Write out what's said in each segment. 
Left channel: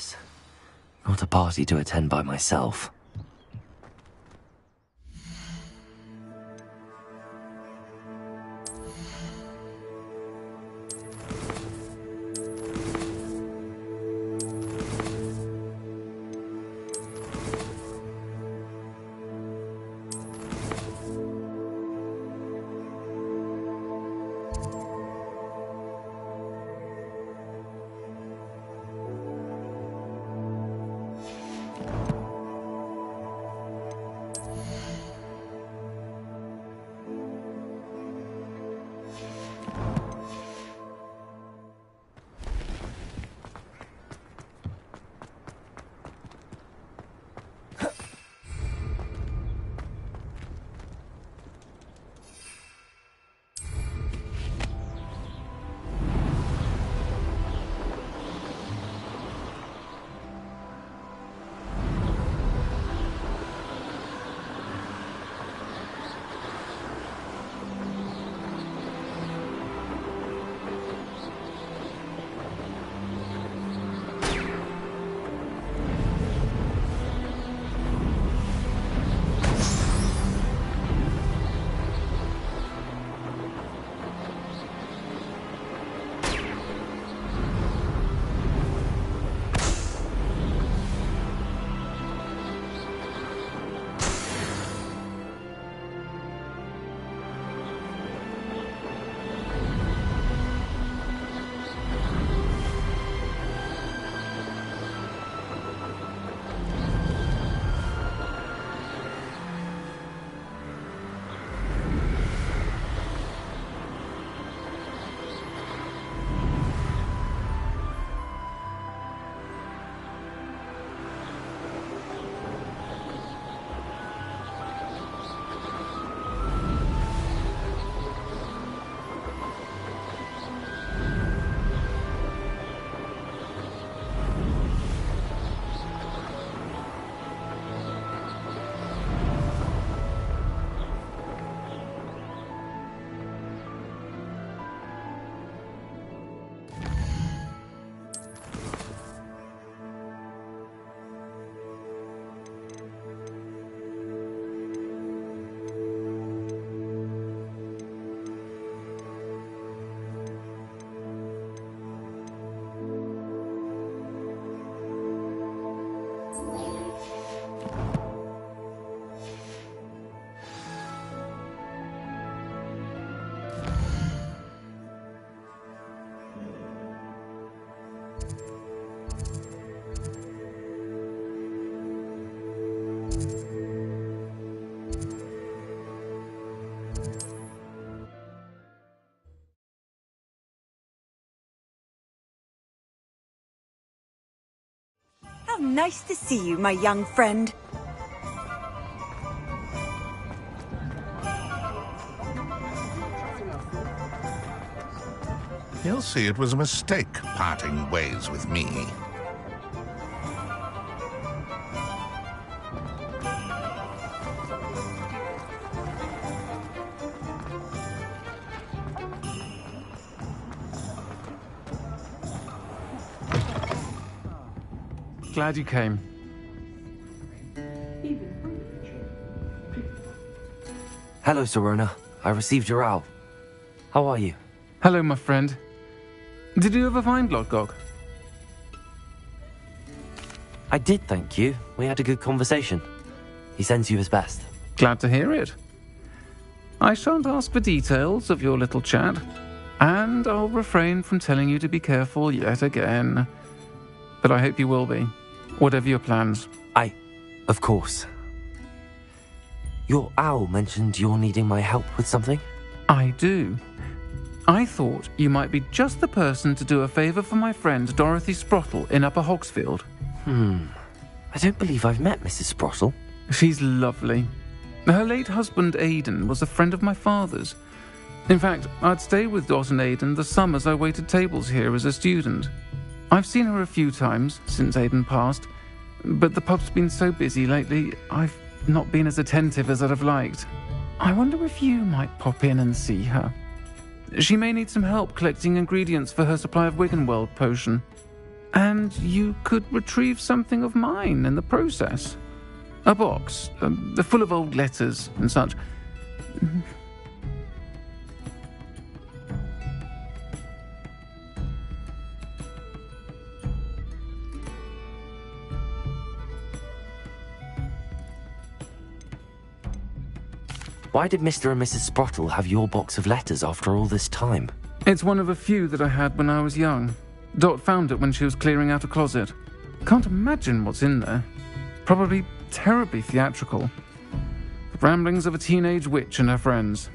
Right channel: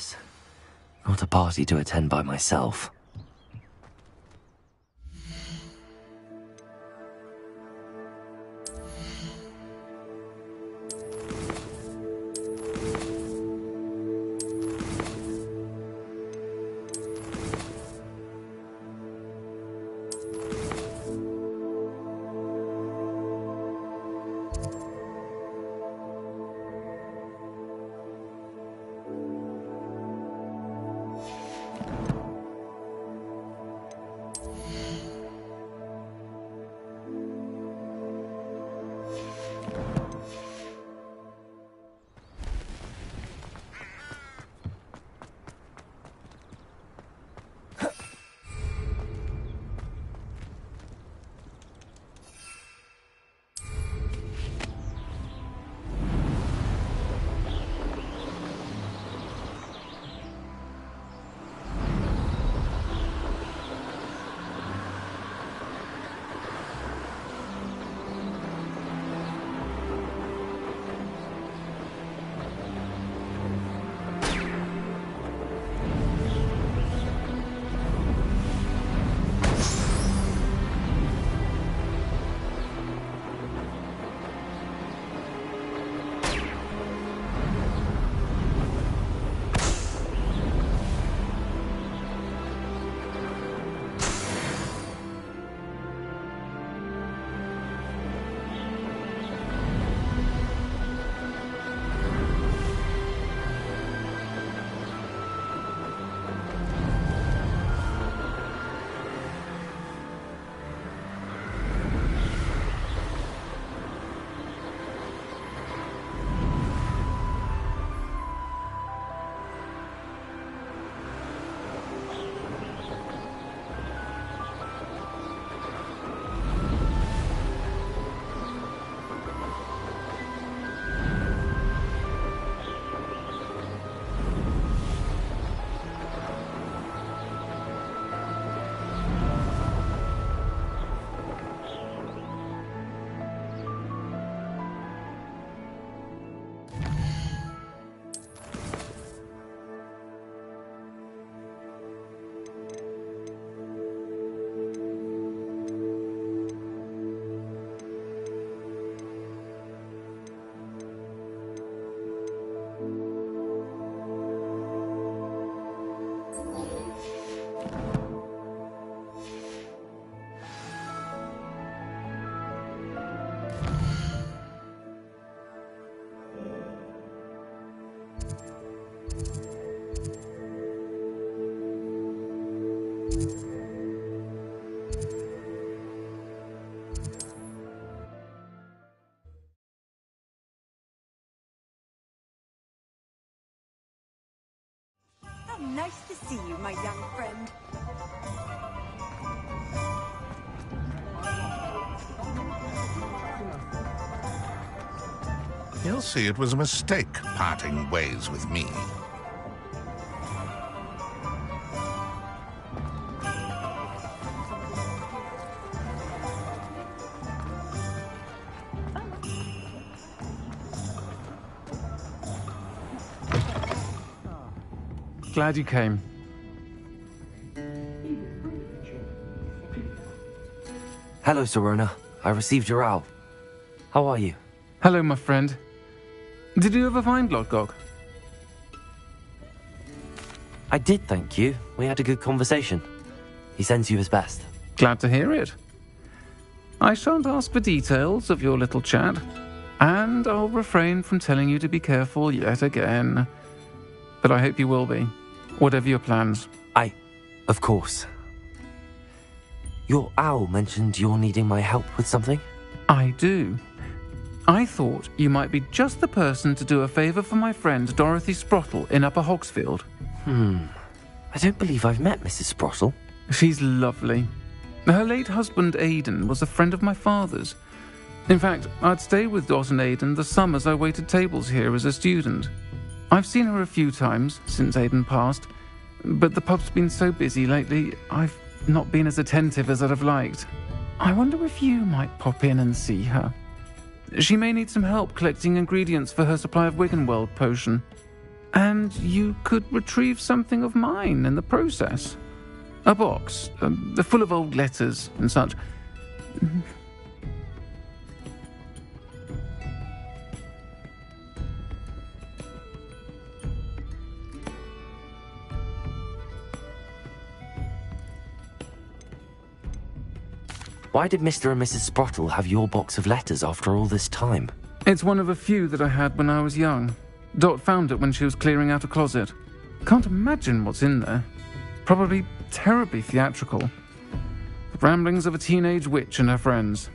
guess. Not a party to attend by myself. How nice to see you, my young friend. He'll see it was a mistake parting ways with me. Glad you came. Hello, Serona. I received your owl. How are you? Hello, my friend. Did you ever find Lodgok? I did, thank you. We had a good conversation. He sends you his best. Glad to hear it. I shan't ask for details of your little chat, and I'll refrain from telling you to be careful yet again. But I hope you will be, whatever your plans. Of course. Your owl mentioned you're needing my help with something? I do. I thought you might be just the person to do a favour for my friend Dorothy Sprottle in Upper Hogsfield. I don't believe I've met Mrs. Sprottle. She's lovely. Her late husband Aidan was a friend of my father's. In fact, I'd stayed with Dot and Aidan the summers I waited tables here as a student. I've seen her a few times since Aidan passed, but the pub's been so busy lately, I've not been as attentive as I'd have liked. I wonder if you might pop in and see her. She may need some help collecting ingredients for her supply of Wiggenweld potion. And you could retrieve something of mine in the process. A box, full of old letters and such. Why did Mr. and Mrs. Sprottle have your box of letters after all this time? It's one of a few that I had when I was young. Dot found it when she was clearing out a closet. Can't imagine what's in there. Probably terribly theatrical. The ramblings of a teenage witch and her friends.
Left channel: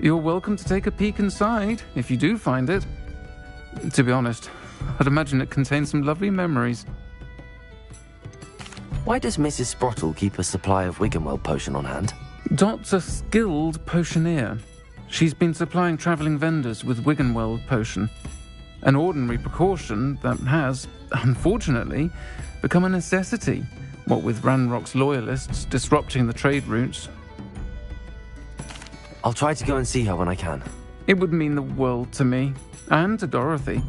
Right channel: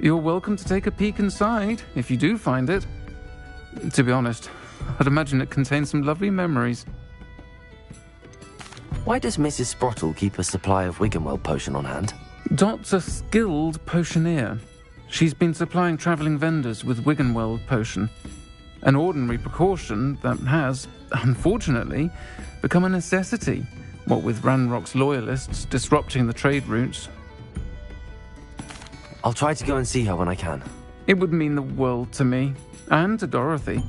You're welcome to take a peek inside, if you do find it. To be honest, I'd imagine it contains some lovely memories. Why does Mrs. Sprottle keep a supply of Wiggenweld potion on hand? Dot's a skilled potioneer. She's been supplying travelling vendors with Wiggenweld potion. An ordinary precaution that has, unfortunately, become a necessity, what with Ranrock's loyalists disrupting the trade routes. I'll try to go and see her when I can. It would mean the world to me, and to Dorothy.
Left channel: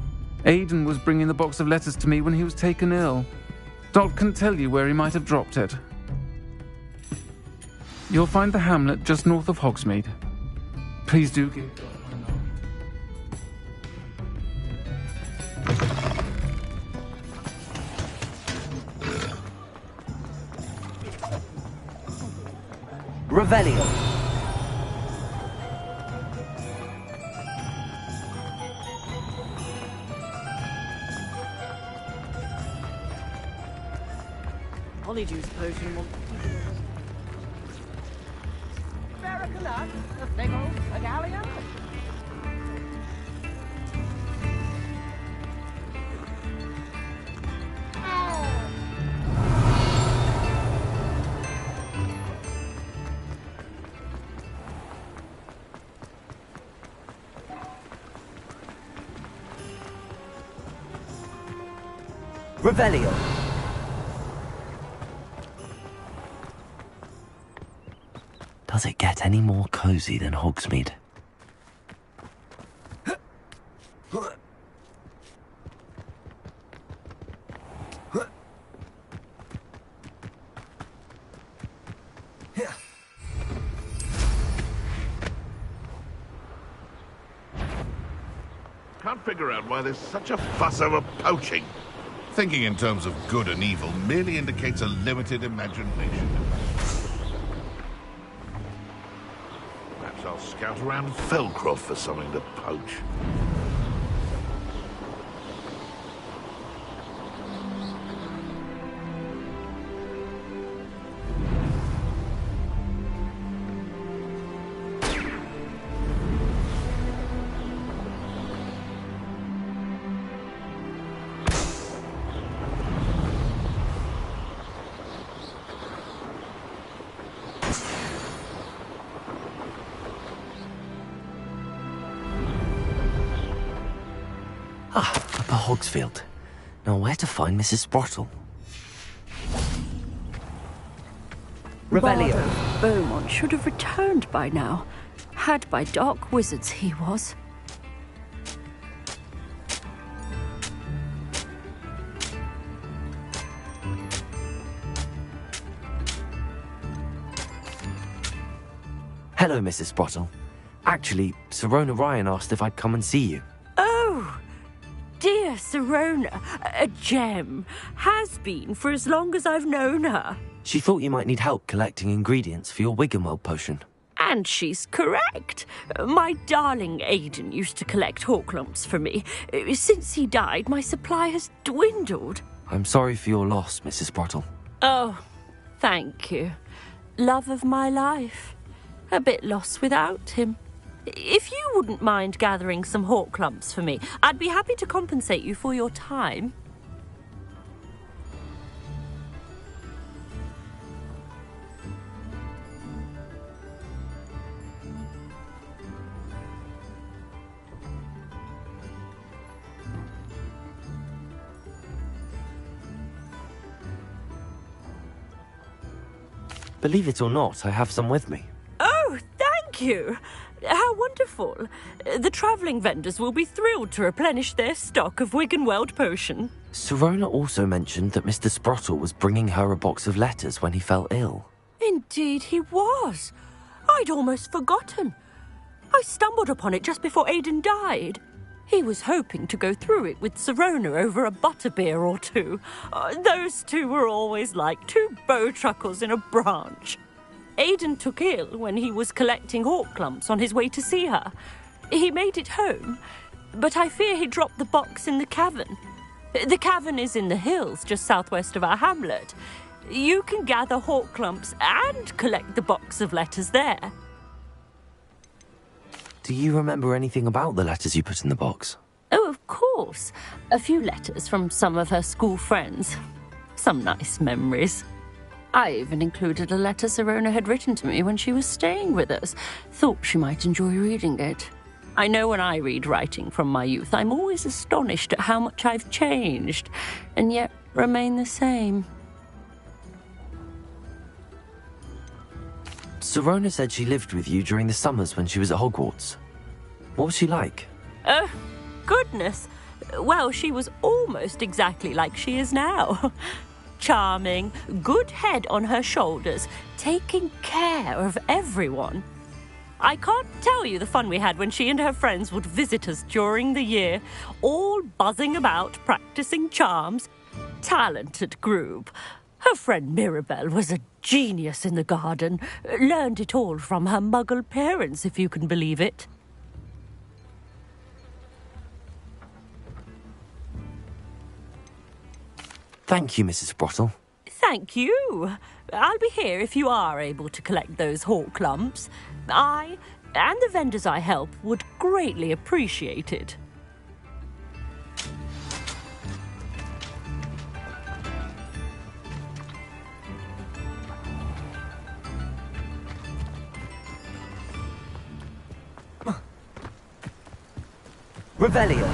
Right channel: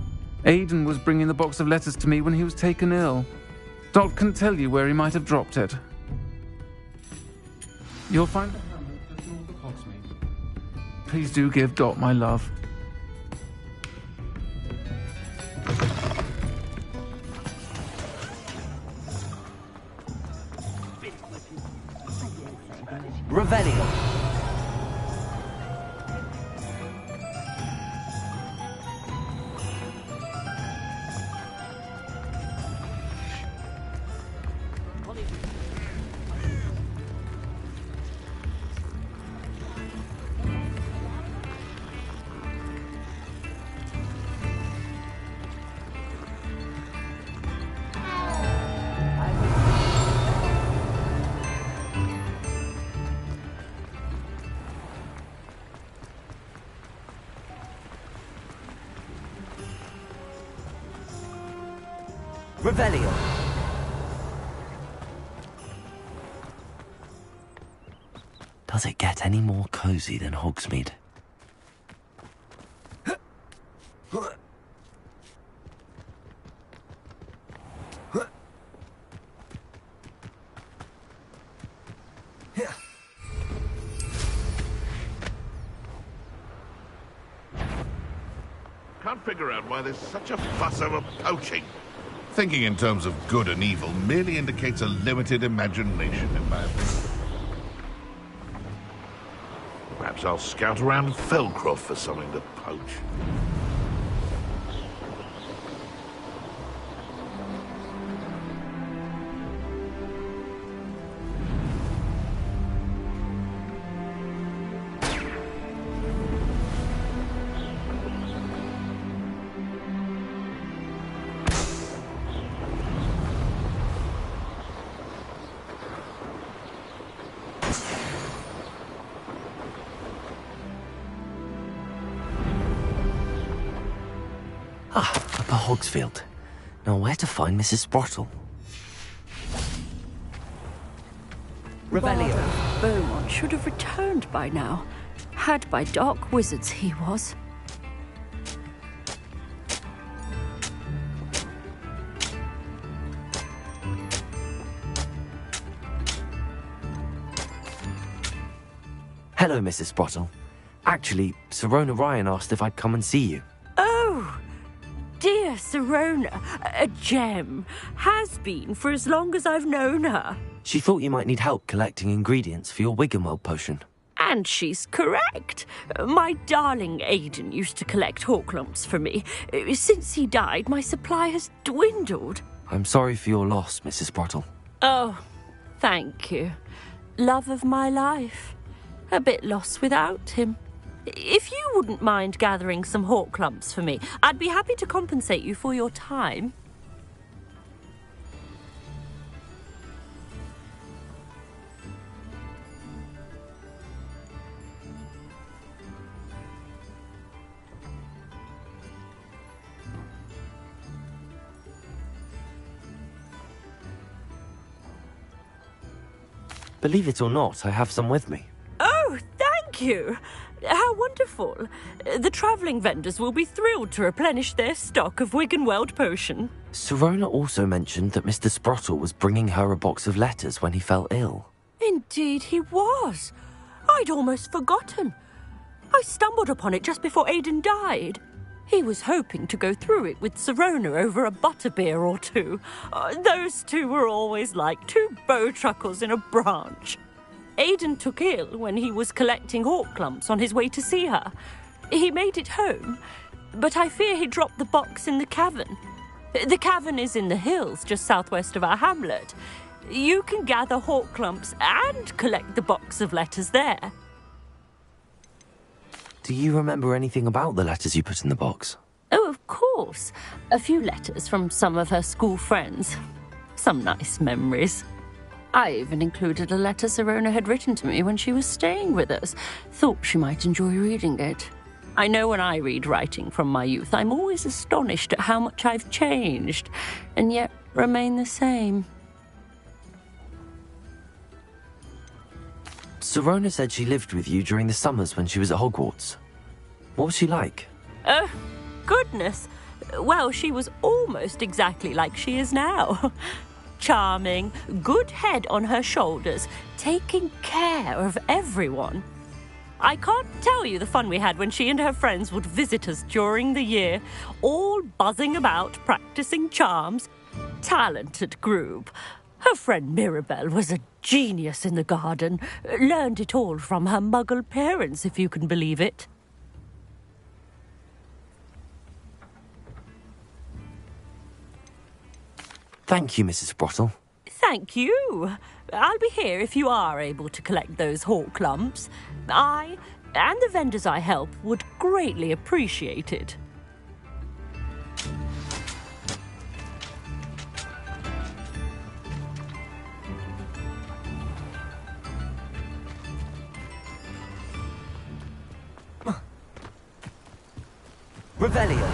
Aidan was bringing the box of letters to me when he was taken ill. Dot can tell you where he might have dropped it. You'll find the hamlet just north of Hogsmeade. Please do give Dot my love. Revelio. Revelio. Does it get any more cozy than Hogsmeade? Can't figure out why there's such a fuss over poaching. Thinking in terms of good and evil merely indicates a limited imagination in man. Perhaps I'll scout around Felcroft for something to poach. Upper Hogsfield. Now where to find Mrs. Sprottle? Revelio. Bardo Beaumont should have returned by now. Had by dark wizards he was. Hello, Mrs. Sprottle. Actually, Sirona Ryan asked if I'd come and see you. Oh, dear Sirona, a gem. Has been for as long as I've known her. She thought you might need help collecting ingredients for your Wiggenweld potion. And she's correct. My darling Aidan used to collect hawk lumps for me. Since he died, my supply has dwindled. I'm sorry for your loss, Mrs. Sprottle. Oh, thank you. Love of my life. A bit lost without him. If you wouldn't mind gathering some hawk lumps for me, I'd be happy to compensate you for your time. Believe it or not, I have some with me. Oh, thank you. How wonderful wonderful. The travelling vendors will be thrilled to replenish their stock of Wiggenweld potion. Sirona also mentioned that Mr. Sprottle was bringing her a box of letters when he fell ill. Indeed he was. I'd almost forgotten. I stumbled upon it just before Aidan died. He was hoping to go through it with Sirona over a butterbeer or two. Those two were always like two bowtruckles in a branch. Aidan took ill when he was collecting hawk clumps on his way to see her. He made it home, but I fear he dropped the box in the cavern. The cavern is in the hills just southwest of our hamlet. You can gather hawk clumps and collect the box of letters there. Do you remember anything about the letters you put in the box? Oh, of course. A few letters from some of her school friends. Some nice memories. I even included a letter Sirona had written to me when she was staying with us. Thought she might enjoy reading it. I know when I read writing from my youth, I'm always astonished at how much I've changed, and yet remain the same. Sirona said she lived with you during the summers when she was at Hogwarts. What was she like? Goodness. Well, she was almost exactly like she is now. Charming, good head on her shoulders, taking care of everyone. I can't tell you the fun we had when she and her friends would visit us during the year, all buzzing about, practicing charms. Talented group. Her friend Mirabelle was a genius in the garden. Learned it all from her muggle parents, if you can believe it. Thank you, Mrs. Sprottle. Thank you. I'll be here if you are able to collect those hawk clumps. I, and the vendors I help, would greatly appreciate it. Revelio.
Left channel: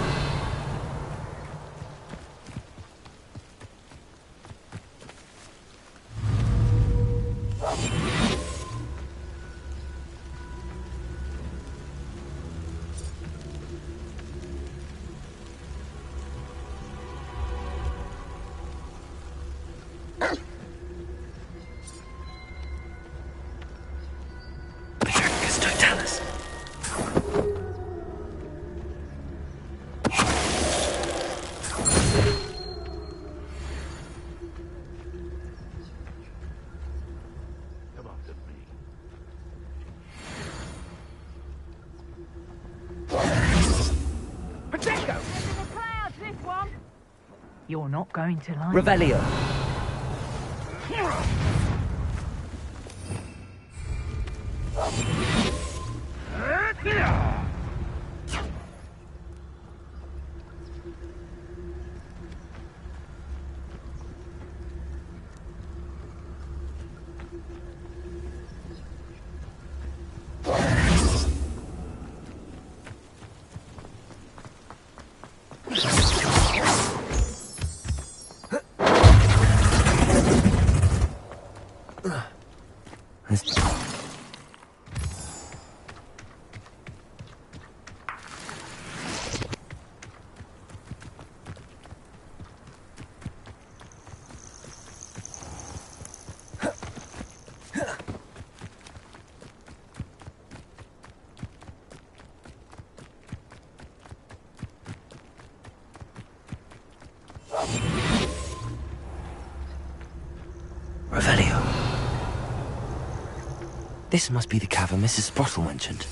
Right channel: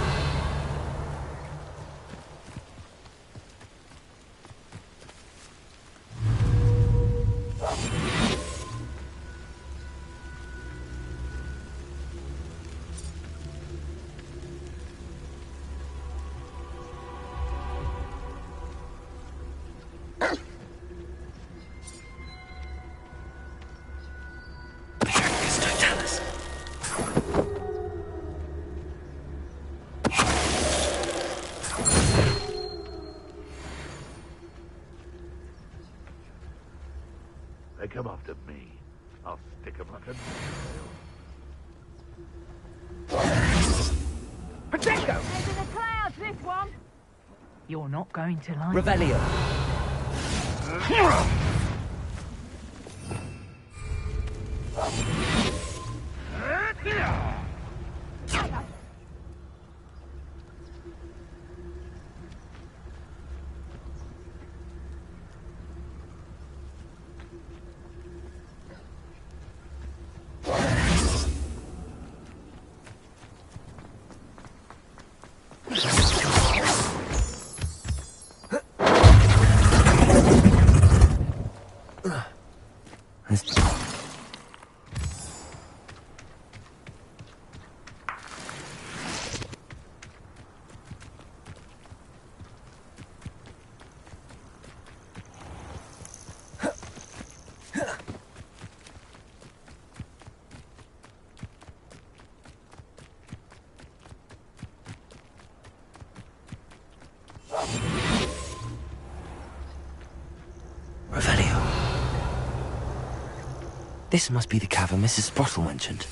They come after me. I'll stick 'em up. Potato! Into the clouds, this one! You're not going to like Revelio. Revelio. This must be the cavern Mrs. Sprottle mentioned.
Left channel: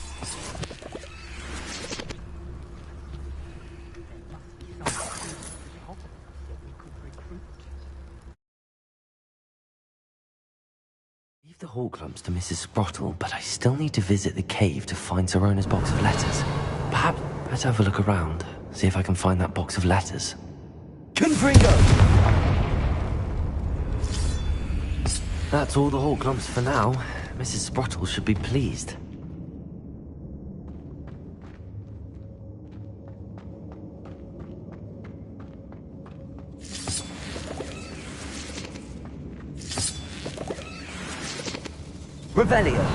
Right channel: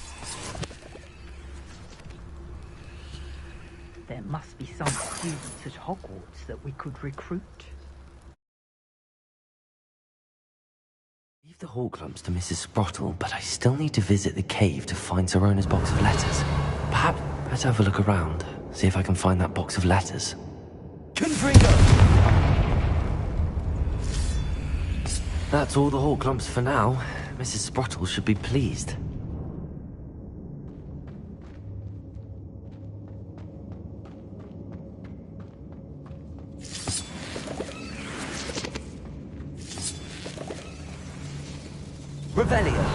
There must be some students at Hogwarts that we could recruit. Leave the hawk clumps to Mrs. Sprottle, but I still need to visit the cave to find Sirona's box of letters. Perhaps let's have a look around, see if I can find that box of letters. Confringo! That's all the hawk clumps for now. Mrs. Sprottle should be pleased. Revelio.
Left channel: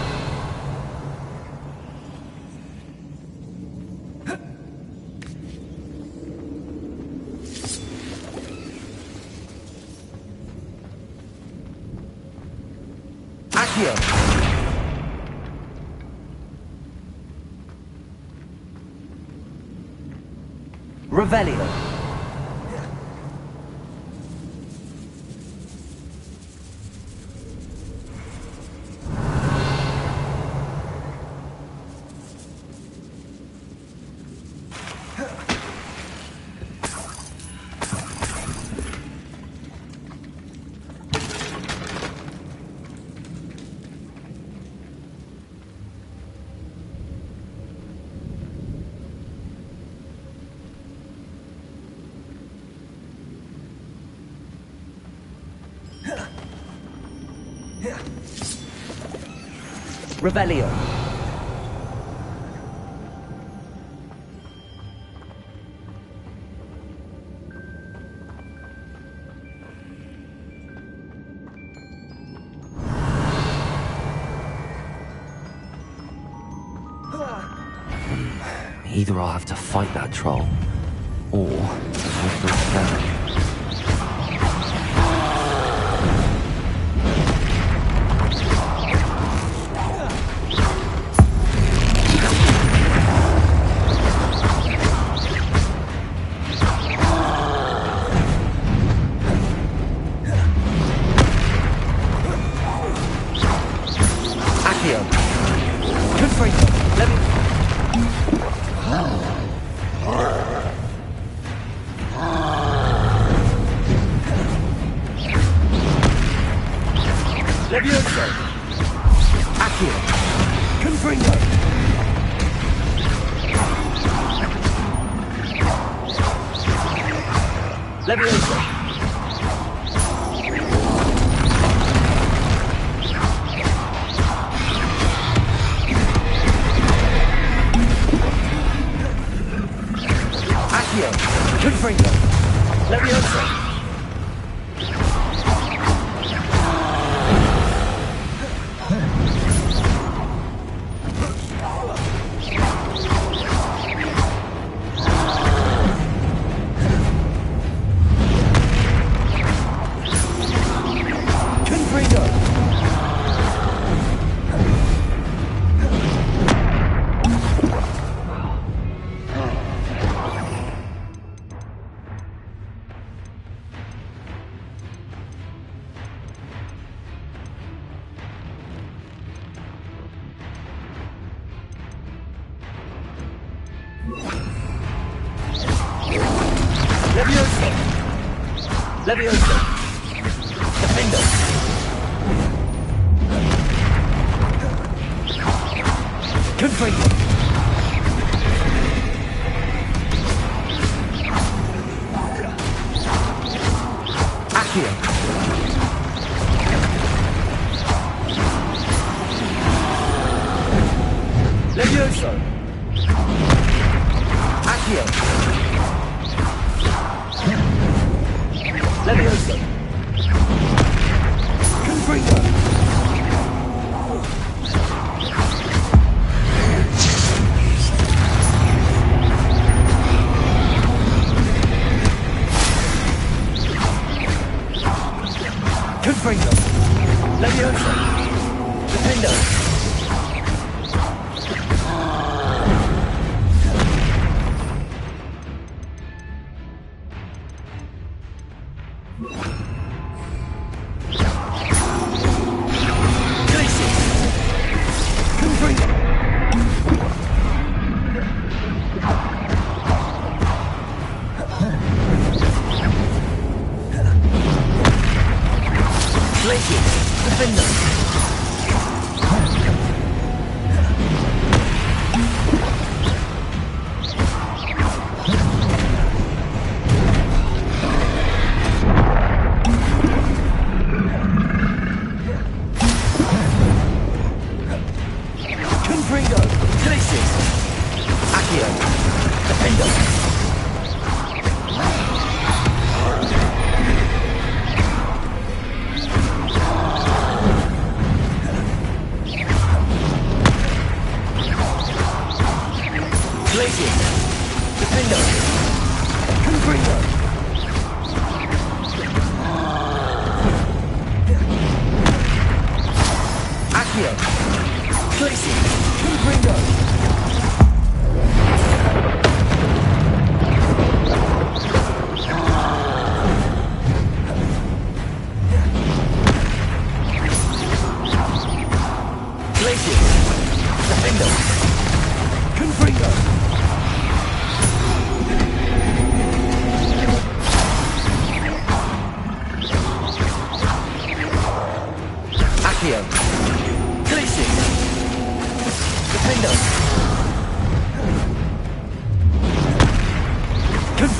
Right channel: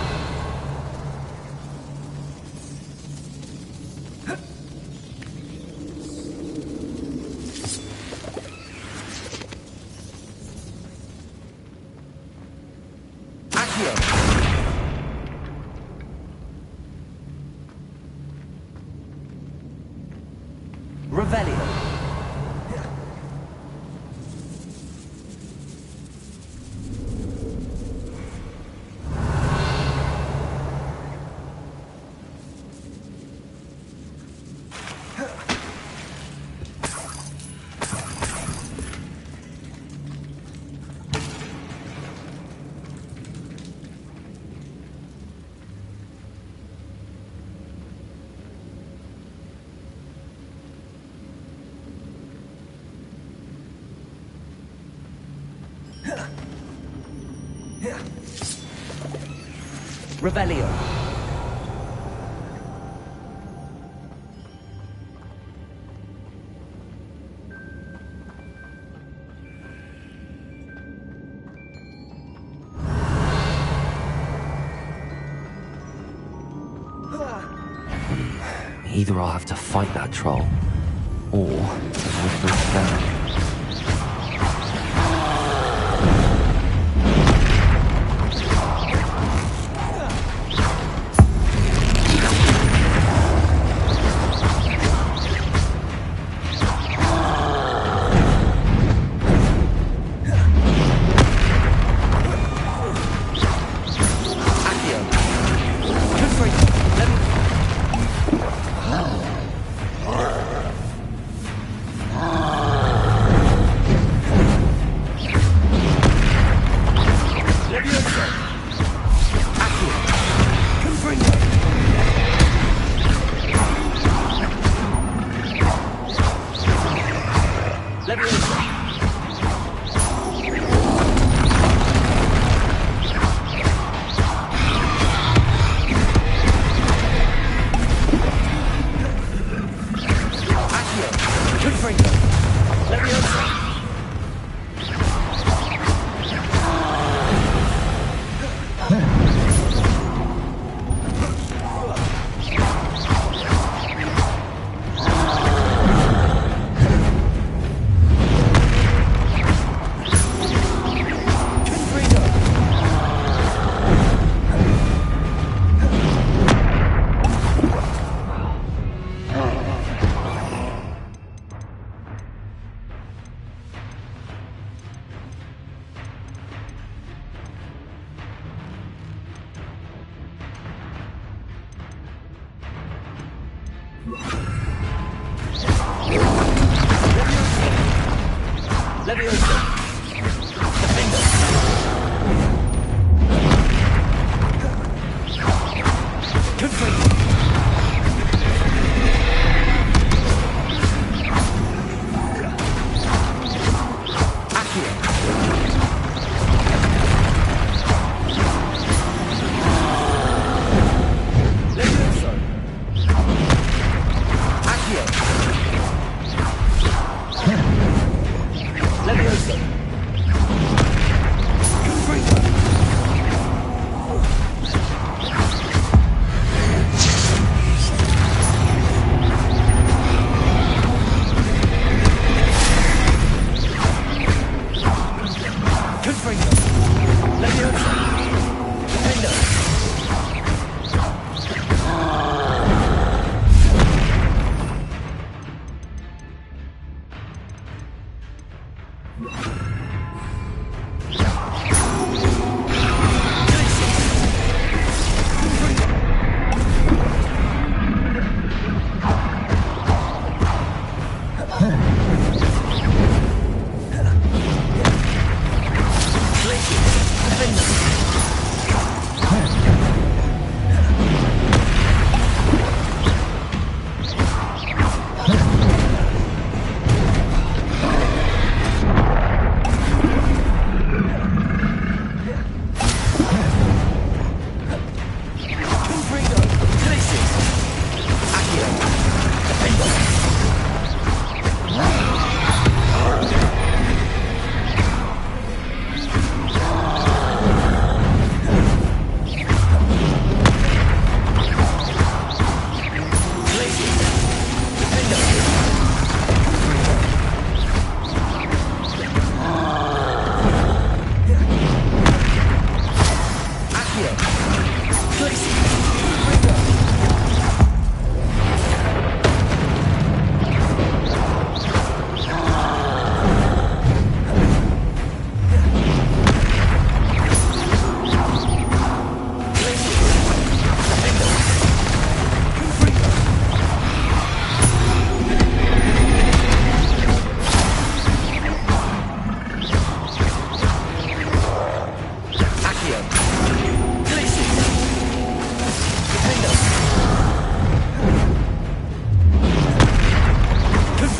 Revelio. Revelio. Either I'll have to fight that troll, or we'll go together.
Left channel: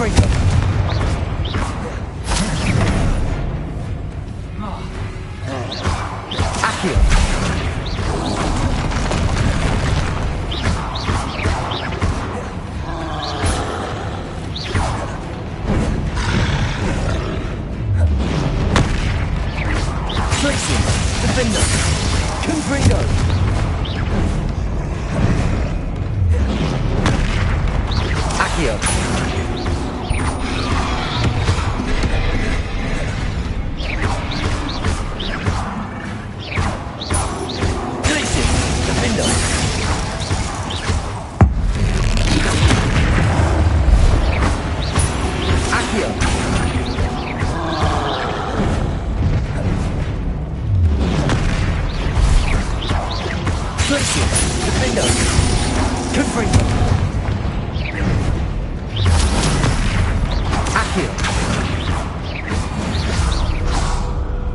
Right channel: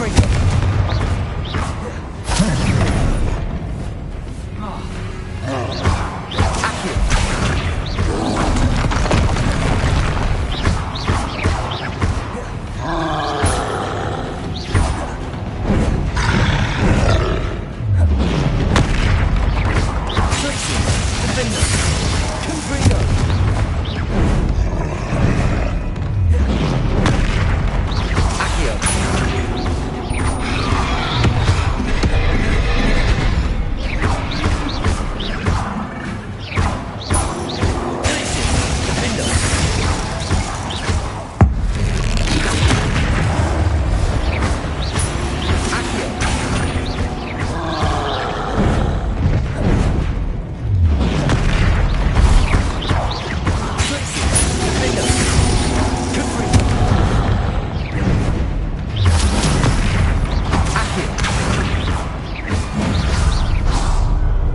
Confringo! Accio! Defender! Confringo! Accio! Glacius! Defender! Accio! Defender! Confringo! Accio!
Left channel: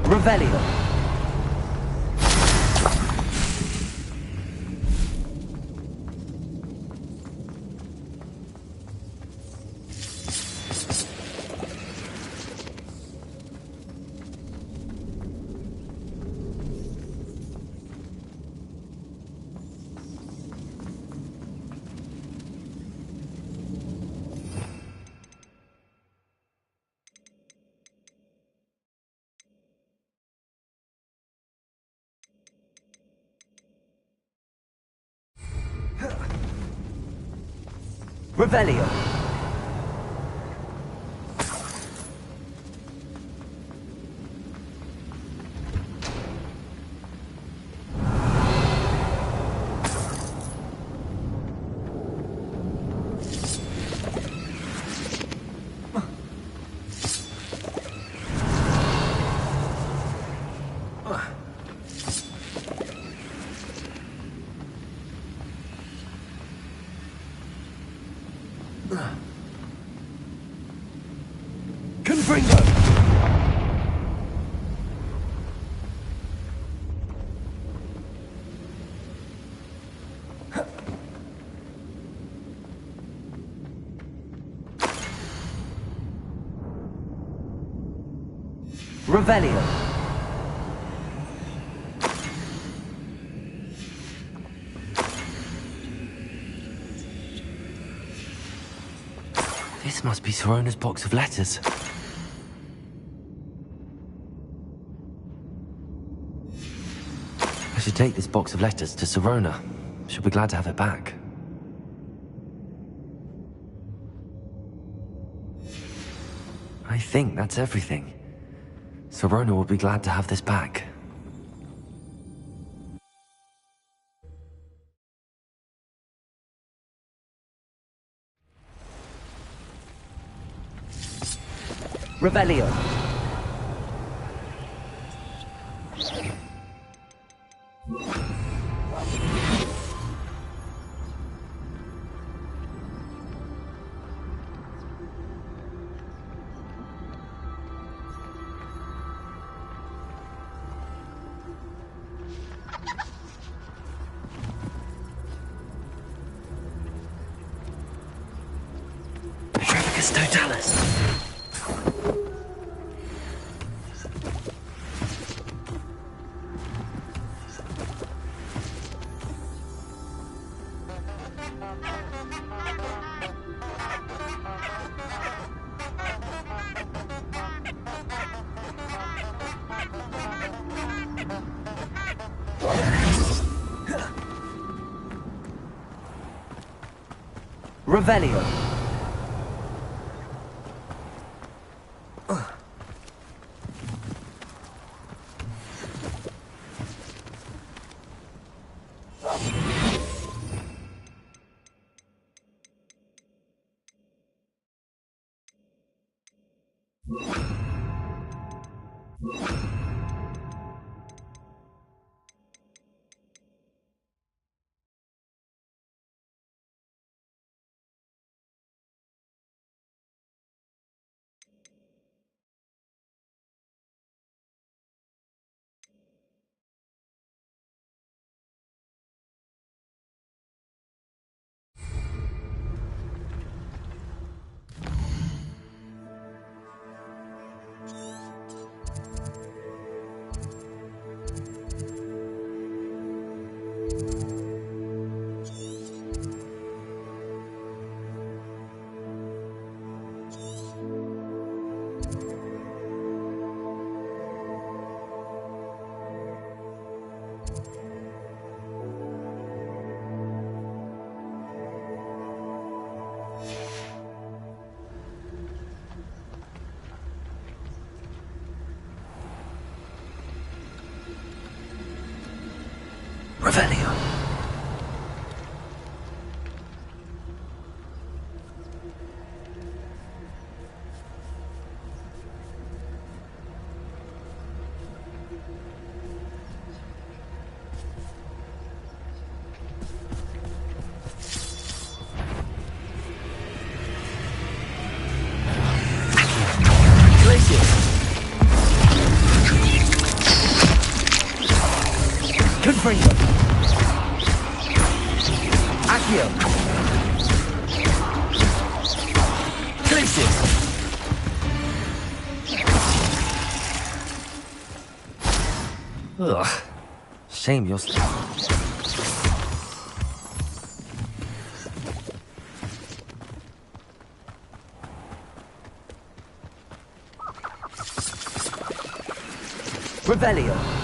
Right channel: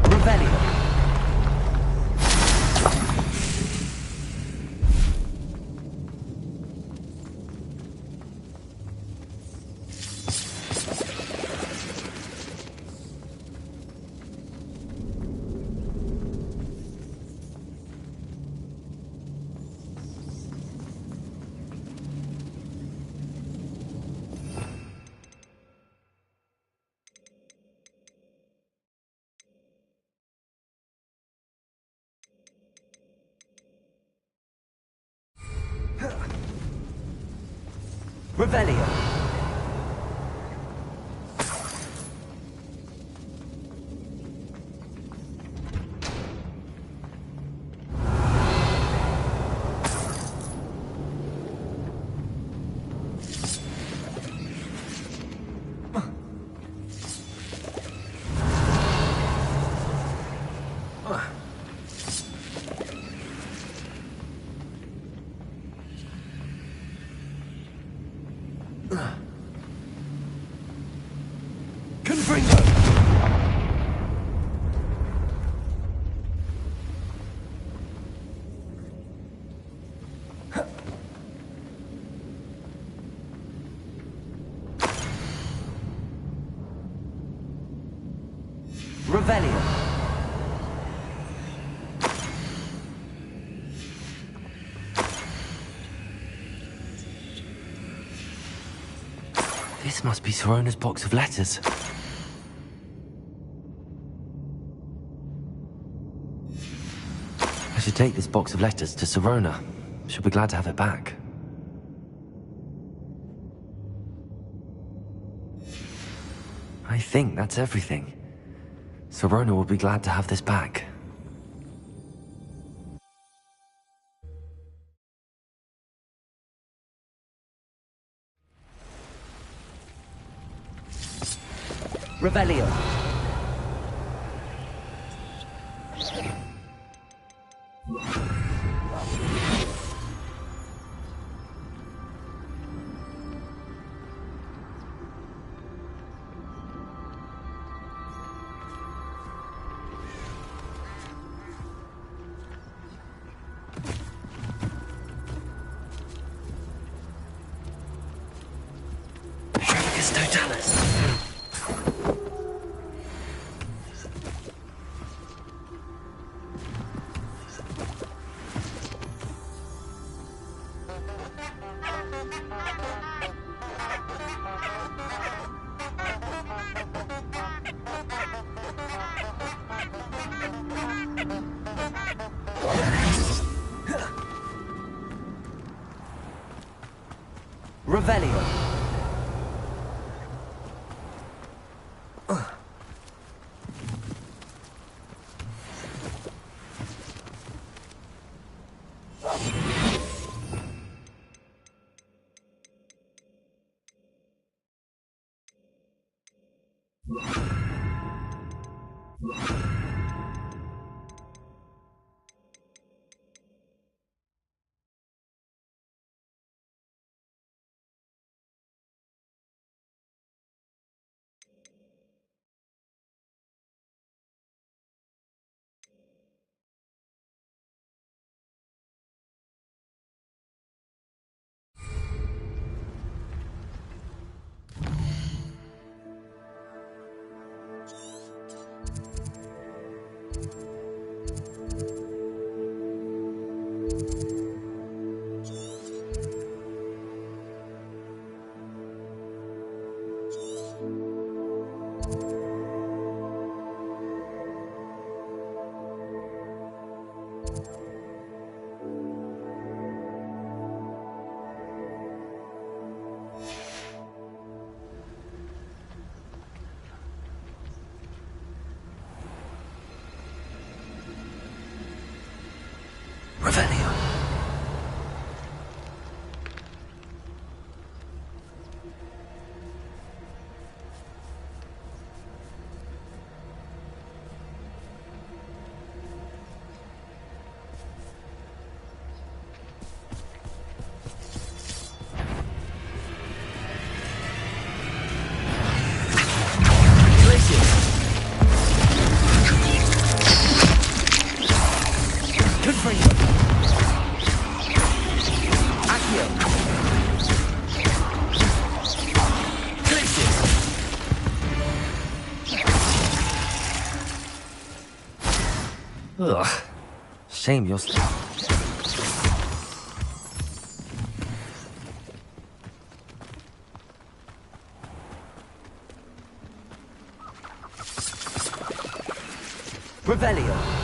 Revelio! Revelio! Confringo! Revelio! This must be Sorona's box of letters. I should take this box of letters to Sorona. She'll be glad to have it back. I think that's everything. Sorona will be glad to have this back. Revelio. Trevicus Totalis. Revelio. Ugh. Shame you're still... Revelio.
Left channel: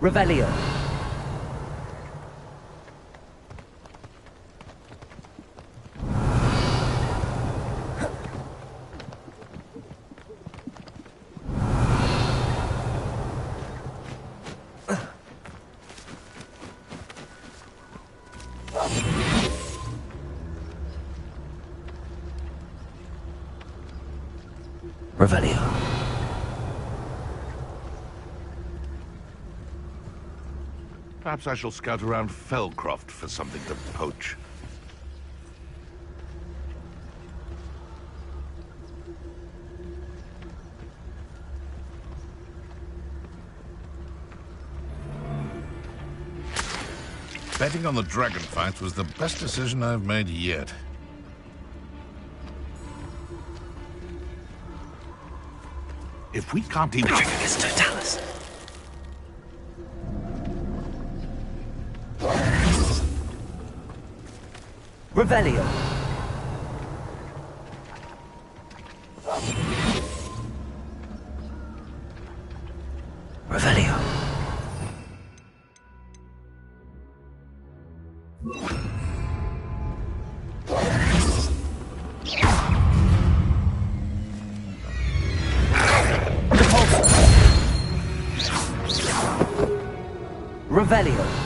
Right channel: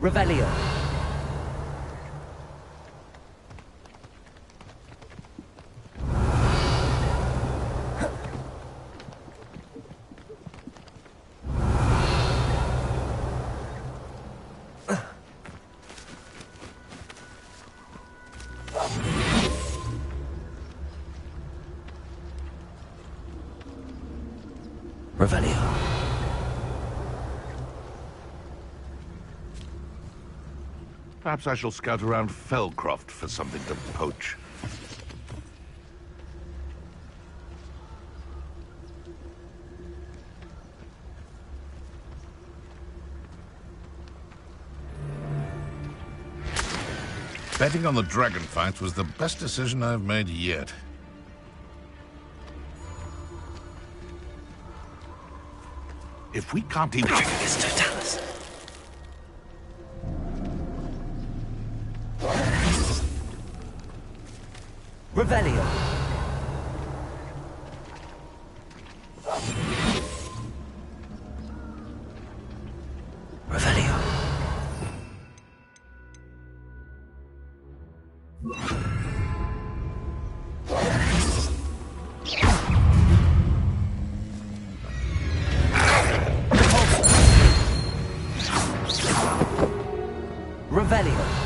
Revelio. Revelio. Perhaps I shall scout around Felcroft for something to poach. Betting on the dragon fights was the best decision I've made yet. If we can't even... It's Totalis. Revelio. Revelio. Revelio.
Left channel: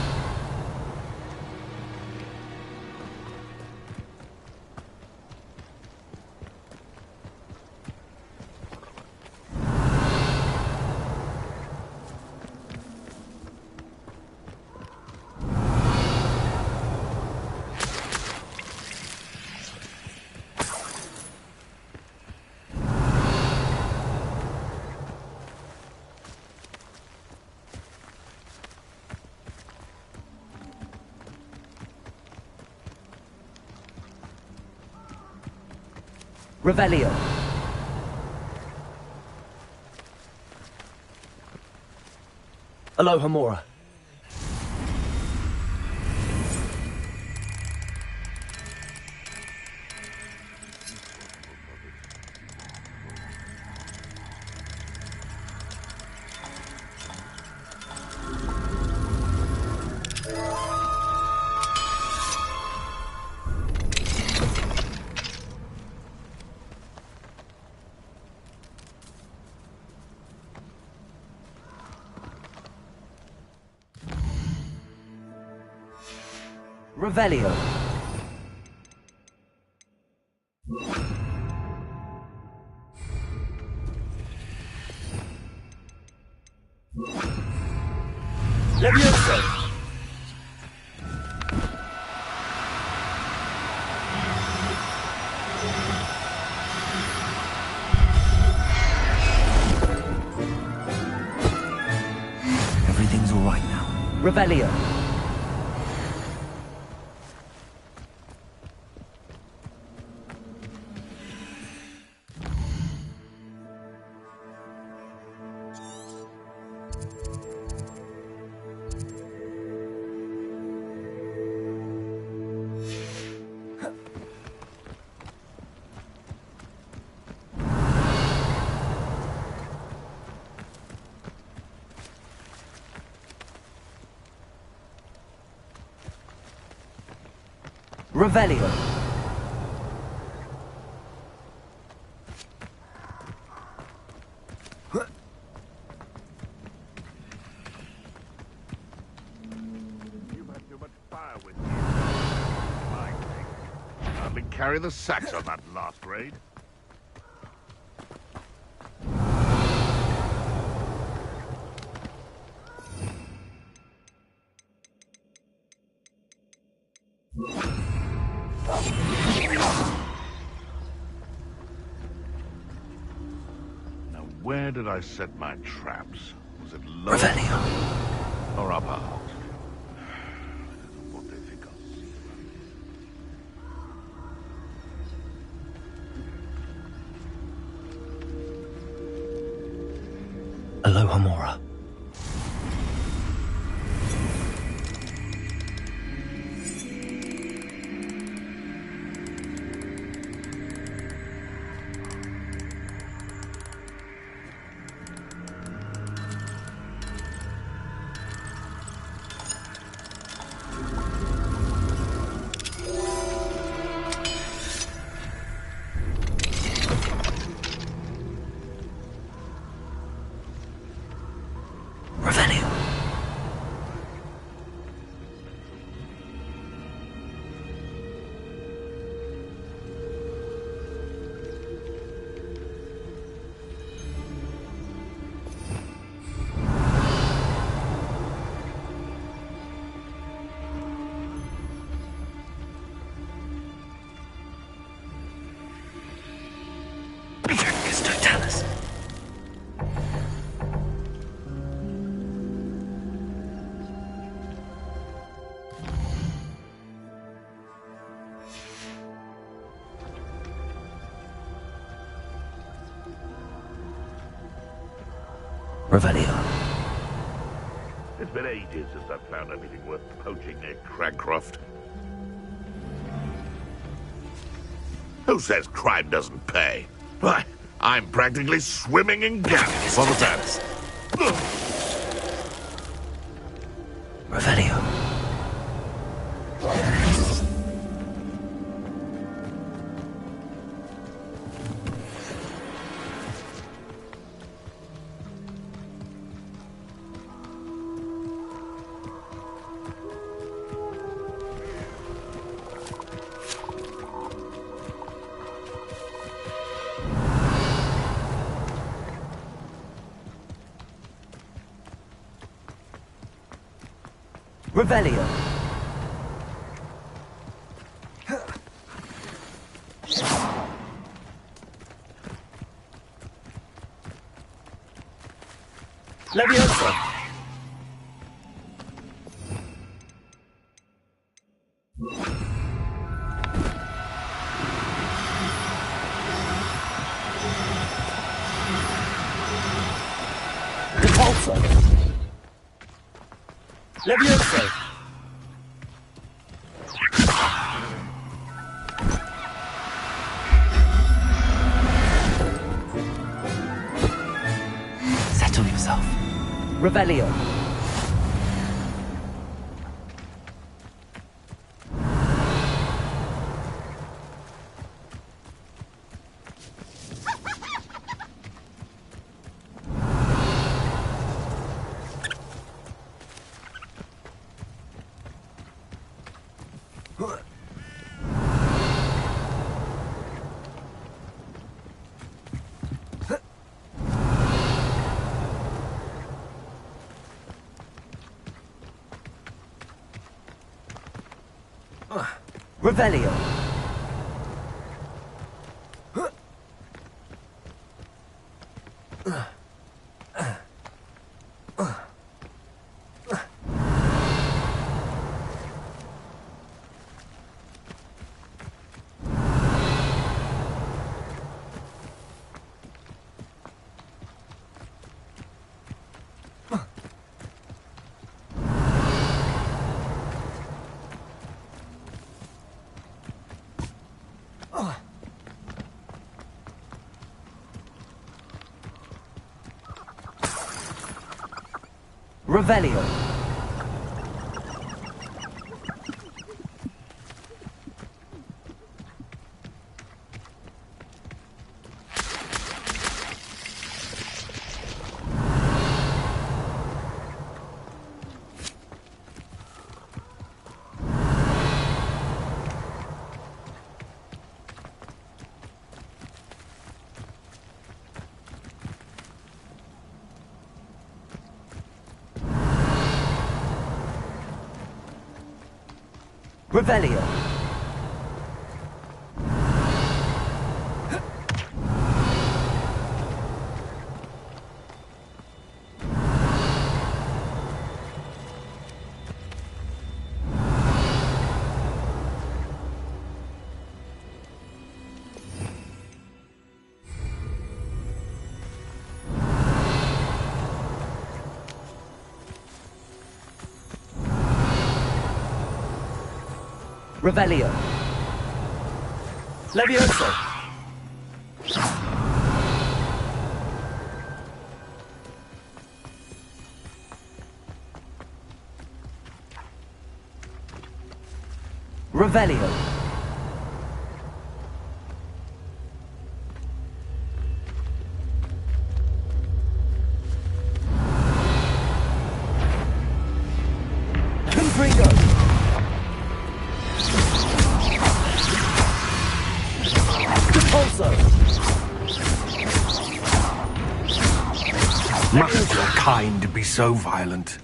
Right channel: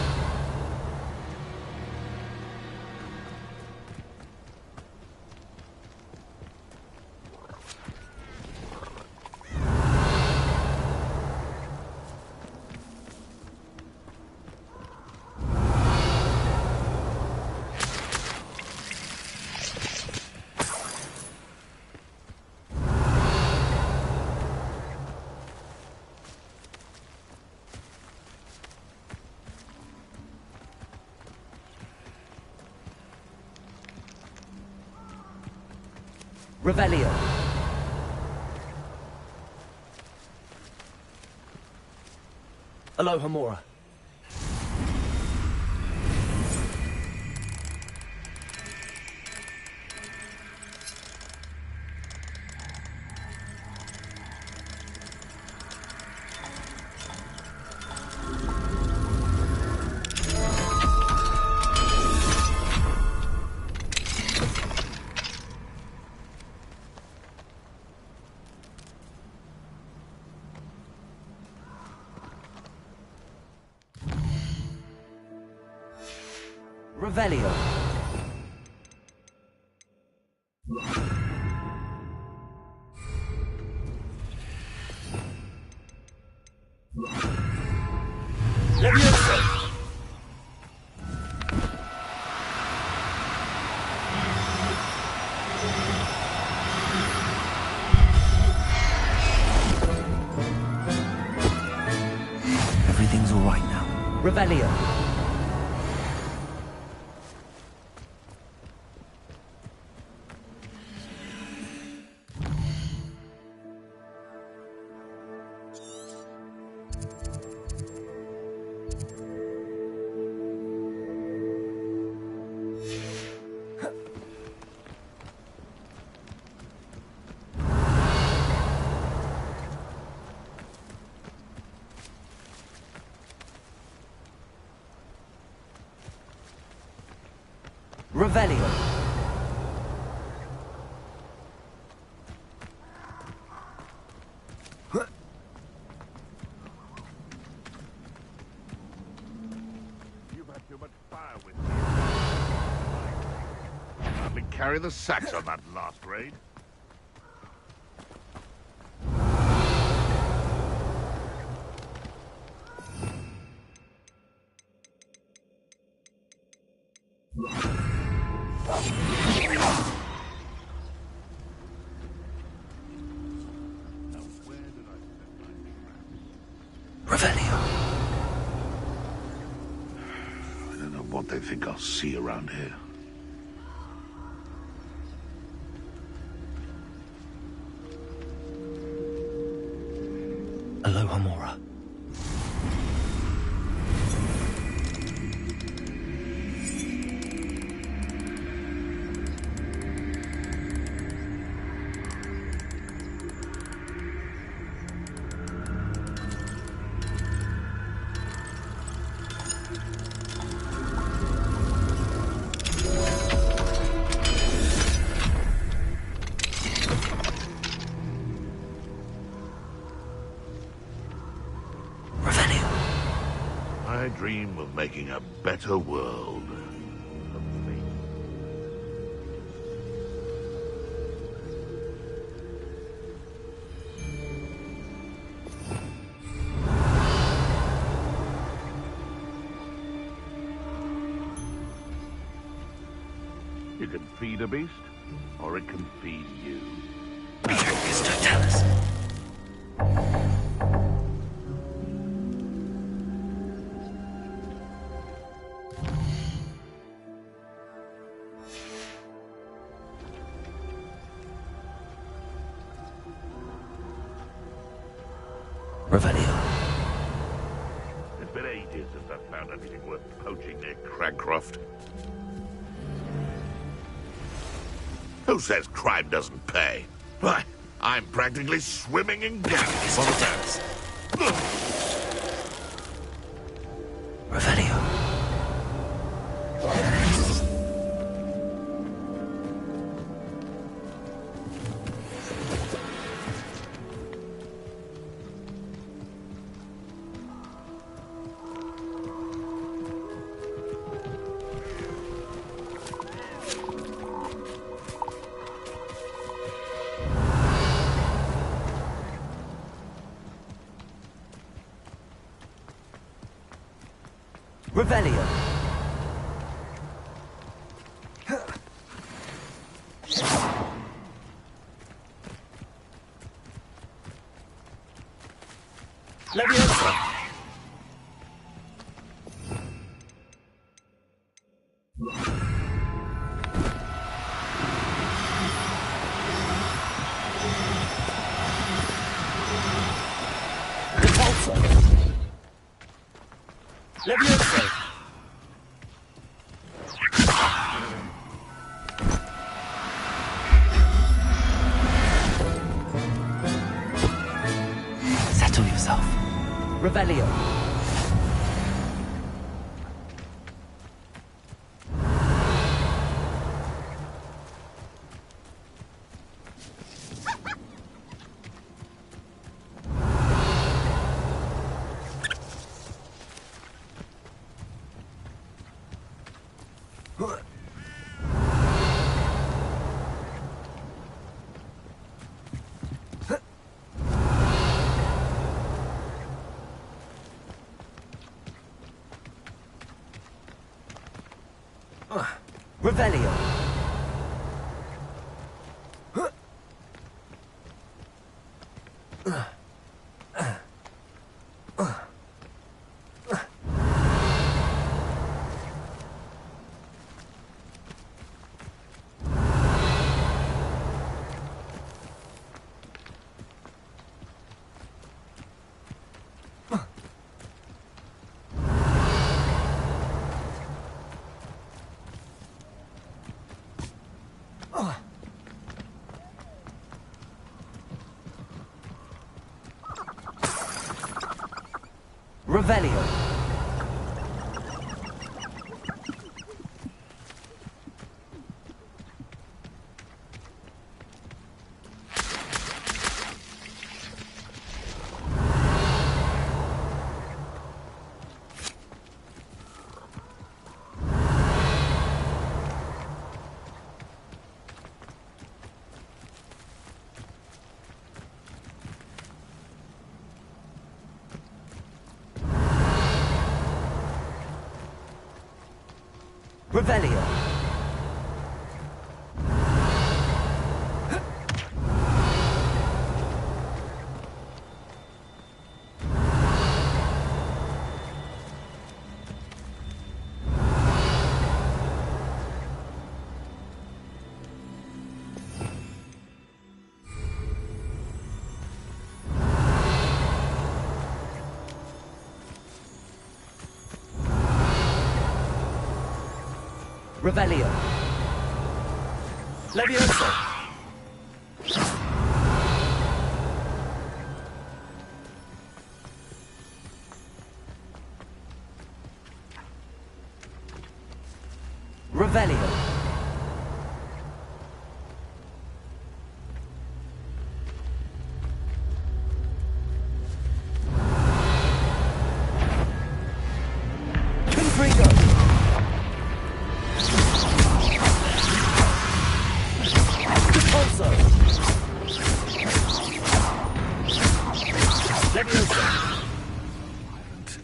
Revelio. Aloha Mora. Revelio. Levioso. Everything's all right now. Revelio. Revelio. You've had too much fire with you. Hardly carry the sacks on that last raid. where did I set my traps? Was it low Revelio. or up high? I don't know what they think I'll see around here. Aloha Mora. I dream of making a better world. You can feed a beast, or it can feed you. Bifurcus totalis. Revelio. It's been ages since I've found anything worth poaching near Cragcroft. Who says crime doesn't pay? Why, I'm practically swimming in gas. What was that? Revelio. Revelio. Leviosa. Repulsor. Leviosa. Settle yourself. Revelio. Revelio. Revelio. Revelio. Revelio. Levioso. Revelio. Confringo. Repulso. Wasn't so kind to be so violent.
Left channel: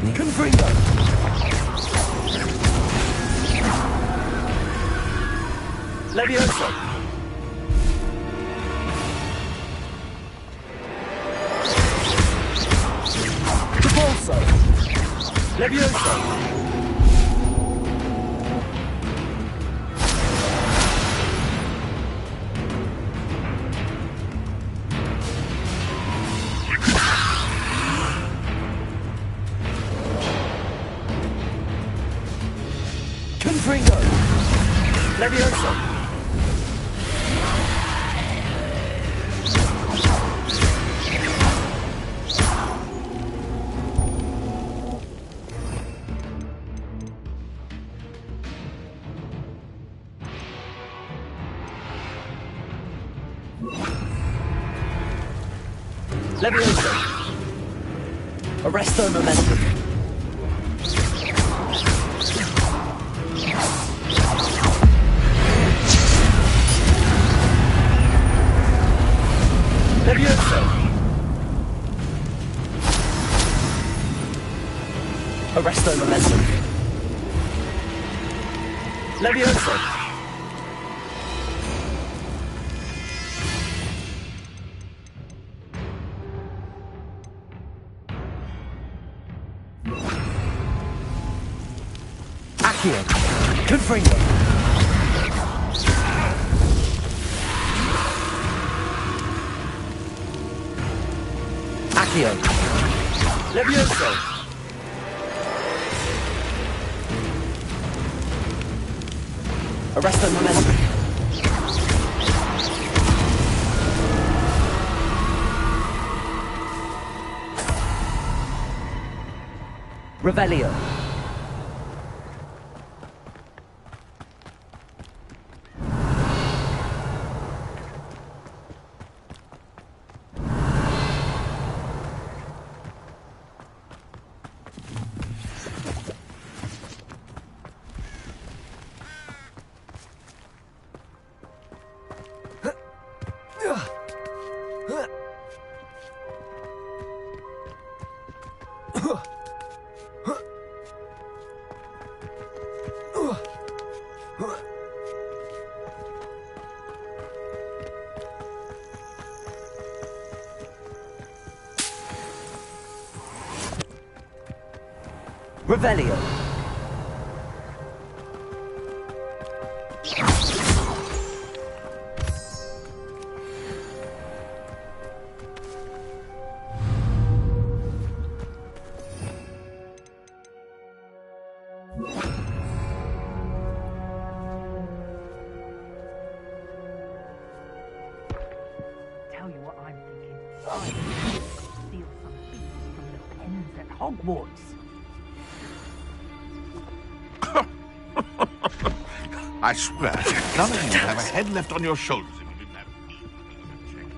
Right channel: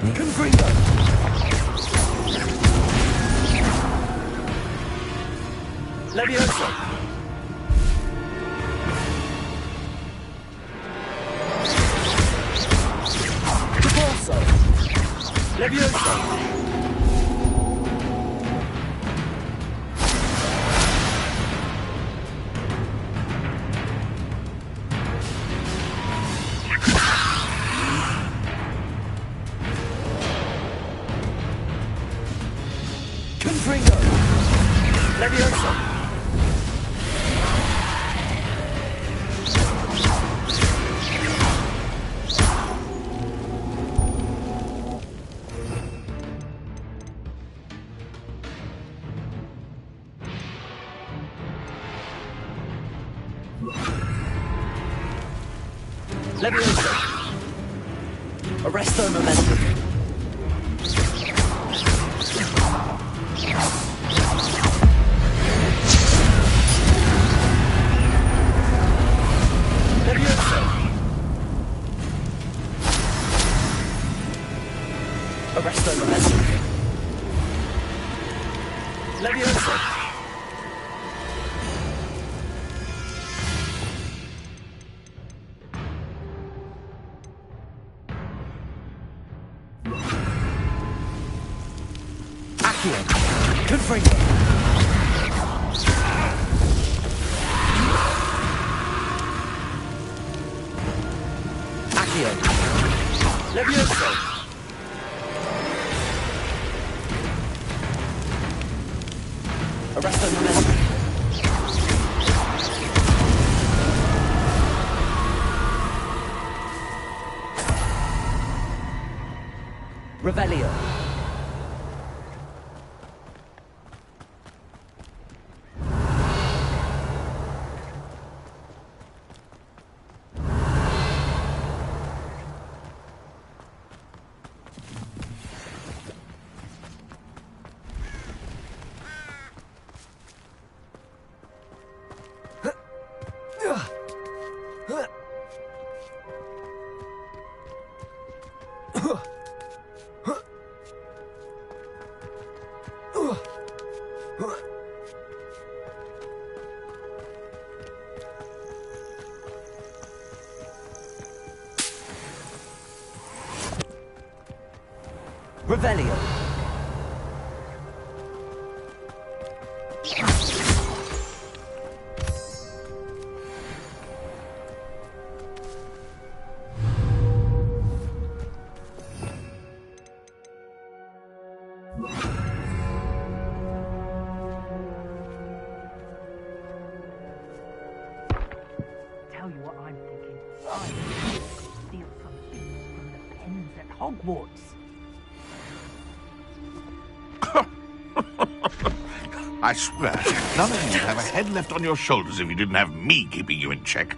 Confringo. Levioso. Repulso. Levioso. Confringo. Levioso. Levioso. Arresto momentum. Levioso. Arresto momentum. Levioso. Accio. Confringo. Accio. Levioso. Arresto momentum. Revelio. Revelio. Tell you what I'm thinking. I steal some bits from the pens at Hogwarts. I swear, none of you would have a head left on your shoulders if you didn't have me keeping you in check.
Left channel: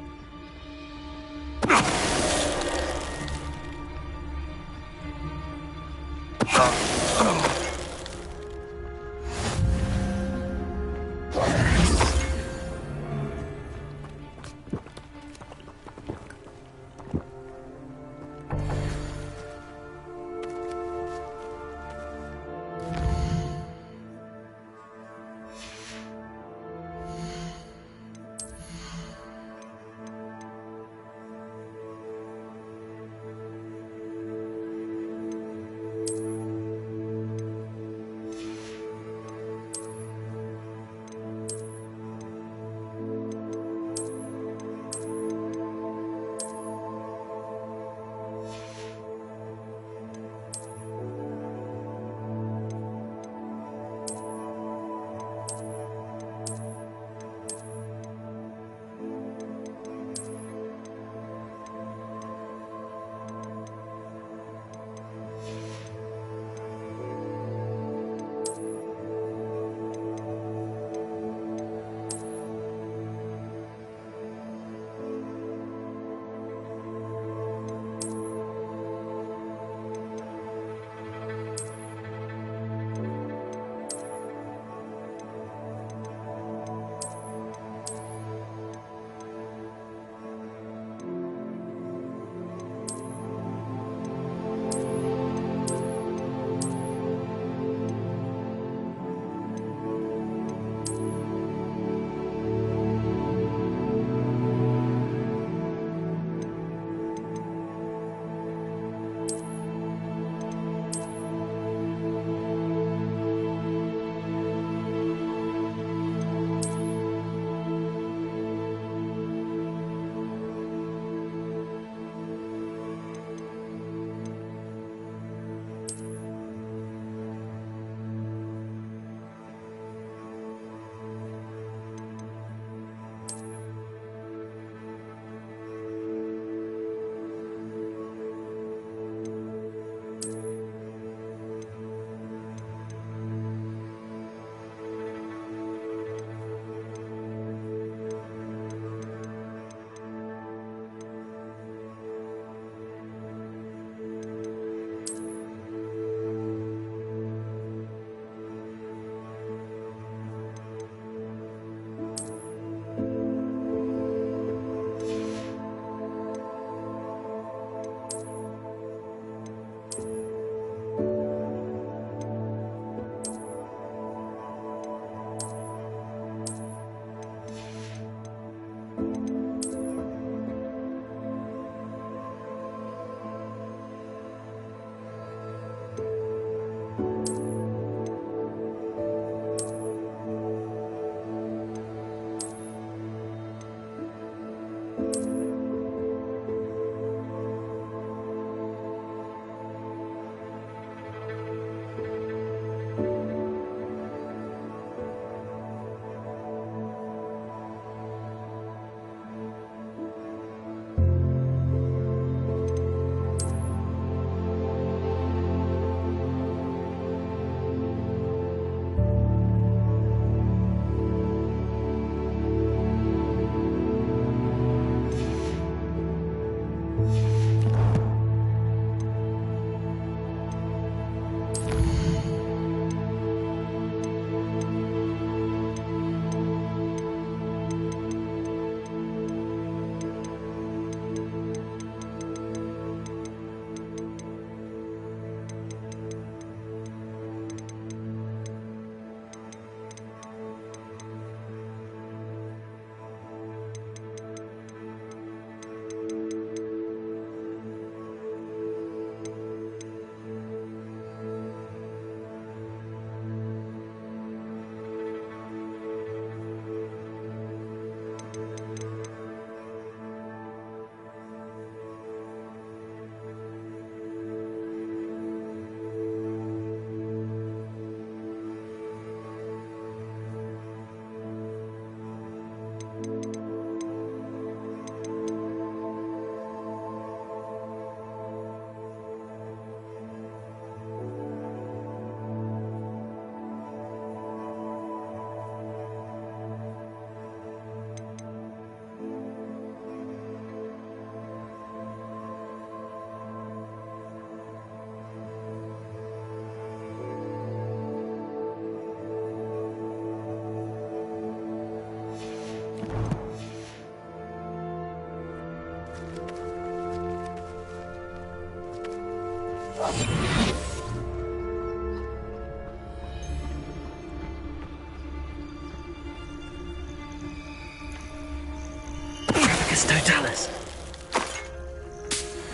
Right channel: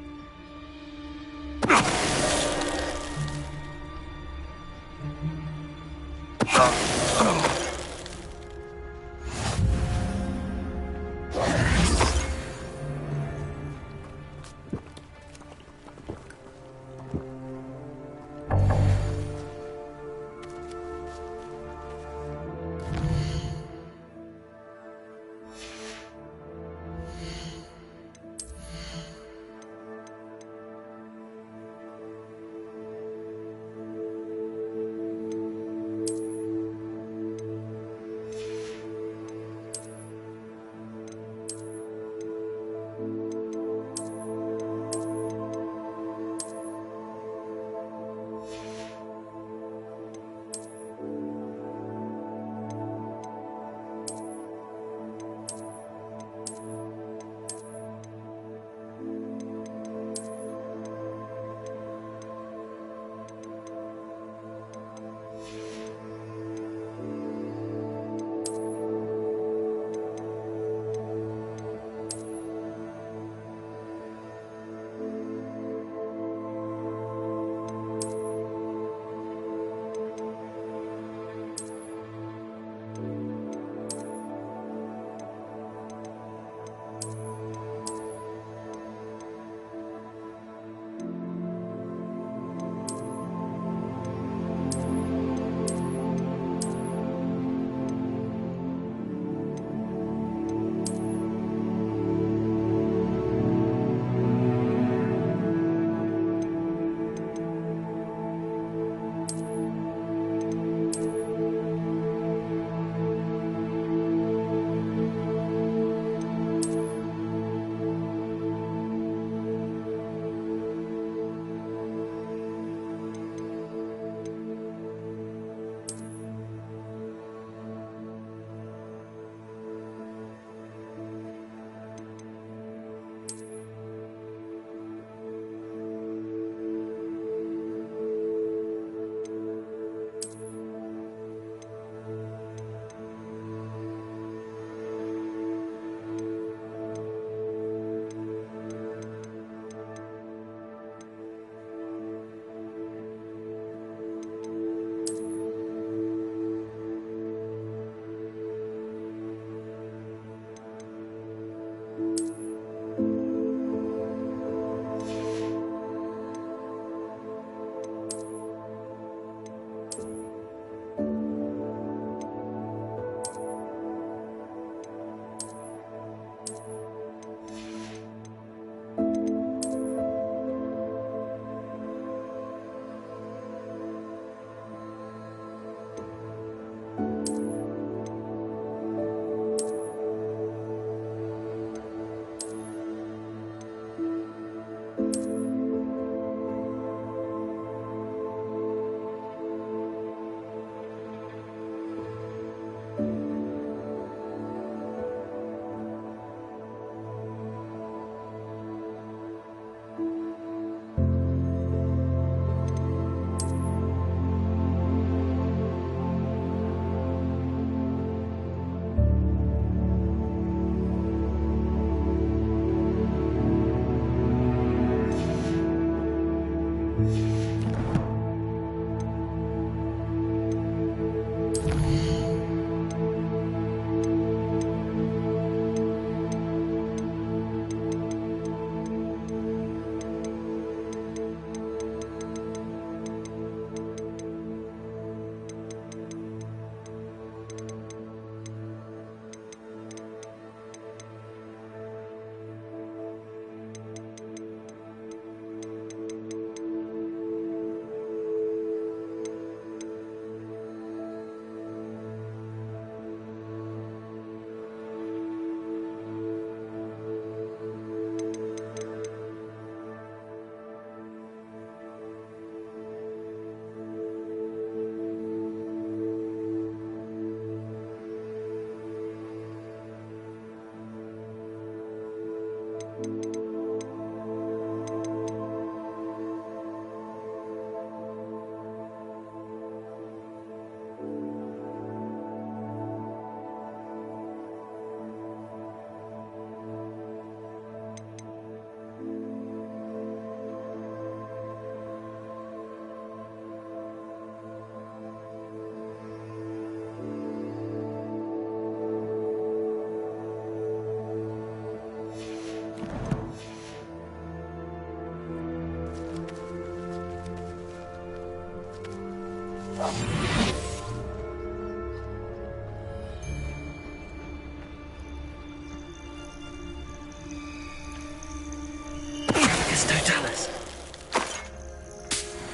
Totalis.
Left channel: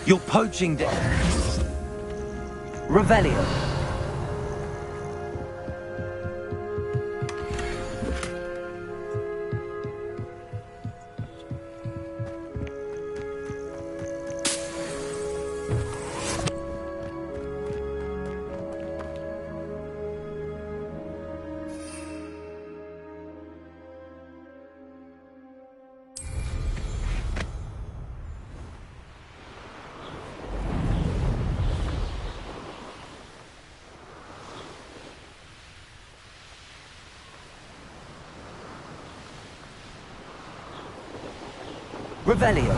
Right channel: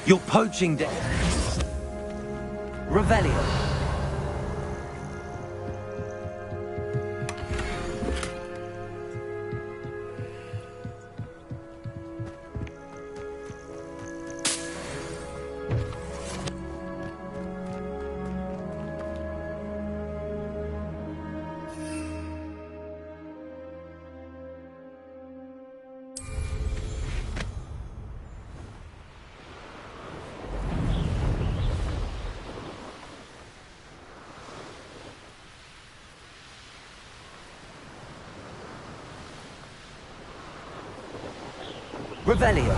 You're poaching Revelio. Revelio.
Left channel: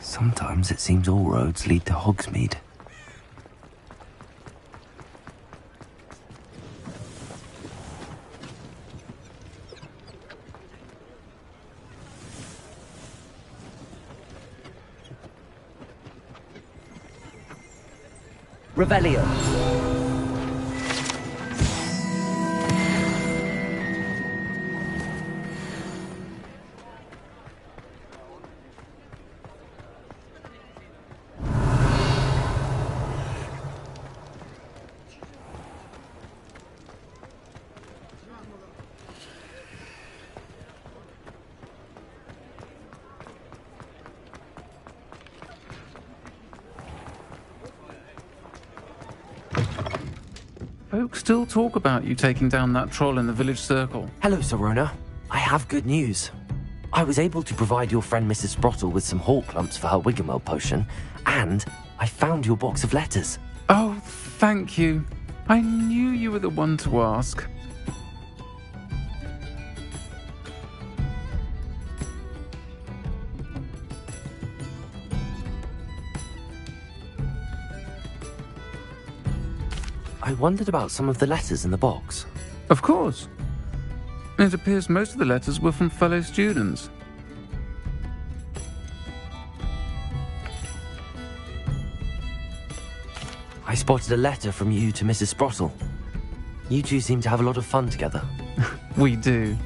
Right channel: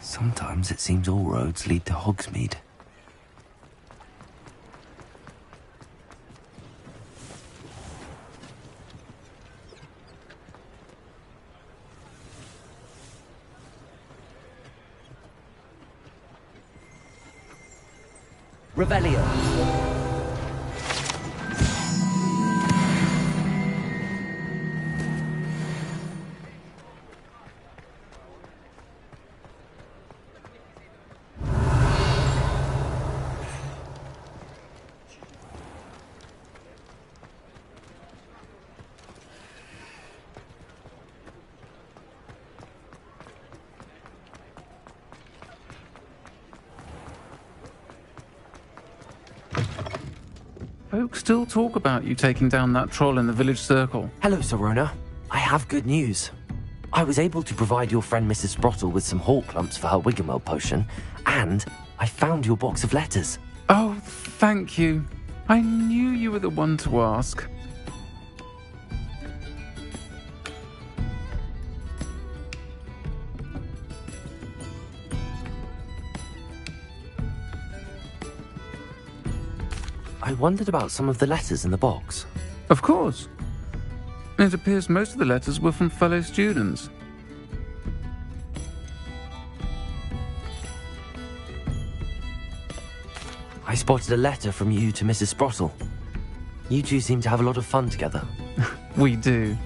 Sometimes it seems all roads lead to Hogsmeade. Revelio. Folks still talk about you taking down that troll in the village circle. Hello, Sirona. I have good news. I was able to provide your friend Mrs. Sprottle with some hawk clumps for her Wiggenweld potion, and I found your box of letters. Oh, thank you. I knew you were the one to ask. I wondered about some of the letters in the box. Of course. It appears most of the letters were from fellow students. I spotted a letter from you to Mrs. Sprottle. You two seem to have a lot of fun together. We do.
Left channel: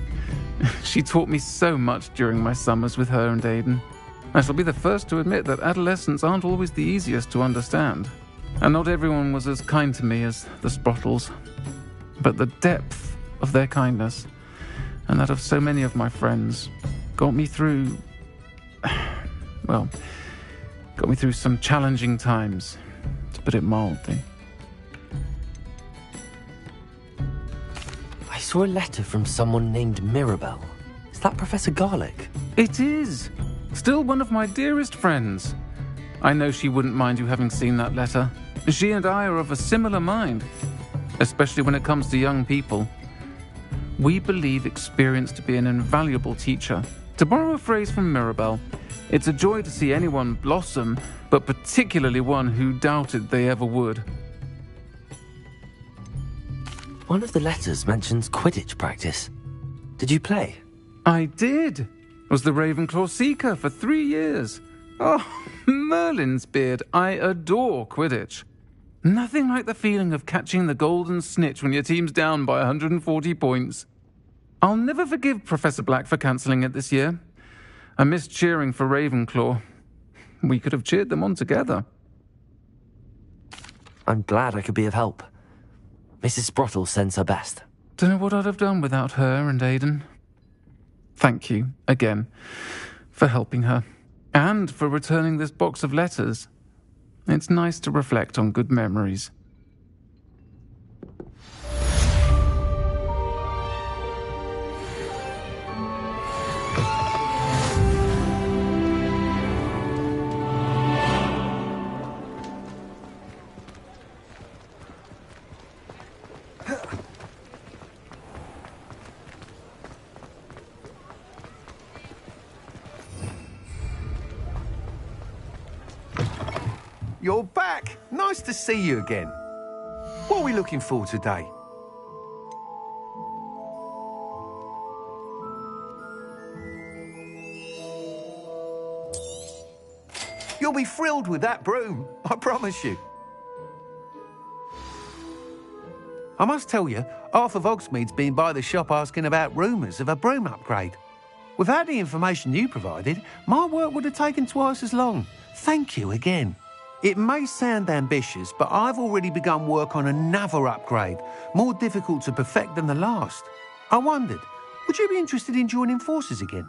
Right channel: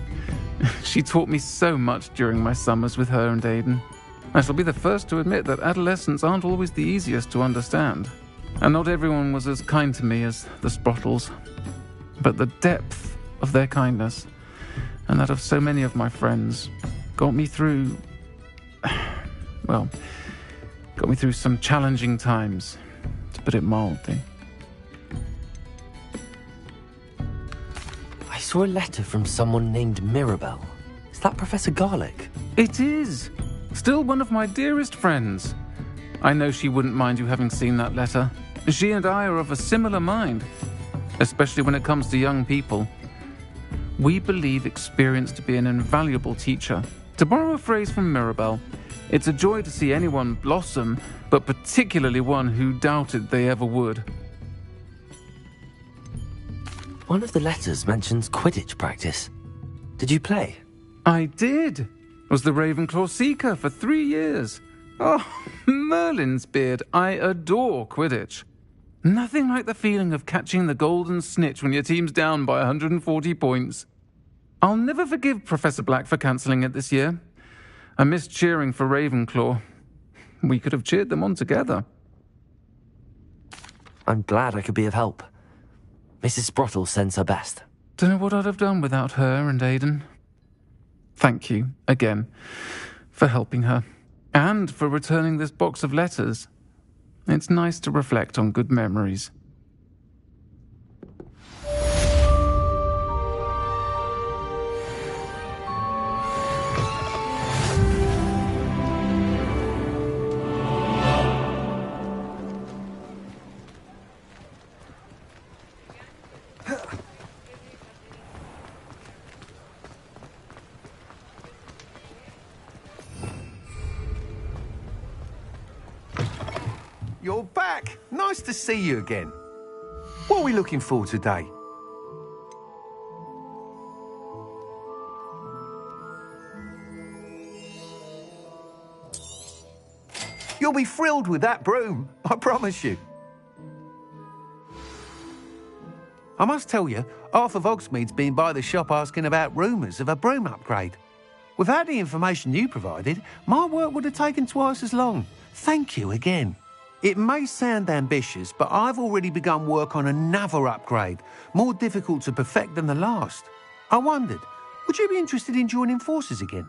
She taught me so much during my summers with her and Aidan. I shall be the first to admit that adolescents aren't always the easiest to understand. And not everyone was as kind to me as the Sprottles. But the depth of their kindness, and that of so many of my friends, got me through... well, got me through some challenging times, to put it mildly. I saw a letter from someone named Mirabelle. Is that Professor Garlick? It is! Still one of my dearest friends. I know she wouldn't mind you having seen that letter. She and I are of a similar mind, especially when it comes to young people. We believe experience to be an invaluable teacher. To borrow a phrase from Mirabelle, it's a joy to see anyone blossom, but particularly one who doubted they ever would. One of the letters mentions Quidditch practice. Did you play? I did. Was the Ravenclaw Seeker for 3 years. Oh, Merlin's beard. I adore Quidditch. Nothing like the feeling of catching the golden snitch when your team's down by 140 points. I'll never forgive Professor Black for cancelling it this year. I missed cheering for Ravenclaw. We could have cheered them on together. I'm glad I could be of help. Mrs. Sprottle sends her best. Don't know what I'd have done without her and Aidan. Thank you, again, for helping her, and for returning this box of letters. It's nice to reflect on good memories. You're back. Nice to see you again. What are we looking for today? You'll be thrilled with that broom, I promise you. I must tell you, Arthur Hogsmeade's been by the shop asking about rumours of a broom upgrade. Without the information you provided, my work would have taken twice as long. Thank you again. It may sound ambitious, but I've already begun work on another upgrade, more difficult to perfect than the last. I wondered, would you be interested in joining forces again?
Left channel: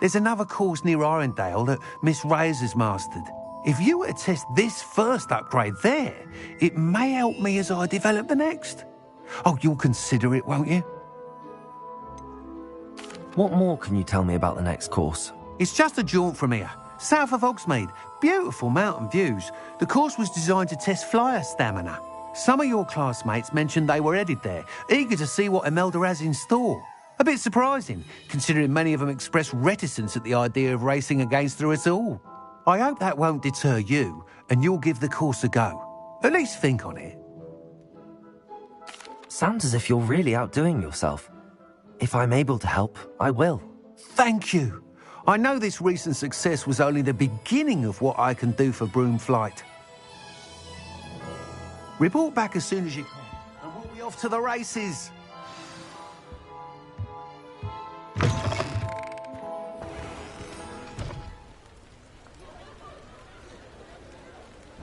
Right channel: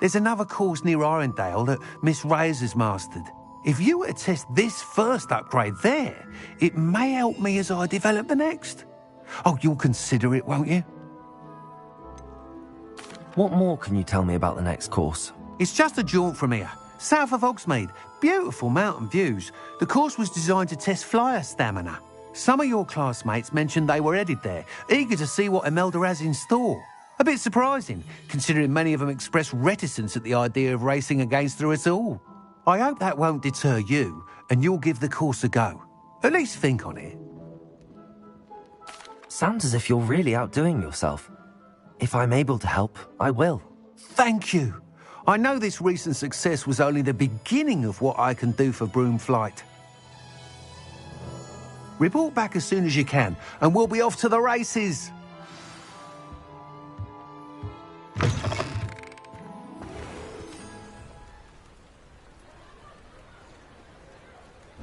There's another course near Arendelle that Miss Reyes has mastered. If you were to test this first upgrade there, it may help me as I develop the next. Oh, you'll consider it, won't you? What more can you tell me about the next course? It's just a jaunt from here, south of Hogsmeade. Beautiful mountain views. The course was designed to test flyer stamina. Some of your classmates mentioned they were headed there, eager to see what Imelda has in store. A bit surprising, considering many of them expressed reticence at the idea of racing against her at all. I hope that won't deter you, and you'll give the course a go. At least think on it. Sounds as if you're really outdoing yourself. If I'm able to help, I will. Thank you. I know this recent success was only the beginning of what I can do for broom flight. Report back as soon as you can, and we'll be off to the races.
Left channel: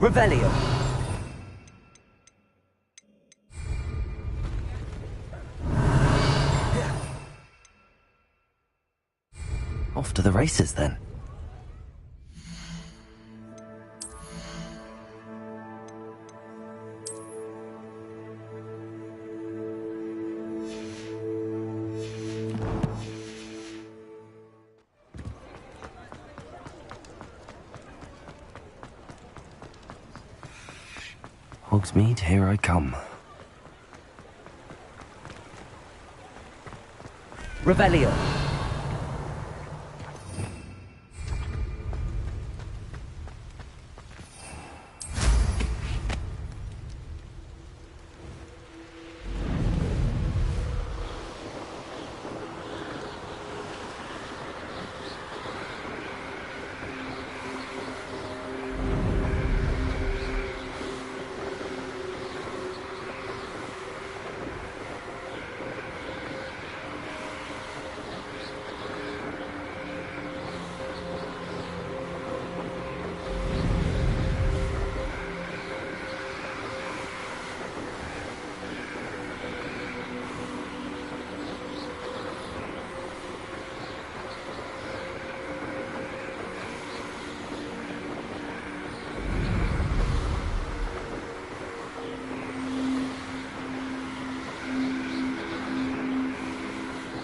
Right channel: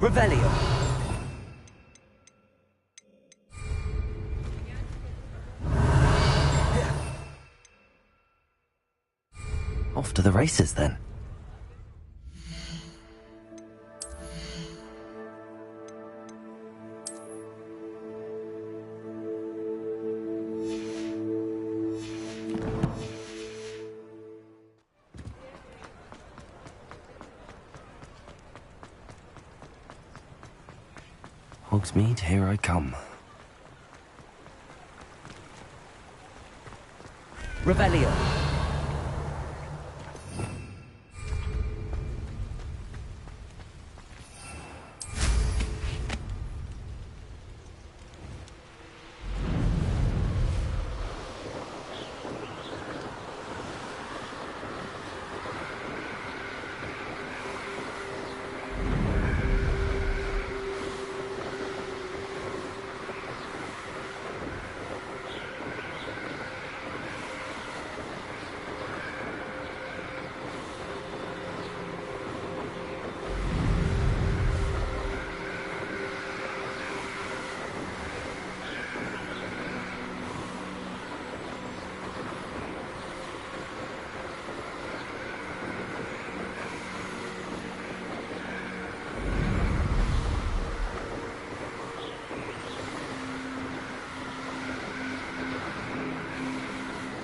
Revelio. Off to the races, then. Hogsmeade, here I come. Revelio.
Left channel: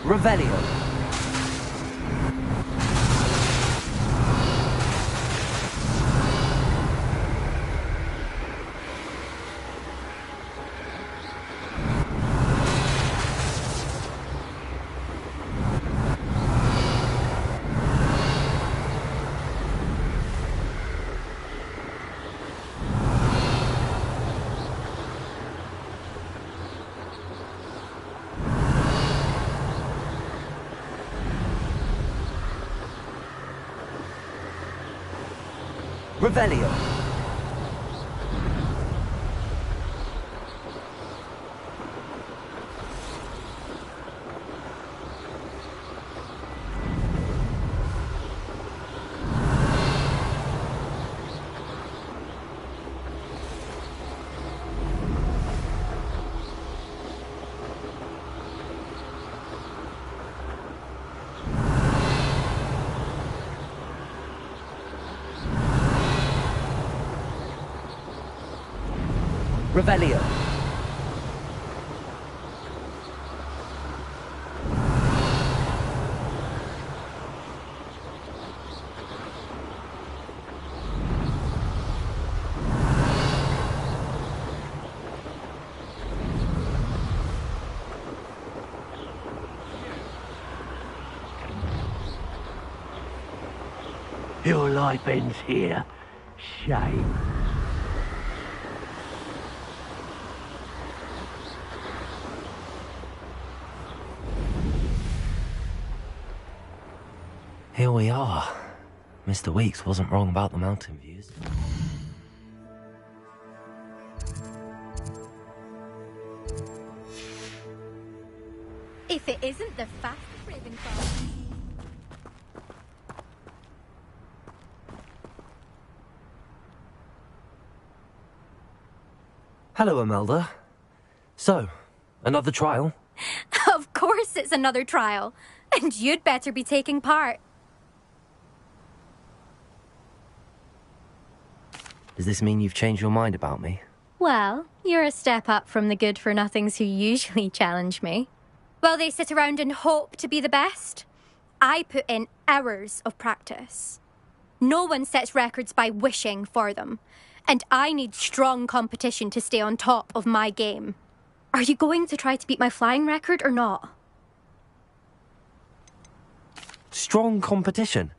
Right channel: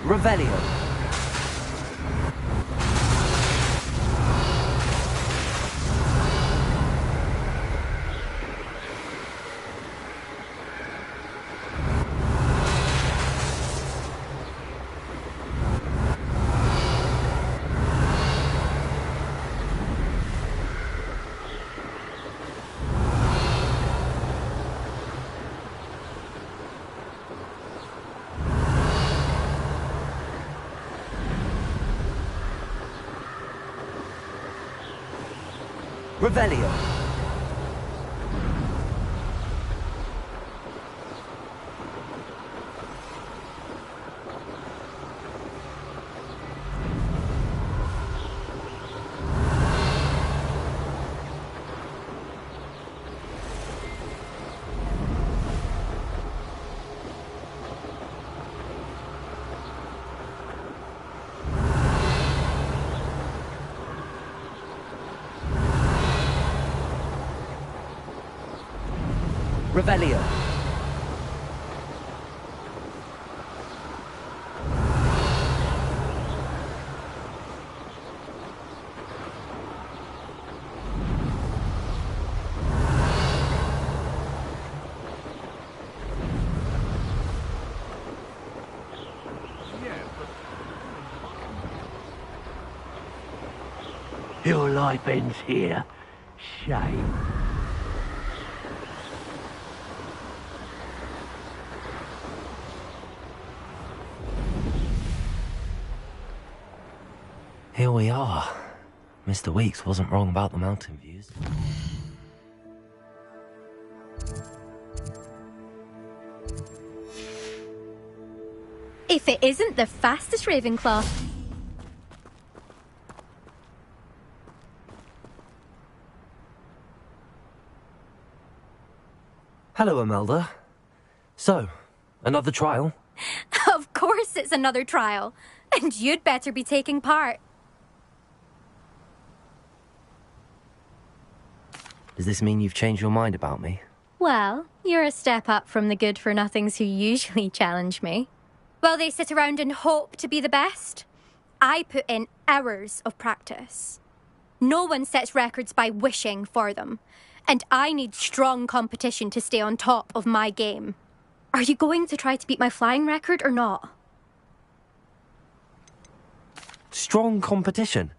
Revelio. Revelio. Revelio. Your life ends here. Shame. Here we are. Mr. Weeks wasn't wrong about the mountain views. If it isn't the fastest Ravenclaw. Hello, Imelda. So, another trial? Of course it's another trial. And you'd better be taking part. Does this mean you've changed your mind about me? Well, you're a step up from the good-for-nothings who usually challenge me. While they sit around and hope to be the best, I put in hours of practice. No one sets records by wishing for them, and I need strong competition to stay on top of my game. Are you going to try to beat my flying record or not? Strong competition?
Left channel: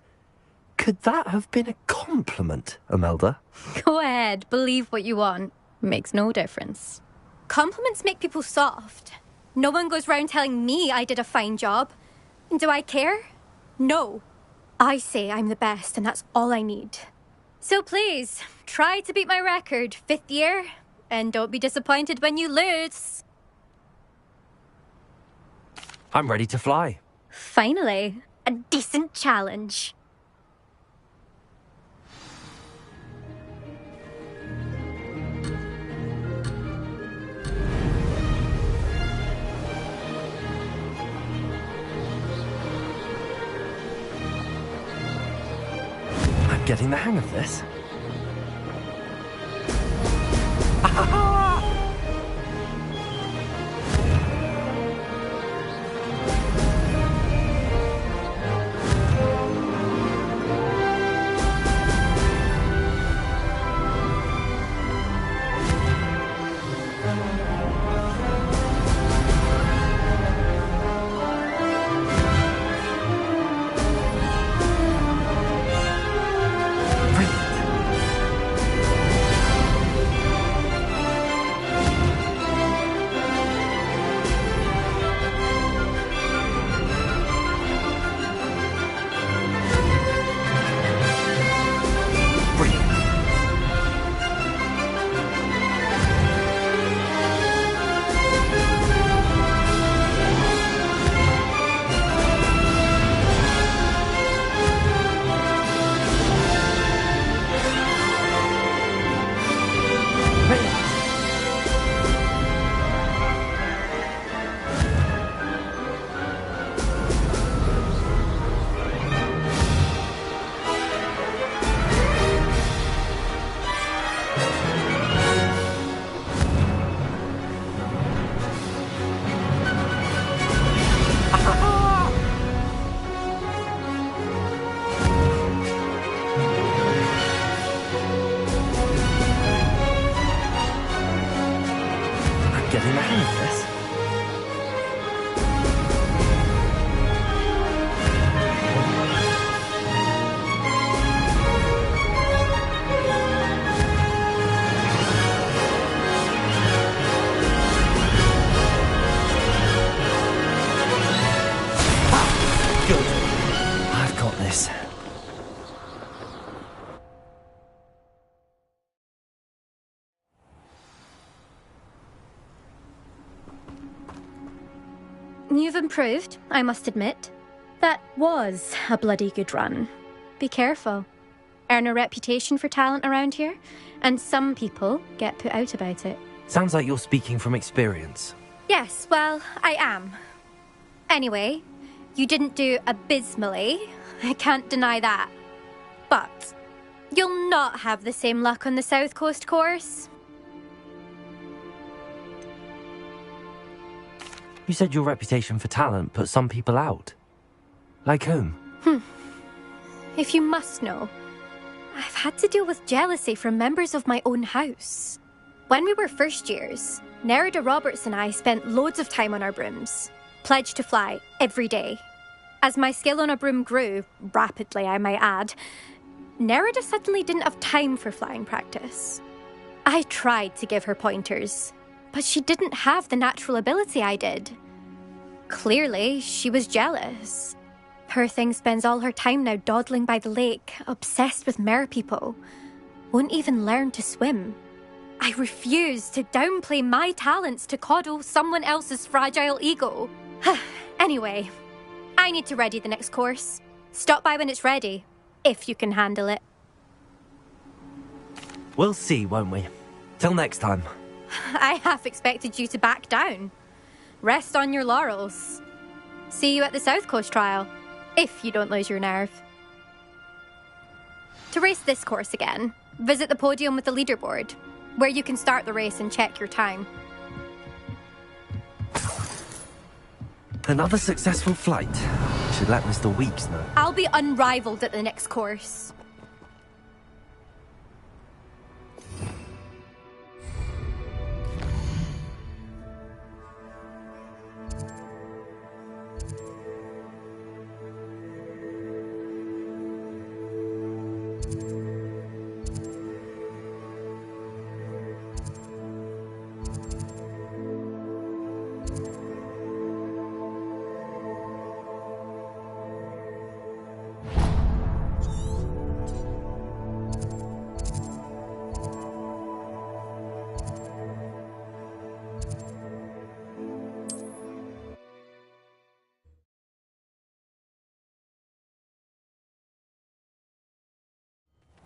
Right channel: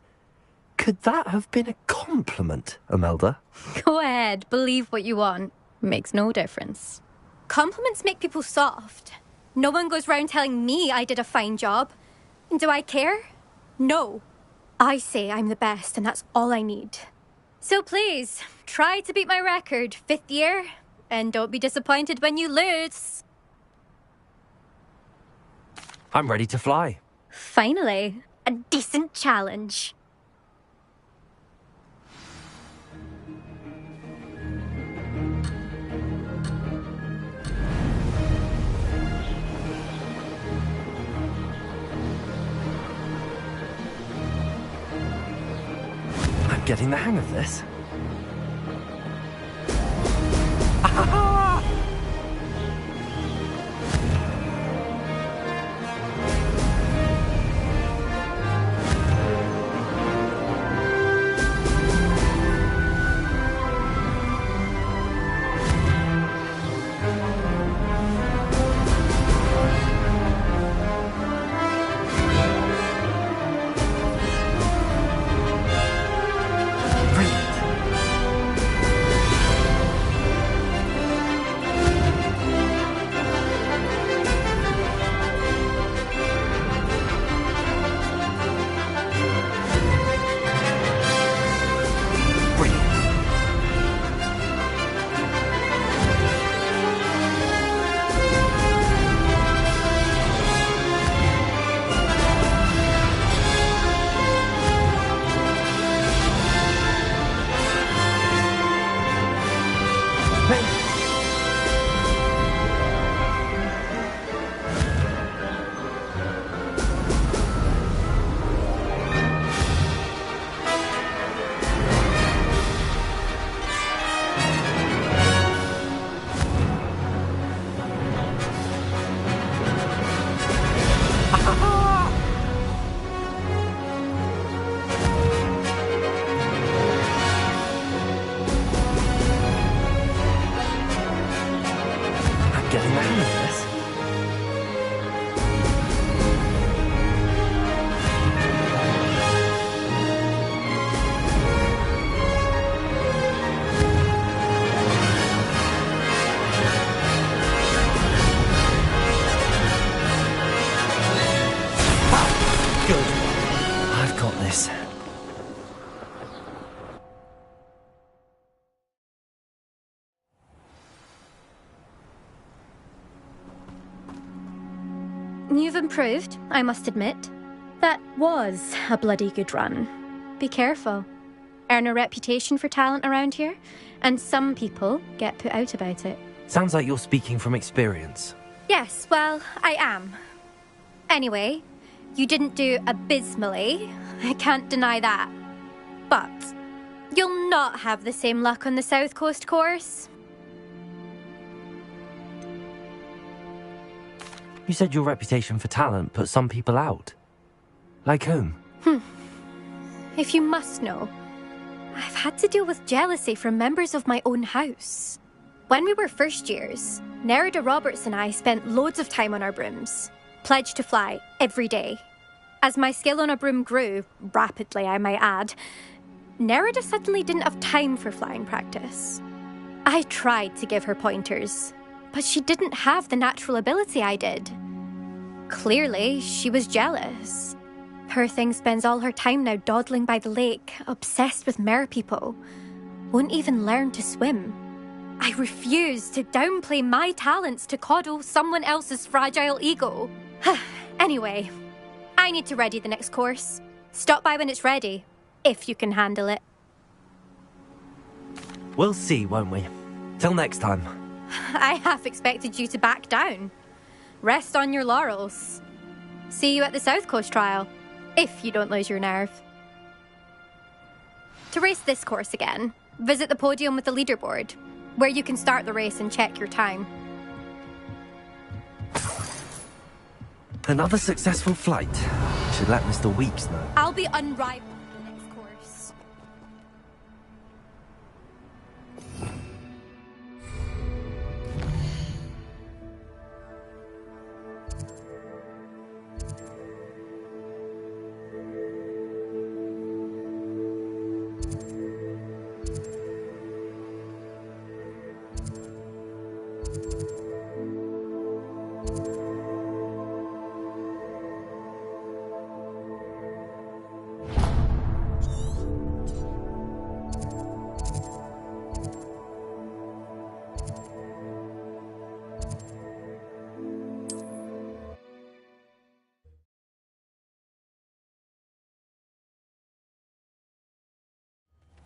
Could that have been a compliment, Imelda? Go ahead, believe what you want. Makes no difference. Compliments make people soft. No one goes round telling me I did a fine job. And do I care? No. I say I'm the best and that's all I need. So please, try to beat my record, 5th year, and don't be disappointed when you lose. I'm ready to fly. Finally, a decent challenge. I'm getting the hang of this. Getting the hang of this. Good. I've got this. You've improved, I must admit. That was a bloody good run. Be careful. Earn a reputation for talent around here, and some people get put out about it. Sounds like you're speaking from experience. Yes, well, I am. Anyway, you didn't do abysmally. I can't deny that. But you'll not have the same luck on the South Coast course. You said your reputation for talent put some people out. Like whom? If you must know, I've had to deal with jealousy from members of my own house. When we were first years, Nerida Roberts and I spent loads of time on our brooms, pledged to fly every day. As my skill on a broom grew, rapidly I might add, Nerida suddenly didn't have time for flying practice. I tried to give her pointers, but she didn't have the natural ability I did. Clearly, she was jealous. Poor thing spends all her time now dawdling by the lake, obsessed with merpeople. Won't even learn to swim. I refuse to downplay my talents to coddle someone else's fragile ego. Anyway, I need to ready the next course. Stop by when it's ready, if you can handle it. We'll see, won't we? Till next time. I half expected you to back down. Rest on your laurels. See you at the South Coast trial, if you don't lose your nerve. To race this course again, visit the podium with the leaderboard, where you can start the race and check your time. Another successful flight. Should let Mr. Weeks know. I'll be unrivaled at the next course.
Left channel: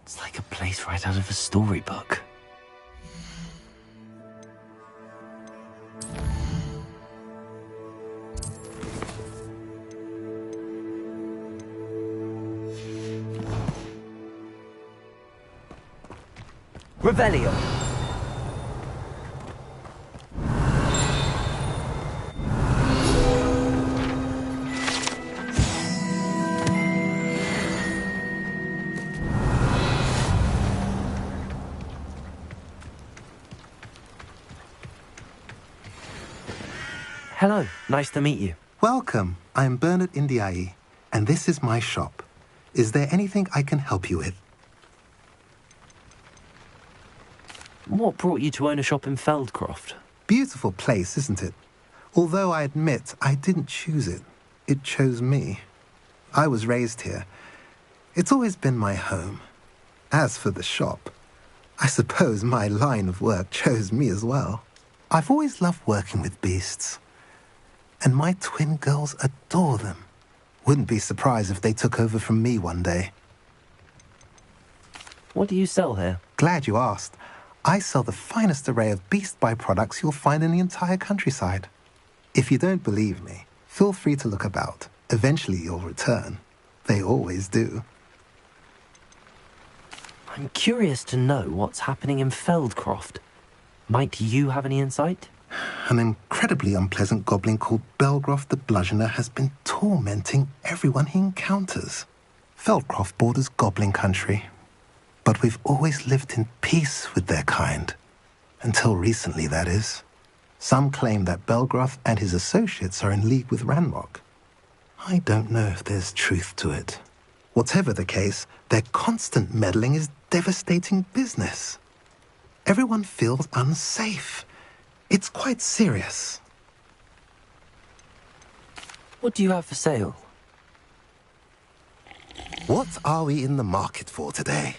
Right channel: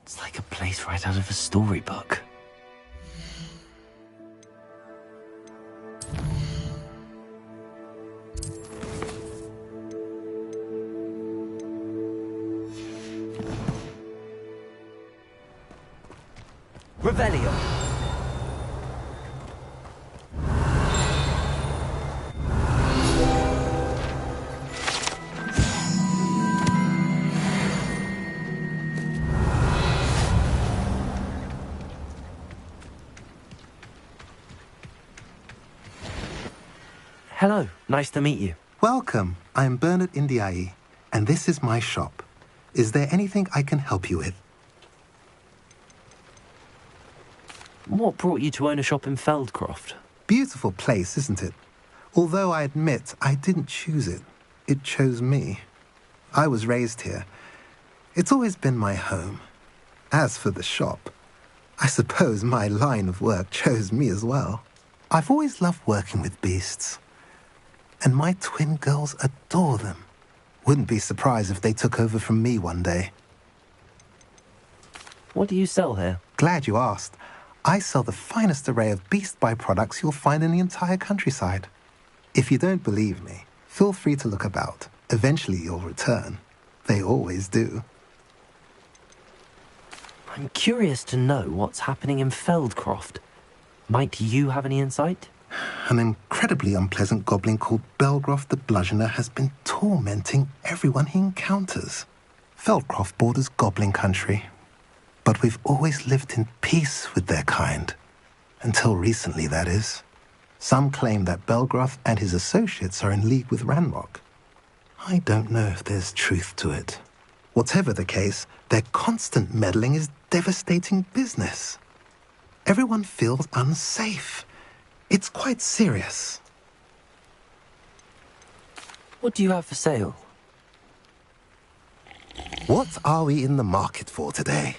It's like a place right out of a storybook. Revelio. Hello, nice to meet you. Welcome. I am Bernard Indiai, and this is my shop. Is there anything I can help you with? What brought you to own a shop in Feldcroft? Beautiful place, isn't it? Although I admit I didn't choose it. It chose me. I was raised here. It's always been my home. As for the shop, I suppose my line of work chose me as well. I've always loved working with beasts. And my twin girls adore them. Wouldn't be surprised if they took over from me one day. What do you sell here? Glad you asked. I sell the finest array of beast byproducts you'll find in the entire countryside. If you don't believe me, feel free to look about. Eventually you'll return. They always do. I'm curious to know what's happening in Feldcroft. Might you have any insight? An incredibly unpleasant goblin called Belgroth the Bludgeoner has been tormenting everyone he encounters. Feldcroft borders goblin country, but we've always lived in peace with their kind. Until recently, that is. Some claim that Belgroth and his associates are in league with Ranrock. I don't know if there's truth to it. Whatever the case, their constant meddling is devastating business. Everyone feels unsafe. It's quite serious. What do you have for sale? What are we in the market for today?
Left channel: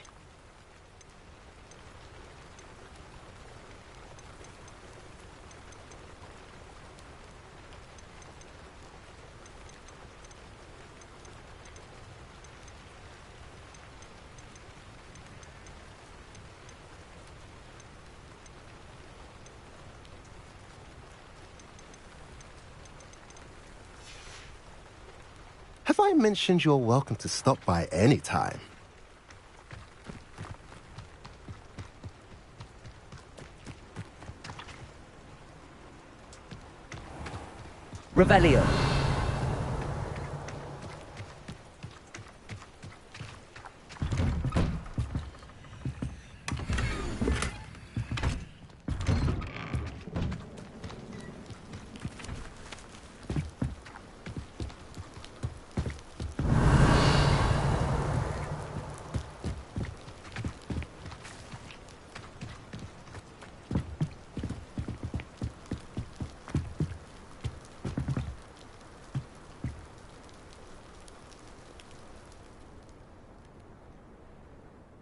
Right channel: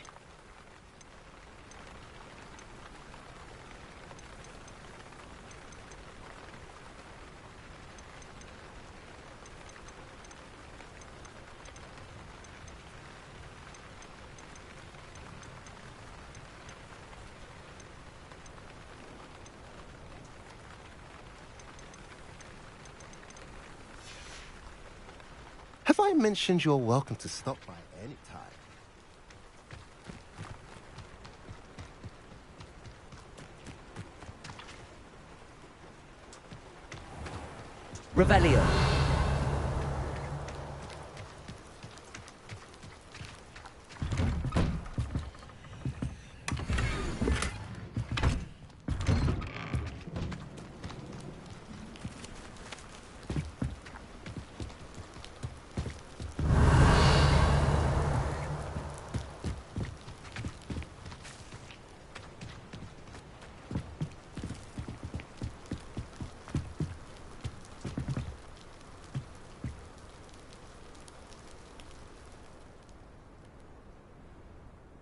Have I mentioned you're welcome to stop by any time? Revelio.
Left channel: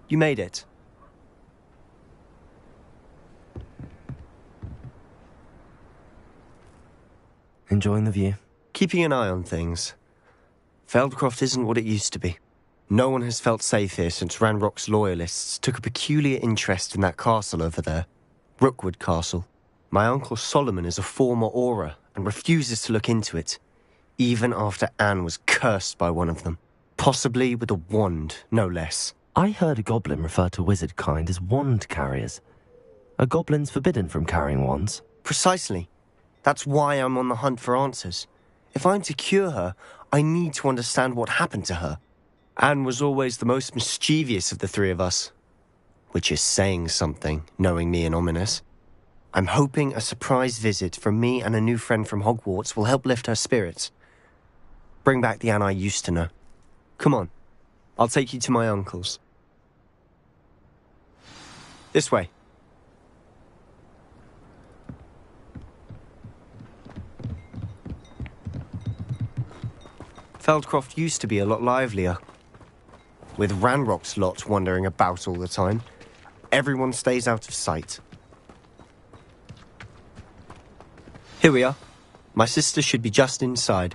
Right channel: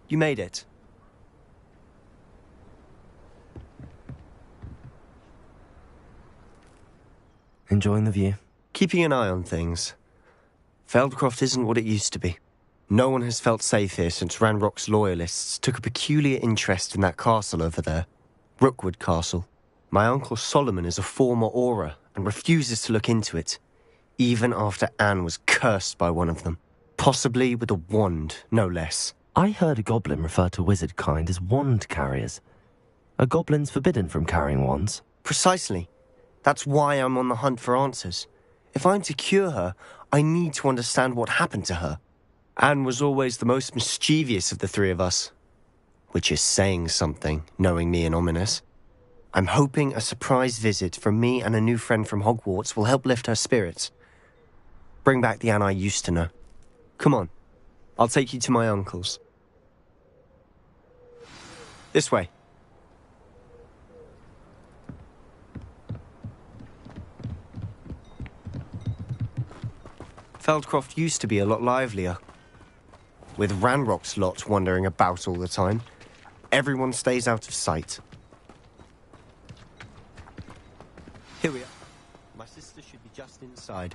You made it. Enjoying the view? Keeping an eye on things. Feldcroft isn't what it used to be. No one has felt safe here since Ranrock's loyalists took a peculiar interest in that castle over there. Rookwood Castle. My uncle Solomon is a former Auror and refuses to look into it, even after Anne was cursed by one of them. Possibly with a wand, no less. I heard a goblin refer to wizard kind as wand carriers. Are goblins forbidden from carrying wands? Precisely. That's why I'm on the hunt for answers. If I'm to cure her, I need to understand what happened to her. Anne was always the most mischievous of the three of us. Which is saying something, knowing me and Ominous. I'm hoping a surprise visit from me and a new friend from Hogwarts will help lift her spirits. Bring back the Anne I used to know. Come on. I'll take you to my uncle's. This way. Feldcroft used to be a lot livelier. With Ranrock's lot wandering about all the time, everyone stays out of sight. Here we are. My sister should be just inside.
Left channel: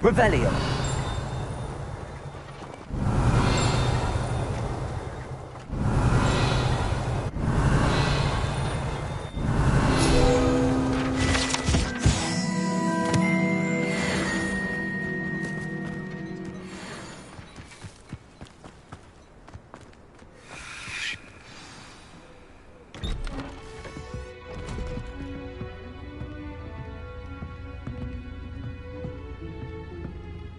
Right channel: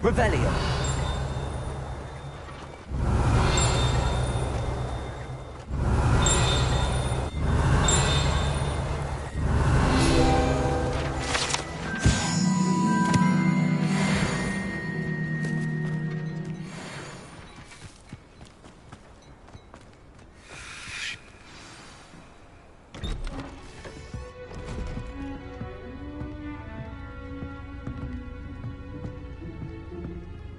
Revelio.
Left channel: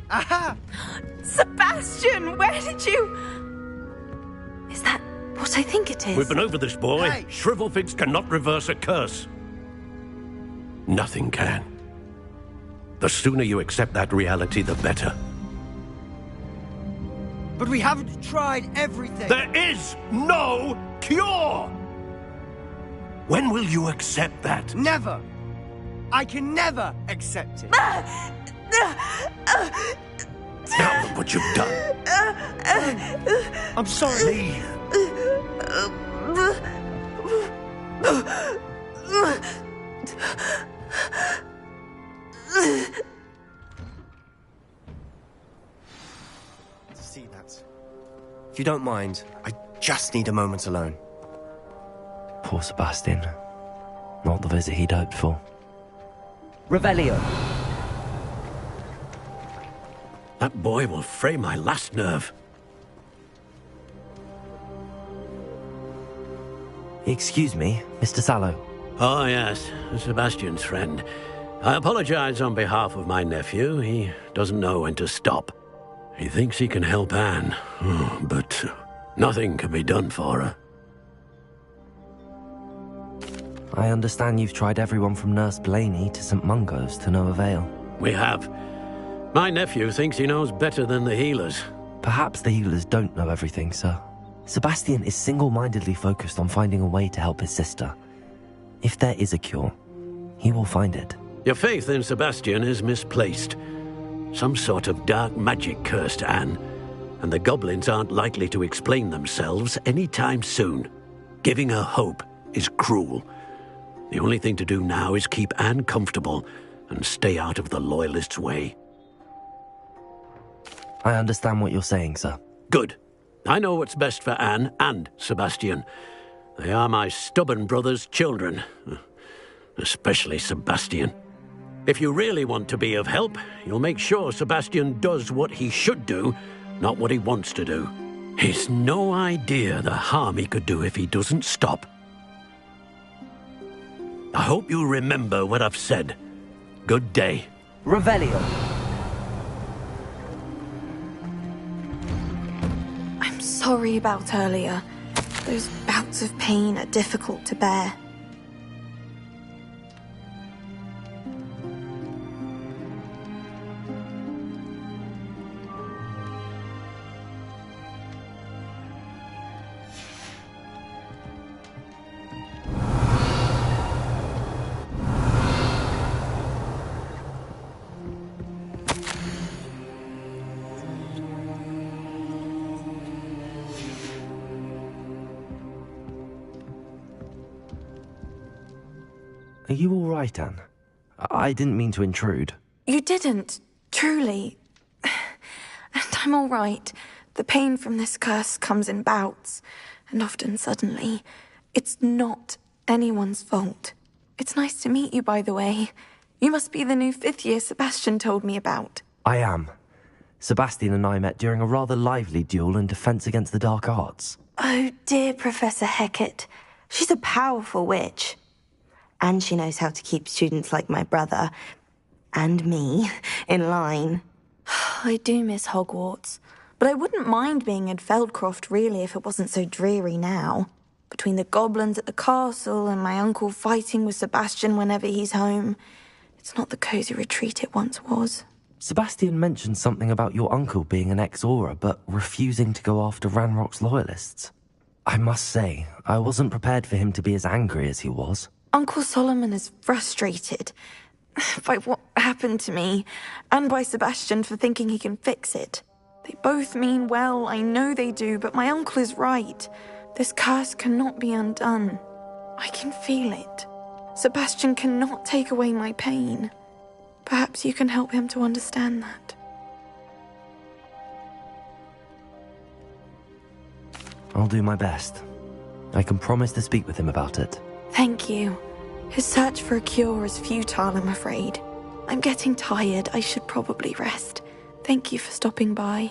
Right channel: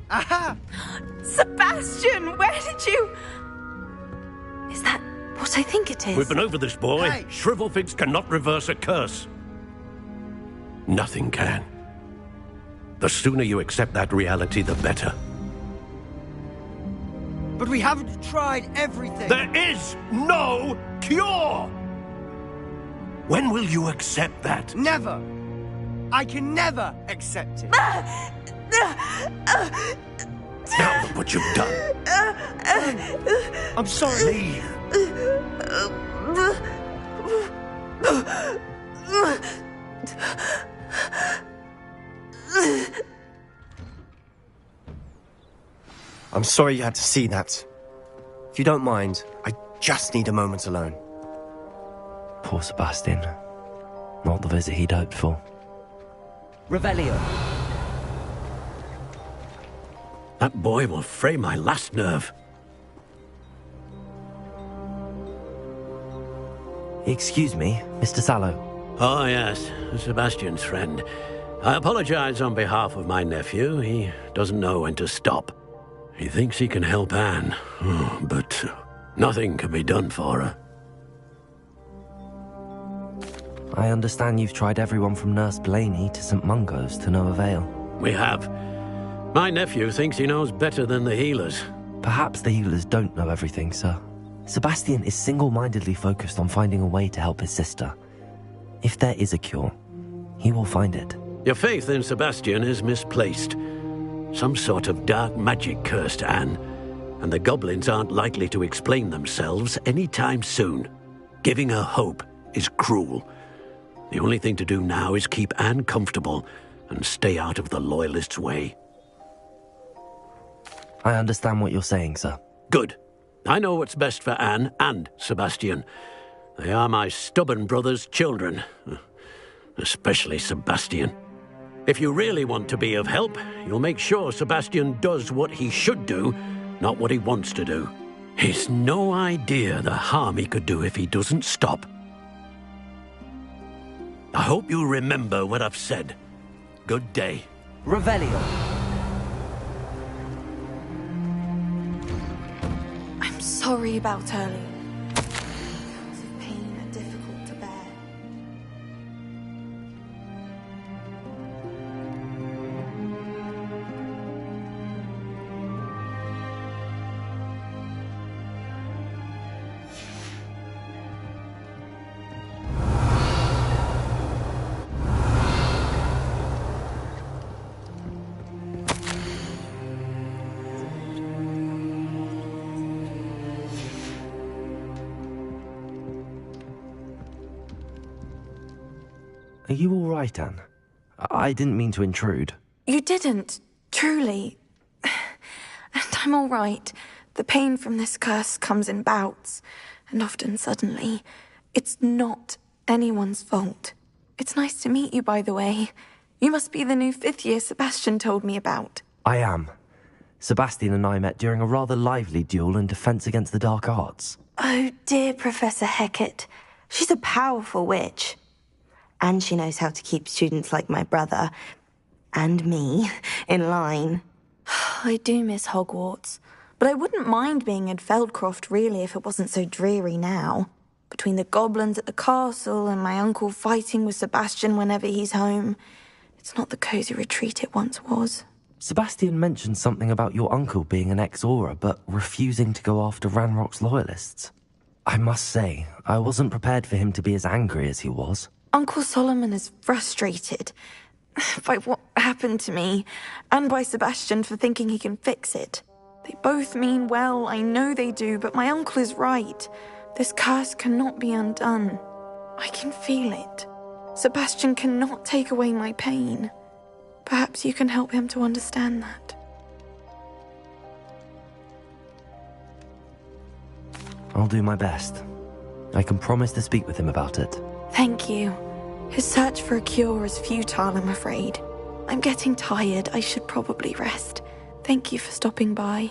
Aha! Sebastian, where did you... Is that what I think it is? We've been over this, boy. Hey. Shrivelfigs cannot reverse a curse. Nothing can. The sooner you accept that reality, the better. But we haven't tried everything. There is no cure! When will you accept that? Never. I can never accept it. Now look what you've done. I'm sorry. Leave. I'm sorry you had to see that. If you don't mind, I just need a moment alone. Poor Sebastian. Not the visit he'd hoped for. Revelio. That boy will fray my last nerve. Excuse me, Mr. Sallow. Oh, yes, Sebastian's friend. I apologize on behalf of my nephew. He doesn't know when to stop. He thinks he can help Anne, but nothing can be done for her. I understand you've tried everyone from Nurse Blaney to St. Mungo's to no avail. We have. My nephew thinks he knows better than the healers. Perhaps the healers don't know everything, sir. Sebastian is single-mindedly focused on finding a way to help his sister. If there is a cure, he will find it. Your faith in Sebastian is misplaced. Some sort of dark magic cursed Anne, and the goblins aren't likely to explain themselves anytime soon. Giving her hope is cruel. The only thing to do now is keep Anne comfortable and stay out of the Loyalists' way. I understand what you're saying, sir. Good. I know what's best for Anne and Sebastian. They are my stubborn brother's children. Especially Sebastian. If you really want to be of help, you'll make sure Sebastian does what he should do, not what he wants to do. He's no idea the harm he could do if he doesn't stop. I hope you remember what I've said. Good day. Revelio. I'm sorry about earlier. Those bouts of pain are difficult to bear. Are you all right, Anne? I didn't mean to intrude. You didn't, truly. And I'm all right. The pain from this curse comes in bouts, and often suddenly. It's not anyone's fault. It's nice to meet you, by the way. You must be the new 5th year Sebastian told me about. I am. Sebastian and I met during a rather lively duel in defense against the dark arts. Oh, dear Professor Hecat. She's a powerful witch. And she knows how to keep students like my brother, and me, in line. I do miss Hogwarts, but I wouldn't mind being in Feldcroft, really, if it wasn't so dreary now. Between the goblins at the castle and my uncle fighting with Sebastian whenever he's home, it's not the cosy retreat it once was. Sebastian mentioned something about your uncle being an ex-Auror, but refusing to go after Ranrock's loyalists. I must say, I wasn't prepared for him to be as angry as he was. Uncle Solomon is frustrated by what happened to me, and by Sebastian for thinking he can fix it. They both mean well, I know they do, but my uncle is right. This curse cannot be undone. I can feel it. Sebastian cannot take away my pain. Perhaps you can help him to understand that. I'll do my best. I can promise to speak with him about it. Thank you. His search for a cure is futile, I'm afraid. I'm getting tired. I should probably rest. Thank you for stopping by.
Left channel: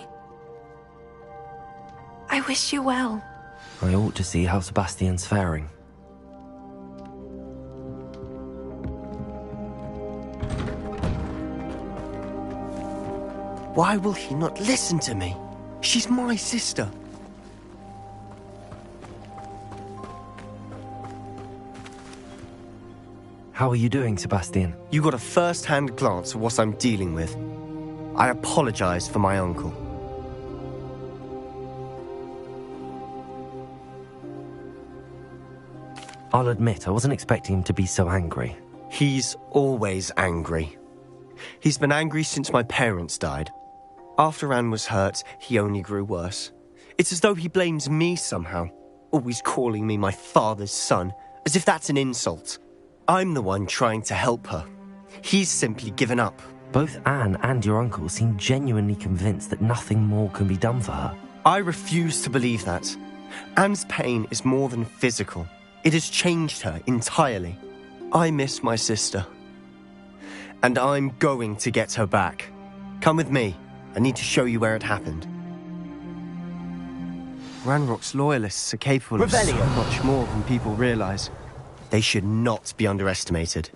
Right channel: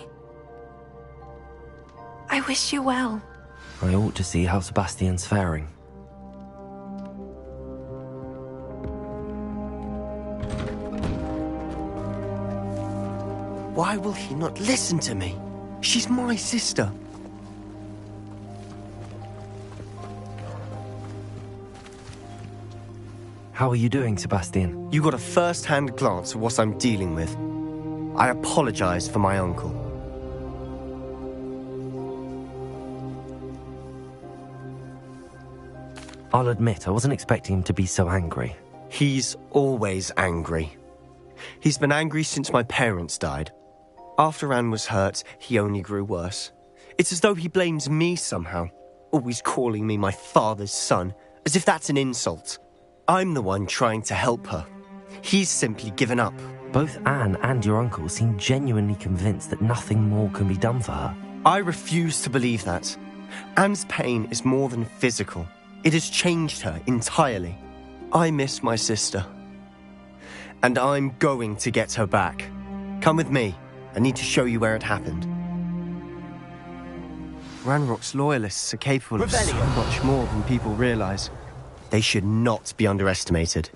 I wish you well. I ought to see how Sebastian's faring. Why will he not listen to me? She's my sister. How are you doing, Sebastian? You got a first-hand glance at what I'm dealing with. I apologize for my uncle. I'll admit, I wasn't expecting him to be so angry. He's always angry. He's been angry since my parents died. After Anne was hurt, he only grew worse. It's as though he blames me somehow, always calling me my father's son, as if that's an insult. I'm the one trying to help her. He's simply given up. Both Anne and your uncle seem genuinely convinced that nothing more can be done for her. I refuse to believe that. Anne's pain is more than physical. It has changed her entirely. I miss my sister. And I'm going to get her back. Come with me. I need to show you where it happened. Ranrock's loyalists are capable of so much more than people realize. They should not be underestimated.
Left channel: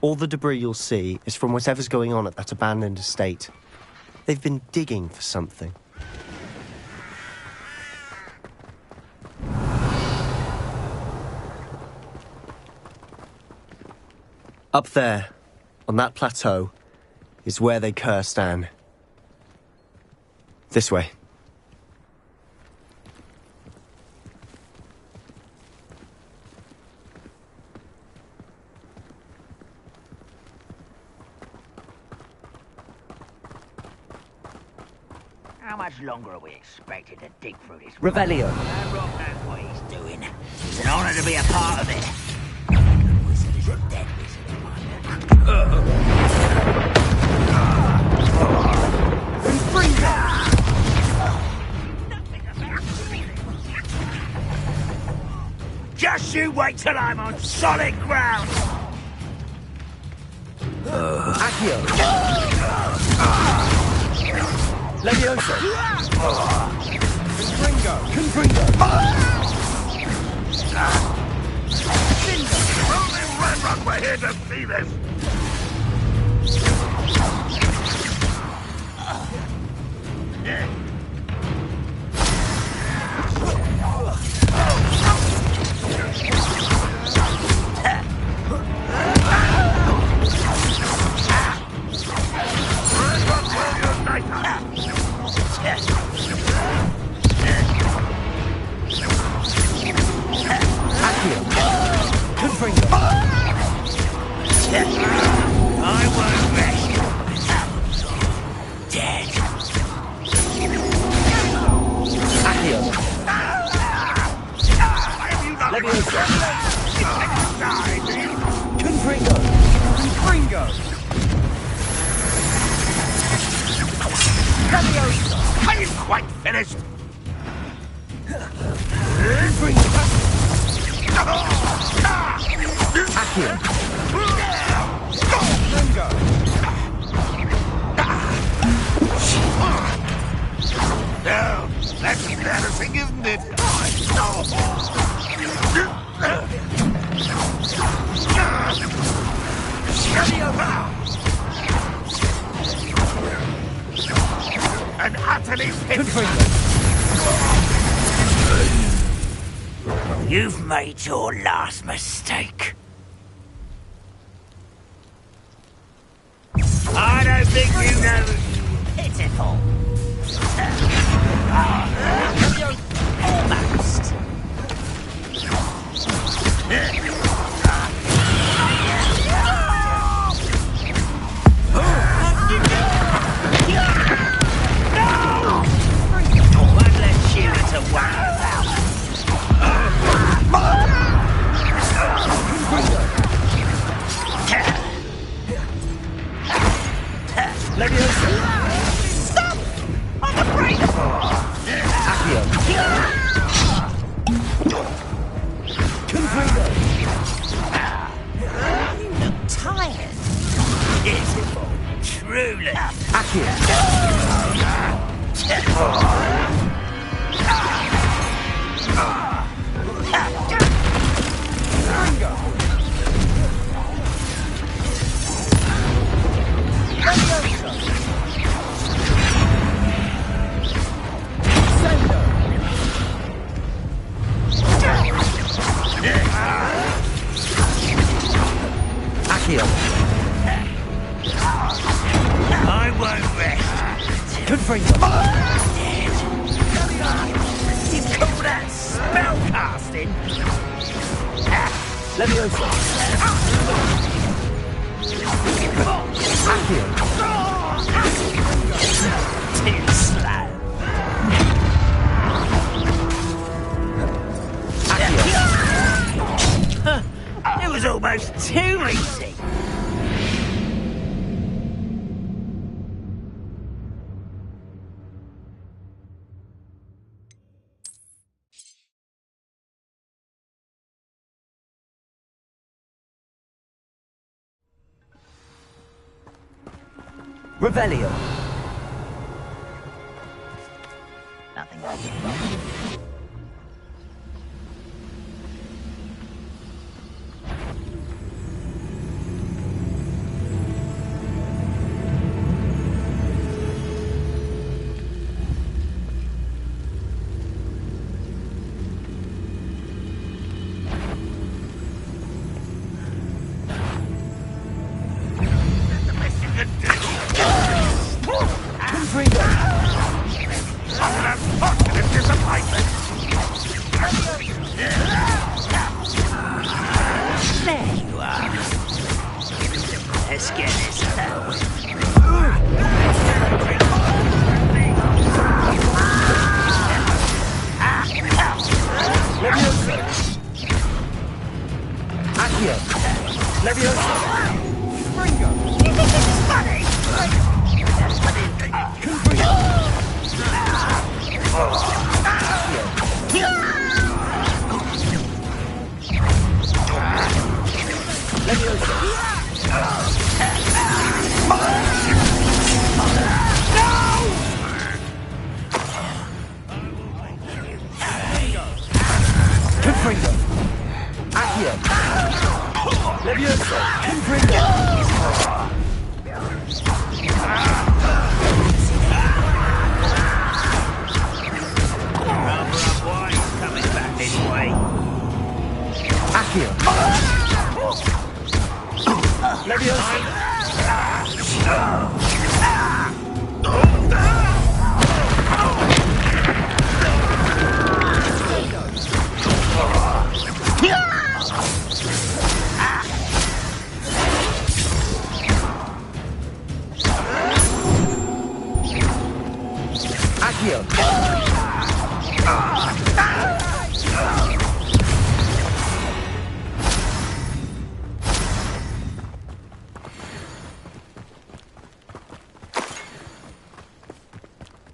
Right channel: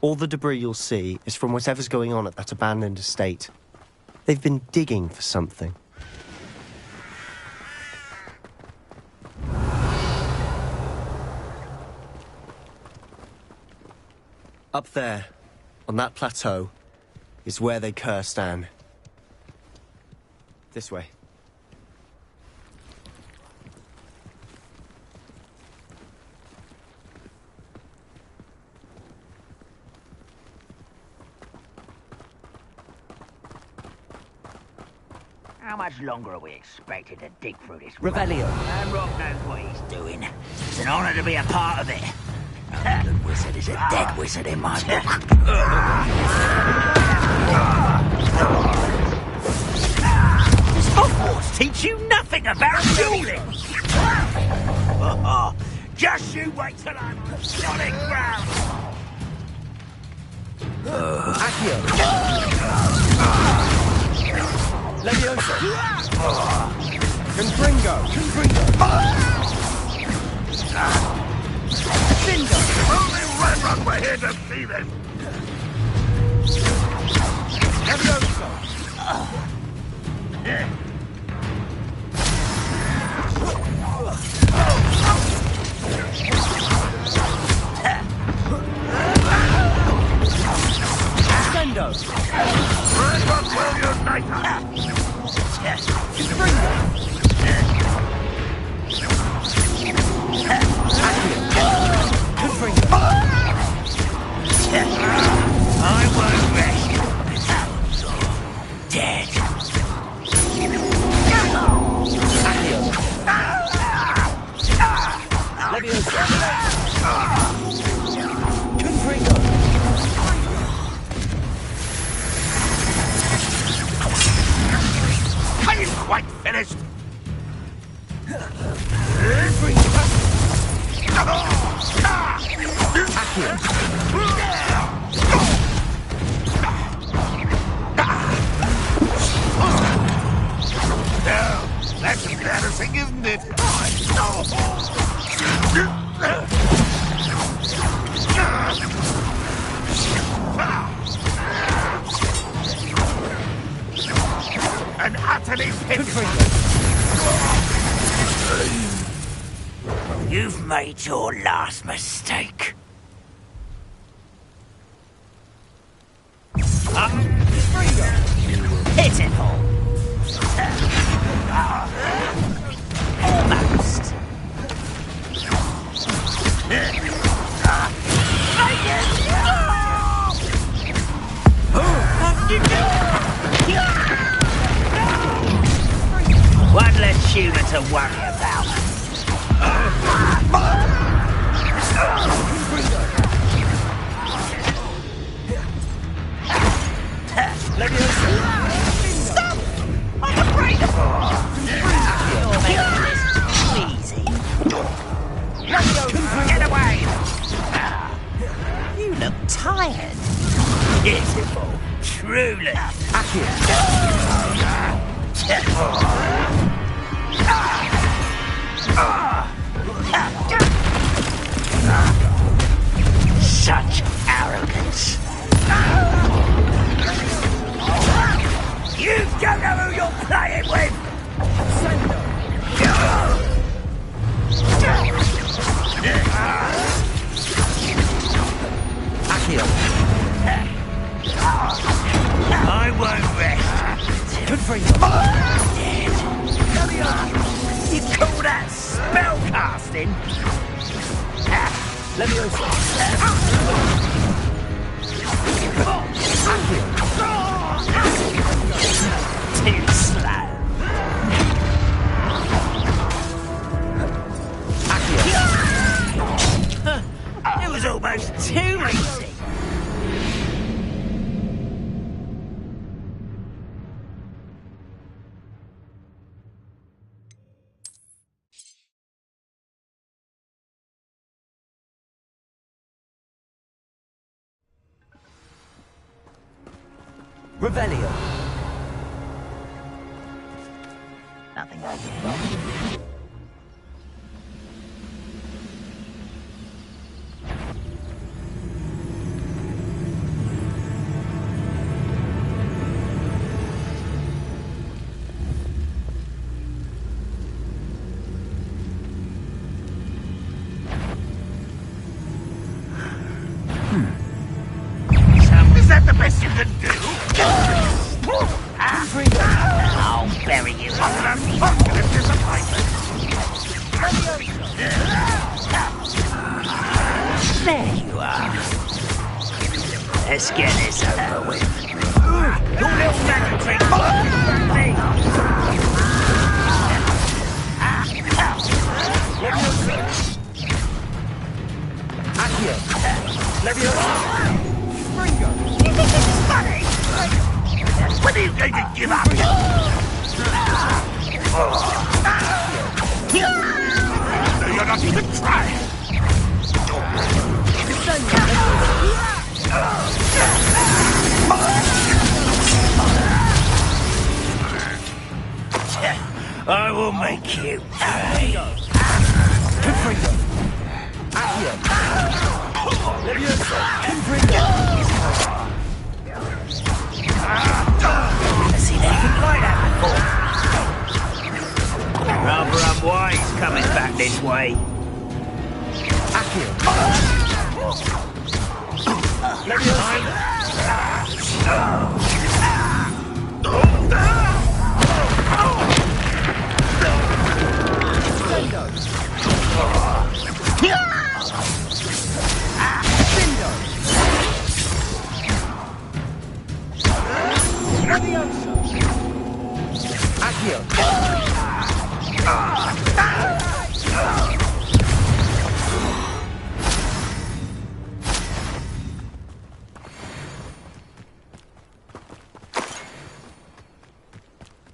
All the debris you'll see is from whatever's going on at that abandoned estate. They've been digging for something. Up there, on that plateau, is where they cursed Anne. This way. How much longer are we expected to dig through this? Revelio. Ranrock knows what he's doing. It's an honor to be a part of it. A good wizard is a dead wizard in my book. Teach you nothing about dueling. Just you wait till I'm on solid ground. Accio. Levioso. Confringo. We're here to see this! I won't rest. Dead. Accio. Leviosa. Confringo. I ain't quite finished! Well, that's embarrassing, isn't it? An utterly You've made your last mistake. I don't think you know pitiful. Almost. One less human to worry about. Stop! I'm afraid of Get away! You look tired. Pitiful. Truly. Such arrogance. You don't know who you're playing with. I won't rest. Dead. You call that spellcasting? Too slow. It was almost too easy. Revelio. Nothing. Is that the best you can do? I'll bury you. An unfortunate disappointment! There you are. Let's get this over with. You think this is funny? When are you going to give up? You're not even trying! I will make you pay. Leviosa! Confringo! Rather unwise coming back this way. Accio! Leviosa! Accio!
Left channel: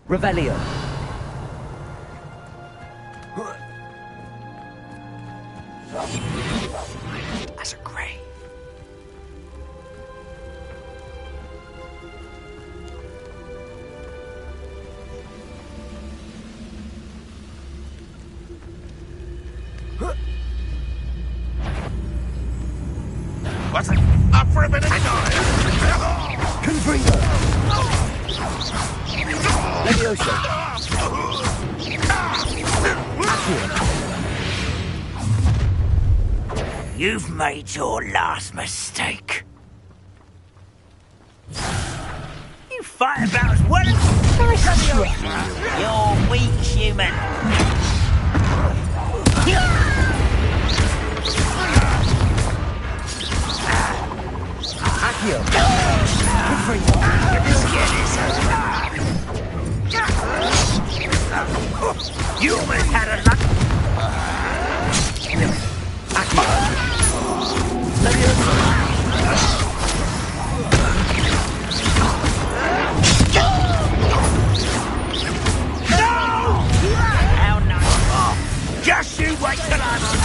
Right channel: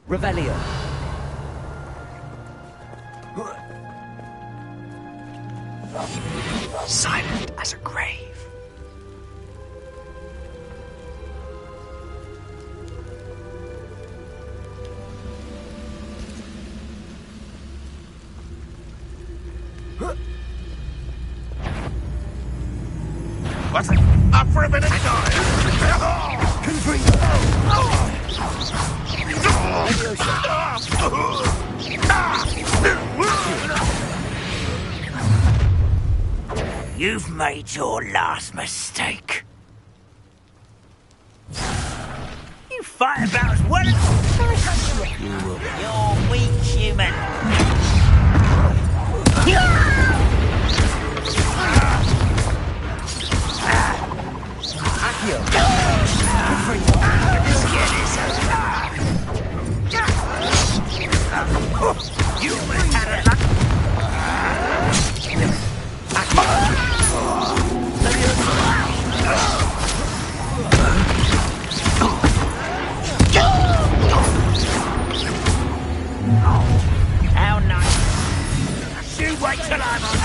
Revelio. Silent as a grave. What's it? Up for a minute, guys! Confringo! Leviosa! You've made your last mistake. You fight about as well as... You're weak, human. Accio! You almost had a luck. How nice. Just you wait till I'm on.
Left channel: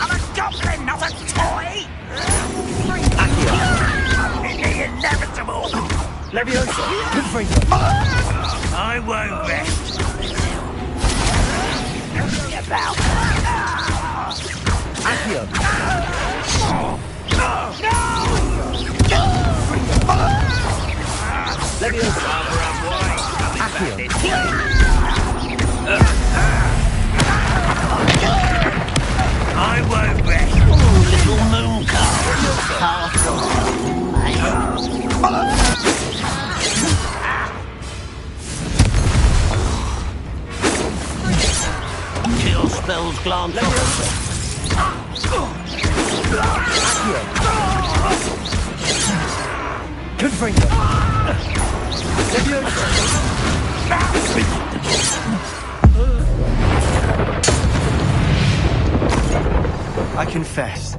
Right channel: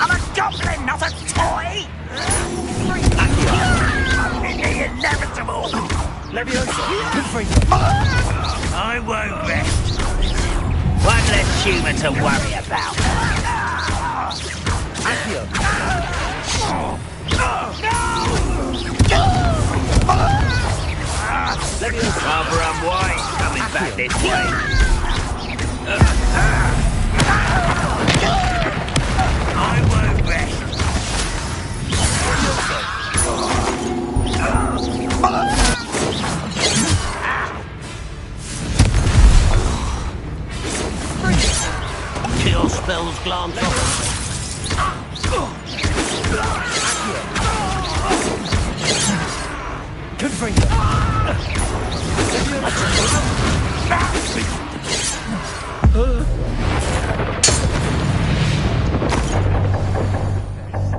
I'm a goblin, not a toy! The inevitable! Leviosa! I won't rest. One less human to worry about. Accio! Leviosa! Rather unwise coming back this way. I won't rest. Kill spells glance Confringo! I confess,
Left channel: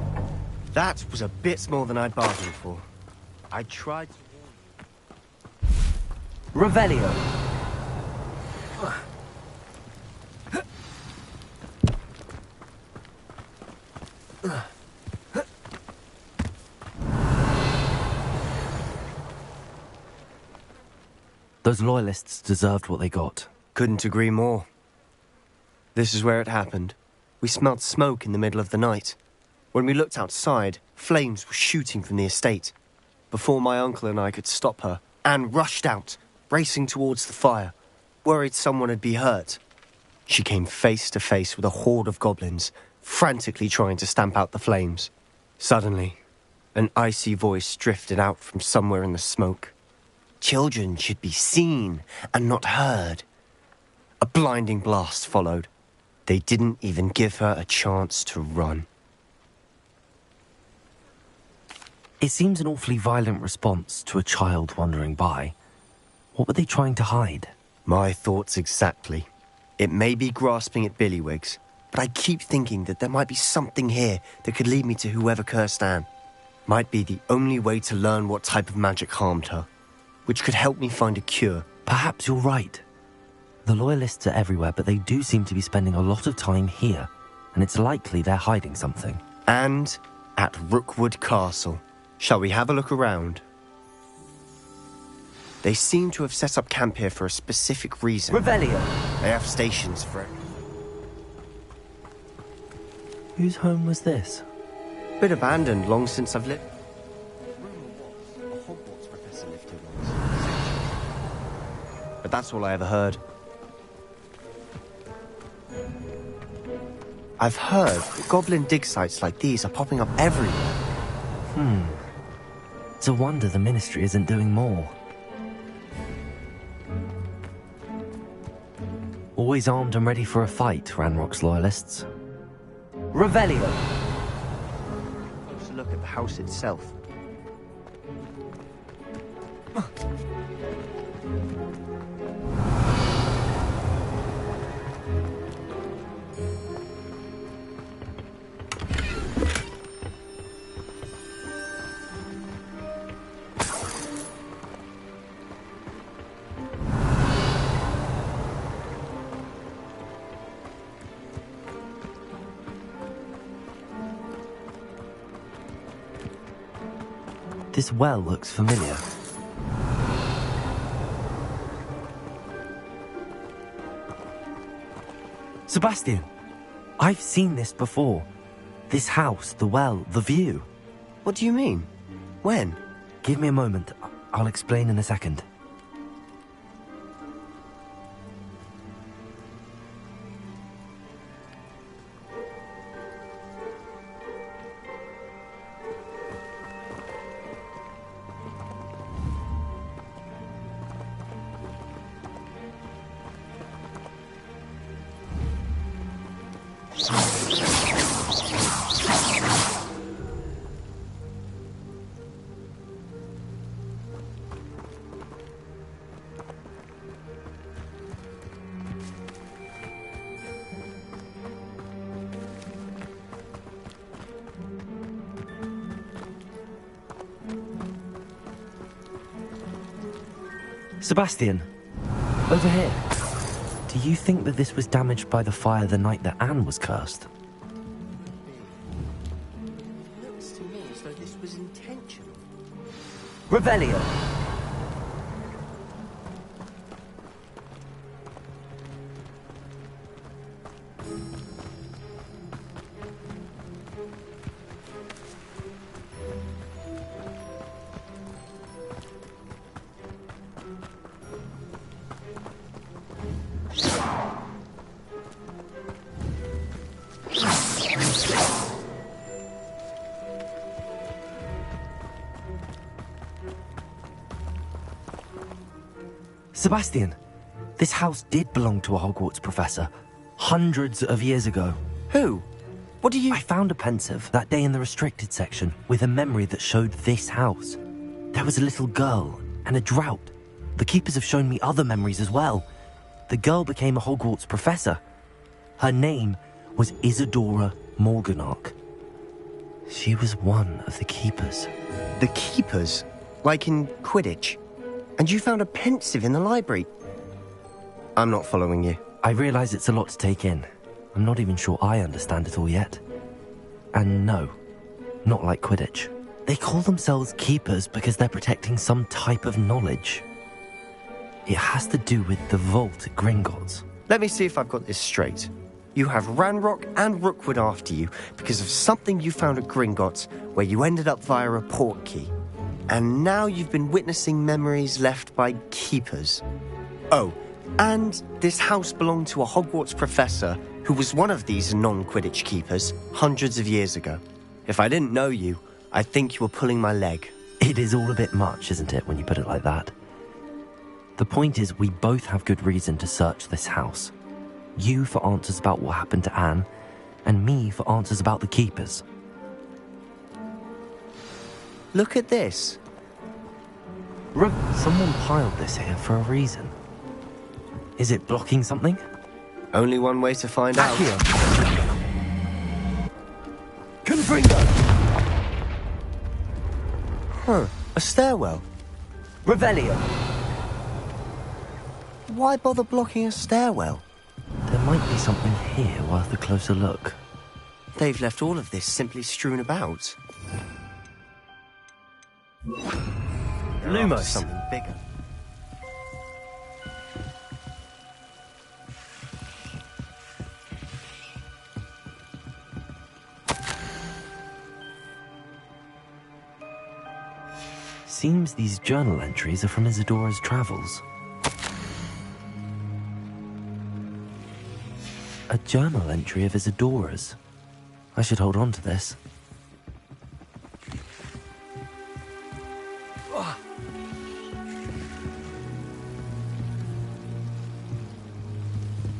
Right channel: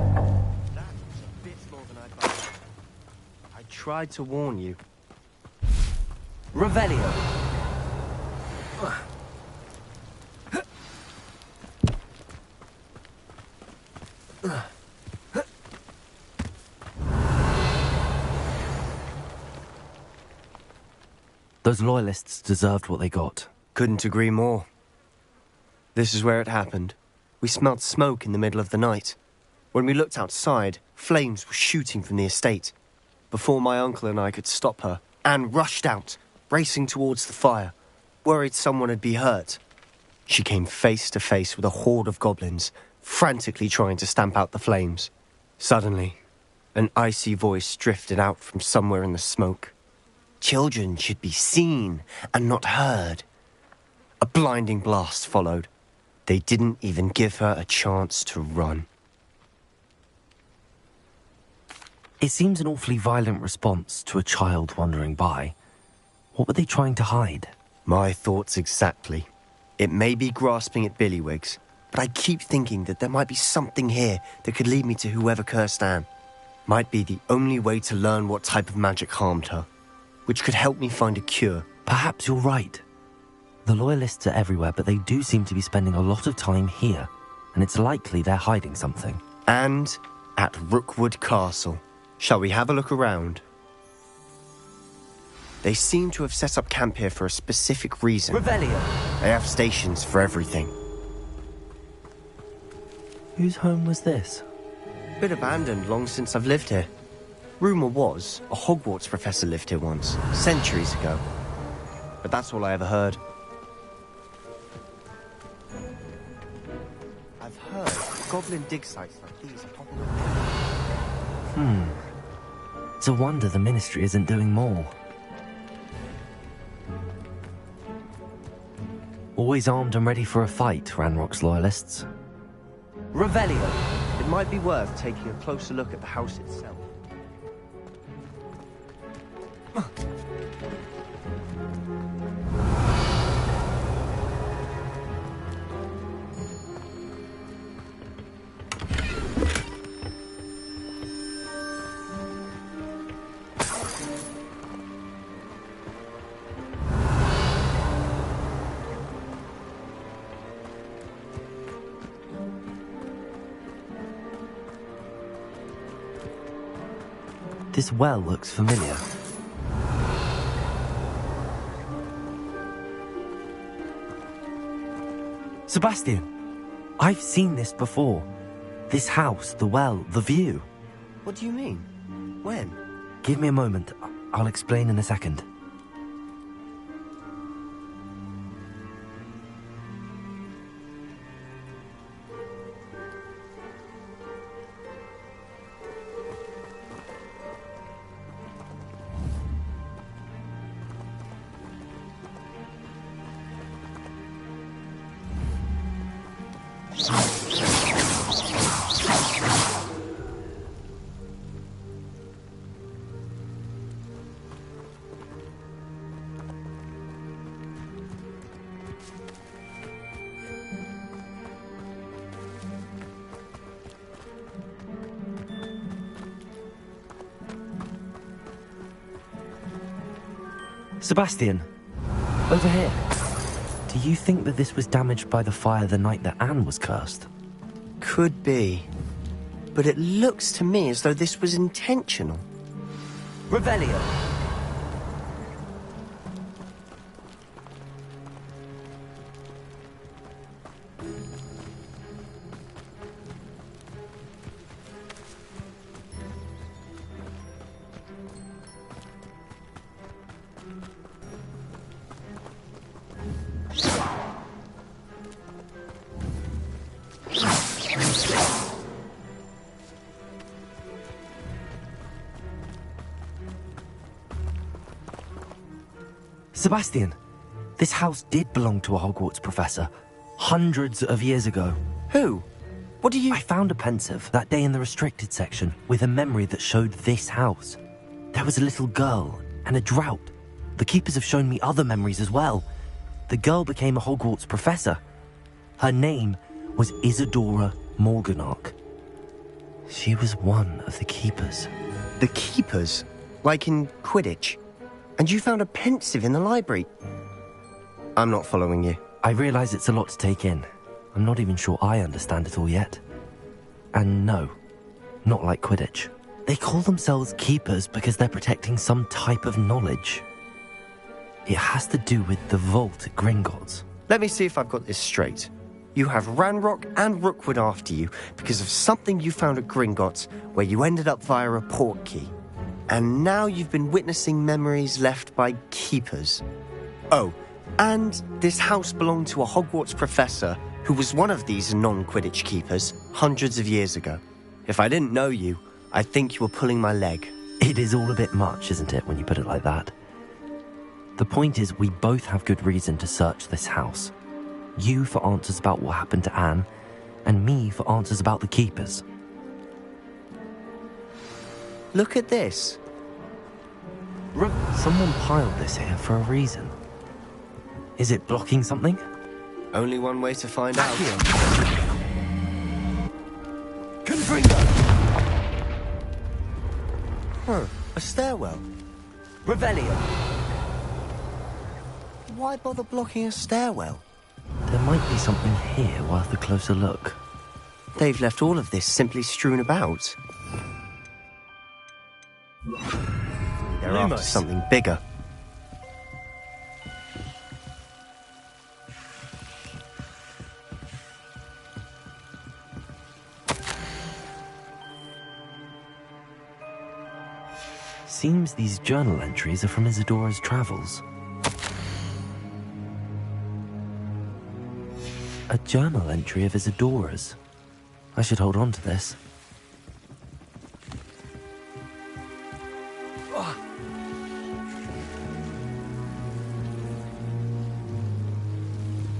that was a bit more than I'd bargained for. I tried to warn you. Revelio. Those loyalists deserved what they got. Couldn't agree more. This is where it happened. We smelled smoke in the middle of the night. When we looked outside, flames were shooting from the estate. Before my uncle and I could stop her, Anne rushed out, racing towards the fire, worried someone would be hurt. She came face to face with a horde of goblins, frantically trying to stamp out the flames. Suddenly, an icy voice drifted out from somewhere in the smoke. Children should be seen and not heard. A blinding blast followed. They didn't even give her a chance to run. It seems an awfully violent response to a child wandering by. What were they trying to hide? My thoughts exactly. It may be grasping at Billywigs, but I keep thinking that there might be something here that could lead me to whoever cursed Anne. Might be the only way to learn what type of magic harmed her. which could help me find a cure. Perhaps you're right. The Loyalists are everywhere, but they do seem to be spending a lot of time here, and it's likely they're hiding something. And at Rookwood Castle. Shall we have a look around? They seem to have set up camp here for a specific reason. Revelio. They have stations for everything. Whose home was this? Bit abandoned long since I've lived here. Rumour was a Hogwarts professor lived here once, centuries ago. But that's all I ever heard. I've heard goblin dig sites like these are popping up everywhere. It's a wonder the Ministry isn't doing more. Always armed and ready for a fight, Ranrock's Loyalists. Revelio. It might be worth taking a closer look at the house itself. This well looks familiar. Sebastian! I've seen this before. This house, the well, the view. What do you mean? When? Give me a moment. I'll explain in a second. Sebastian, over here. Do you think that this was damaged by the fire the night that Anne was cursed? Could be. But it looks to me as though this was intentional. Revelio. Sebastian, this house did belong to a Hogwarts professor, hundreds of years ago. Who? What do you... I found a pensive that day in the restricted section with a memory that showed this house. There was a little girl and a drought. The keepers have shown me other memories as well. The girl became a Hogwarts professor. Her name was Isadora Morganach. She was one of the keepers. The keepers? Like in Quidditch? And you found a pensive in the library? I'm not following you. I realise it's a lot to take in. I'm not even sure I understand it all yet. And no, not like Quidditch. They call themselves keepers because they're protecting some type of knowledge. It has to do with the vault at Gringotts. Let me see if I've got this straight. You have Ranrock and Rookwood after you because of something you found at Gringotts where you ended up via a portkey. And now you've been witnessing memories left by keepers. Oh, and this house belonged to a Hogwarts professor who was one of these non-Quidditch keepers hundreds of years ago. If I didn't know you, I'd think you were pulling my leg. It is all a bit much, isn't it, when you put it like that? The point is, we both have good reason to search this house. You for answers about what happened to Anne, and me for answers about the keepers. Look at this. Someone piled this here for a reason. Is it blocking something? Only one way to find out. Confringo! Huh, a stairwell. Revelio. Why bother blocking a stairwell? There might be something here worth a closer look. They've left all of this simply strewn about. They're after Lumos. something bigger. Seems these journal entries are from Isadora's travels. A journal entry of Isadora's. I should hold on to this.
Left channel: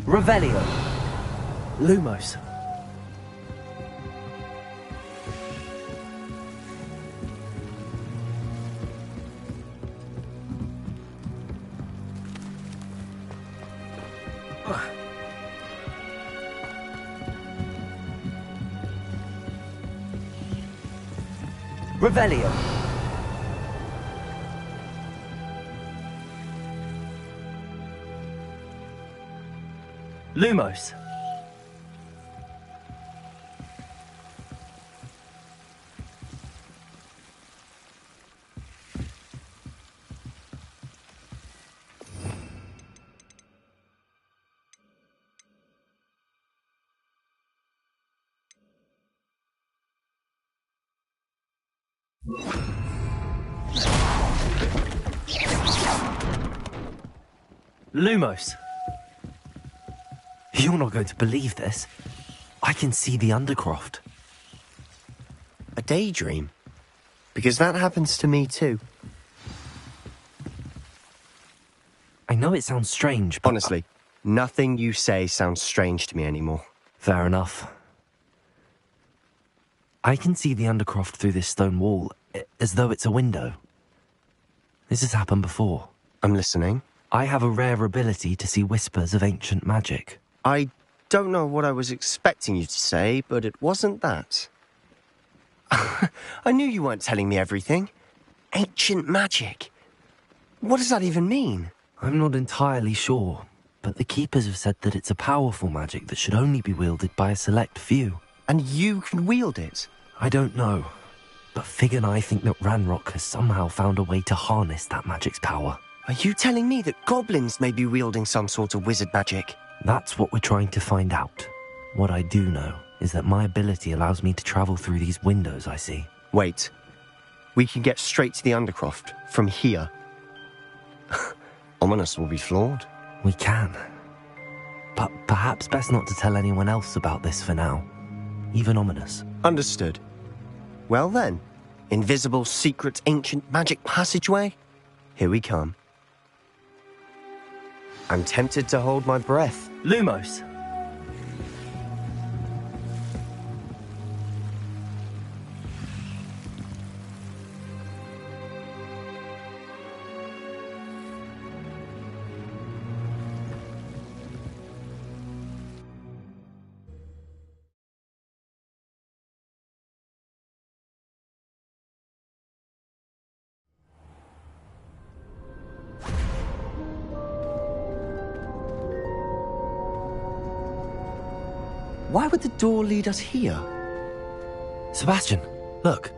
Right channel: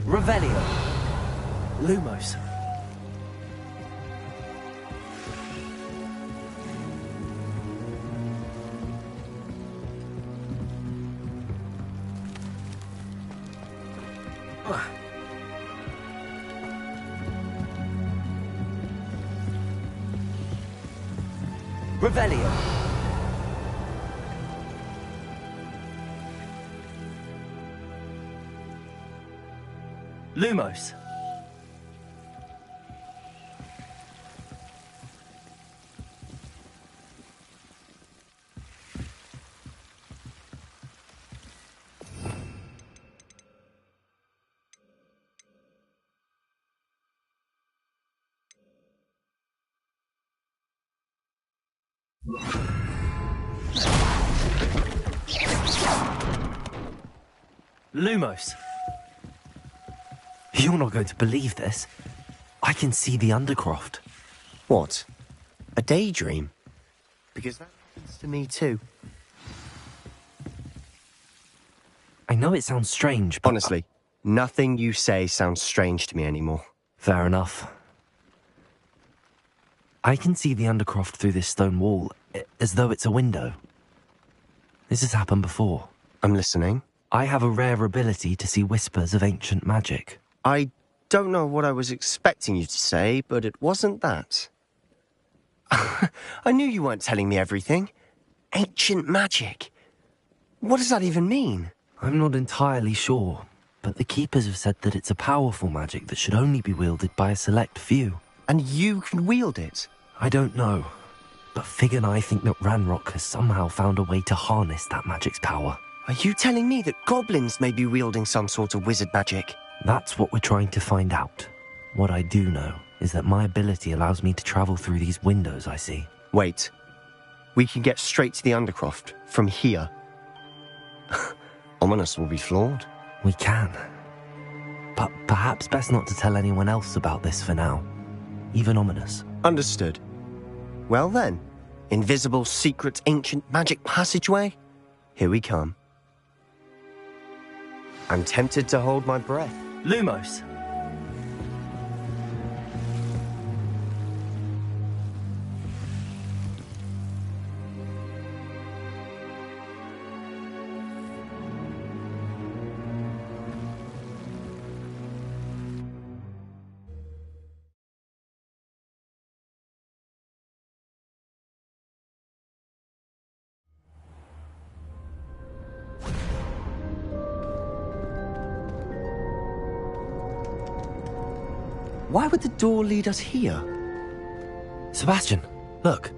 Revelio. Lumos. Revelio. Lumos. Lumos. You're not going to believe this. I can see the Undercroft. What? A daydream? Because that happens to me too. I know it sounds strange, but... Honestly, nothing you say sounds strange to me anymore. Fair enough. I can see the Undercroft through this stone wall, as though it's a window. This has happened before. I'm listening. I have a rare ability to see whispers of ancient magic. I don't know what I was expecting you to say, but it wasn't that. I knew you weren't telling me everything. Ancient magic. What does that even mean? I'm not entirely sure, but the Keepers have said that it's a powerful magic that should only be wielded by a select few. And you can wield it? I don't know, but Fig and I think that Ranrock has somehow found a way to harness that magic's power. Are you telling me that goblins may be wielding some sort of wizard magic? That's what we're trying to find out. What I do know is that my ability allows me to travel through these windows I see. Wait. We can get straight to the Undercroft from here. Ominous will be flawed. We can. But perhaps best not to tell anyone else about this for now. Even Ominous. Understood. Well then, invisible, secret, ancient magic passageway? Here we come. I'm tempted to hold my breath. Lumos. Why would the door lead us here? Sebastian, look.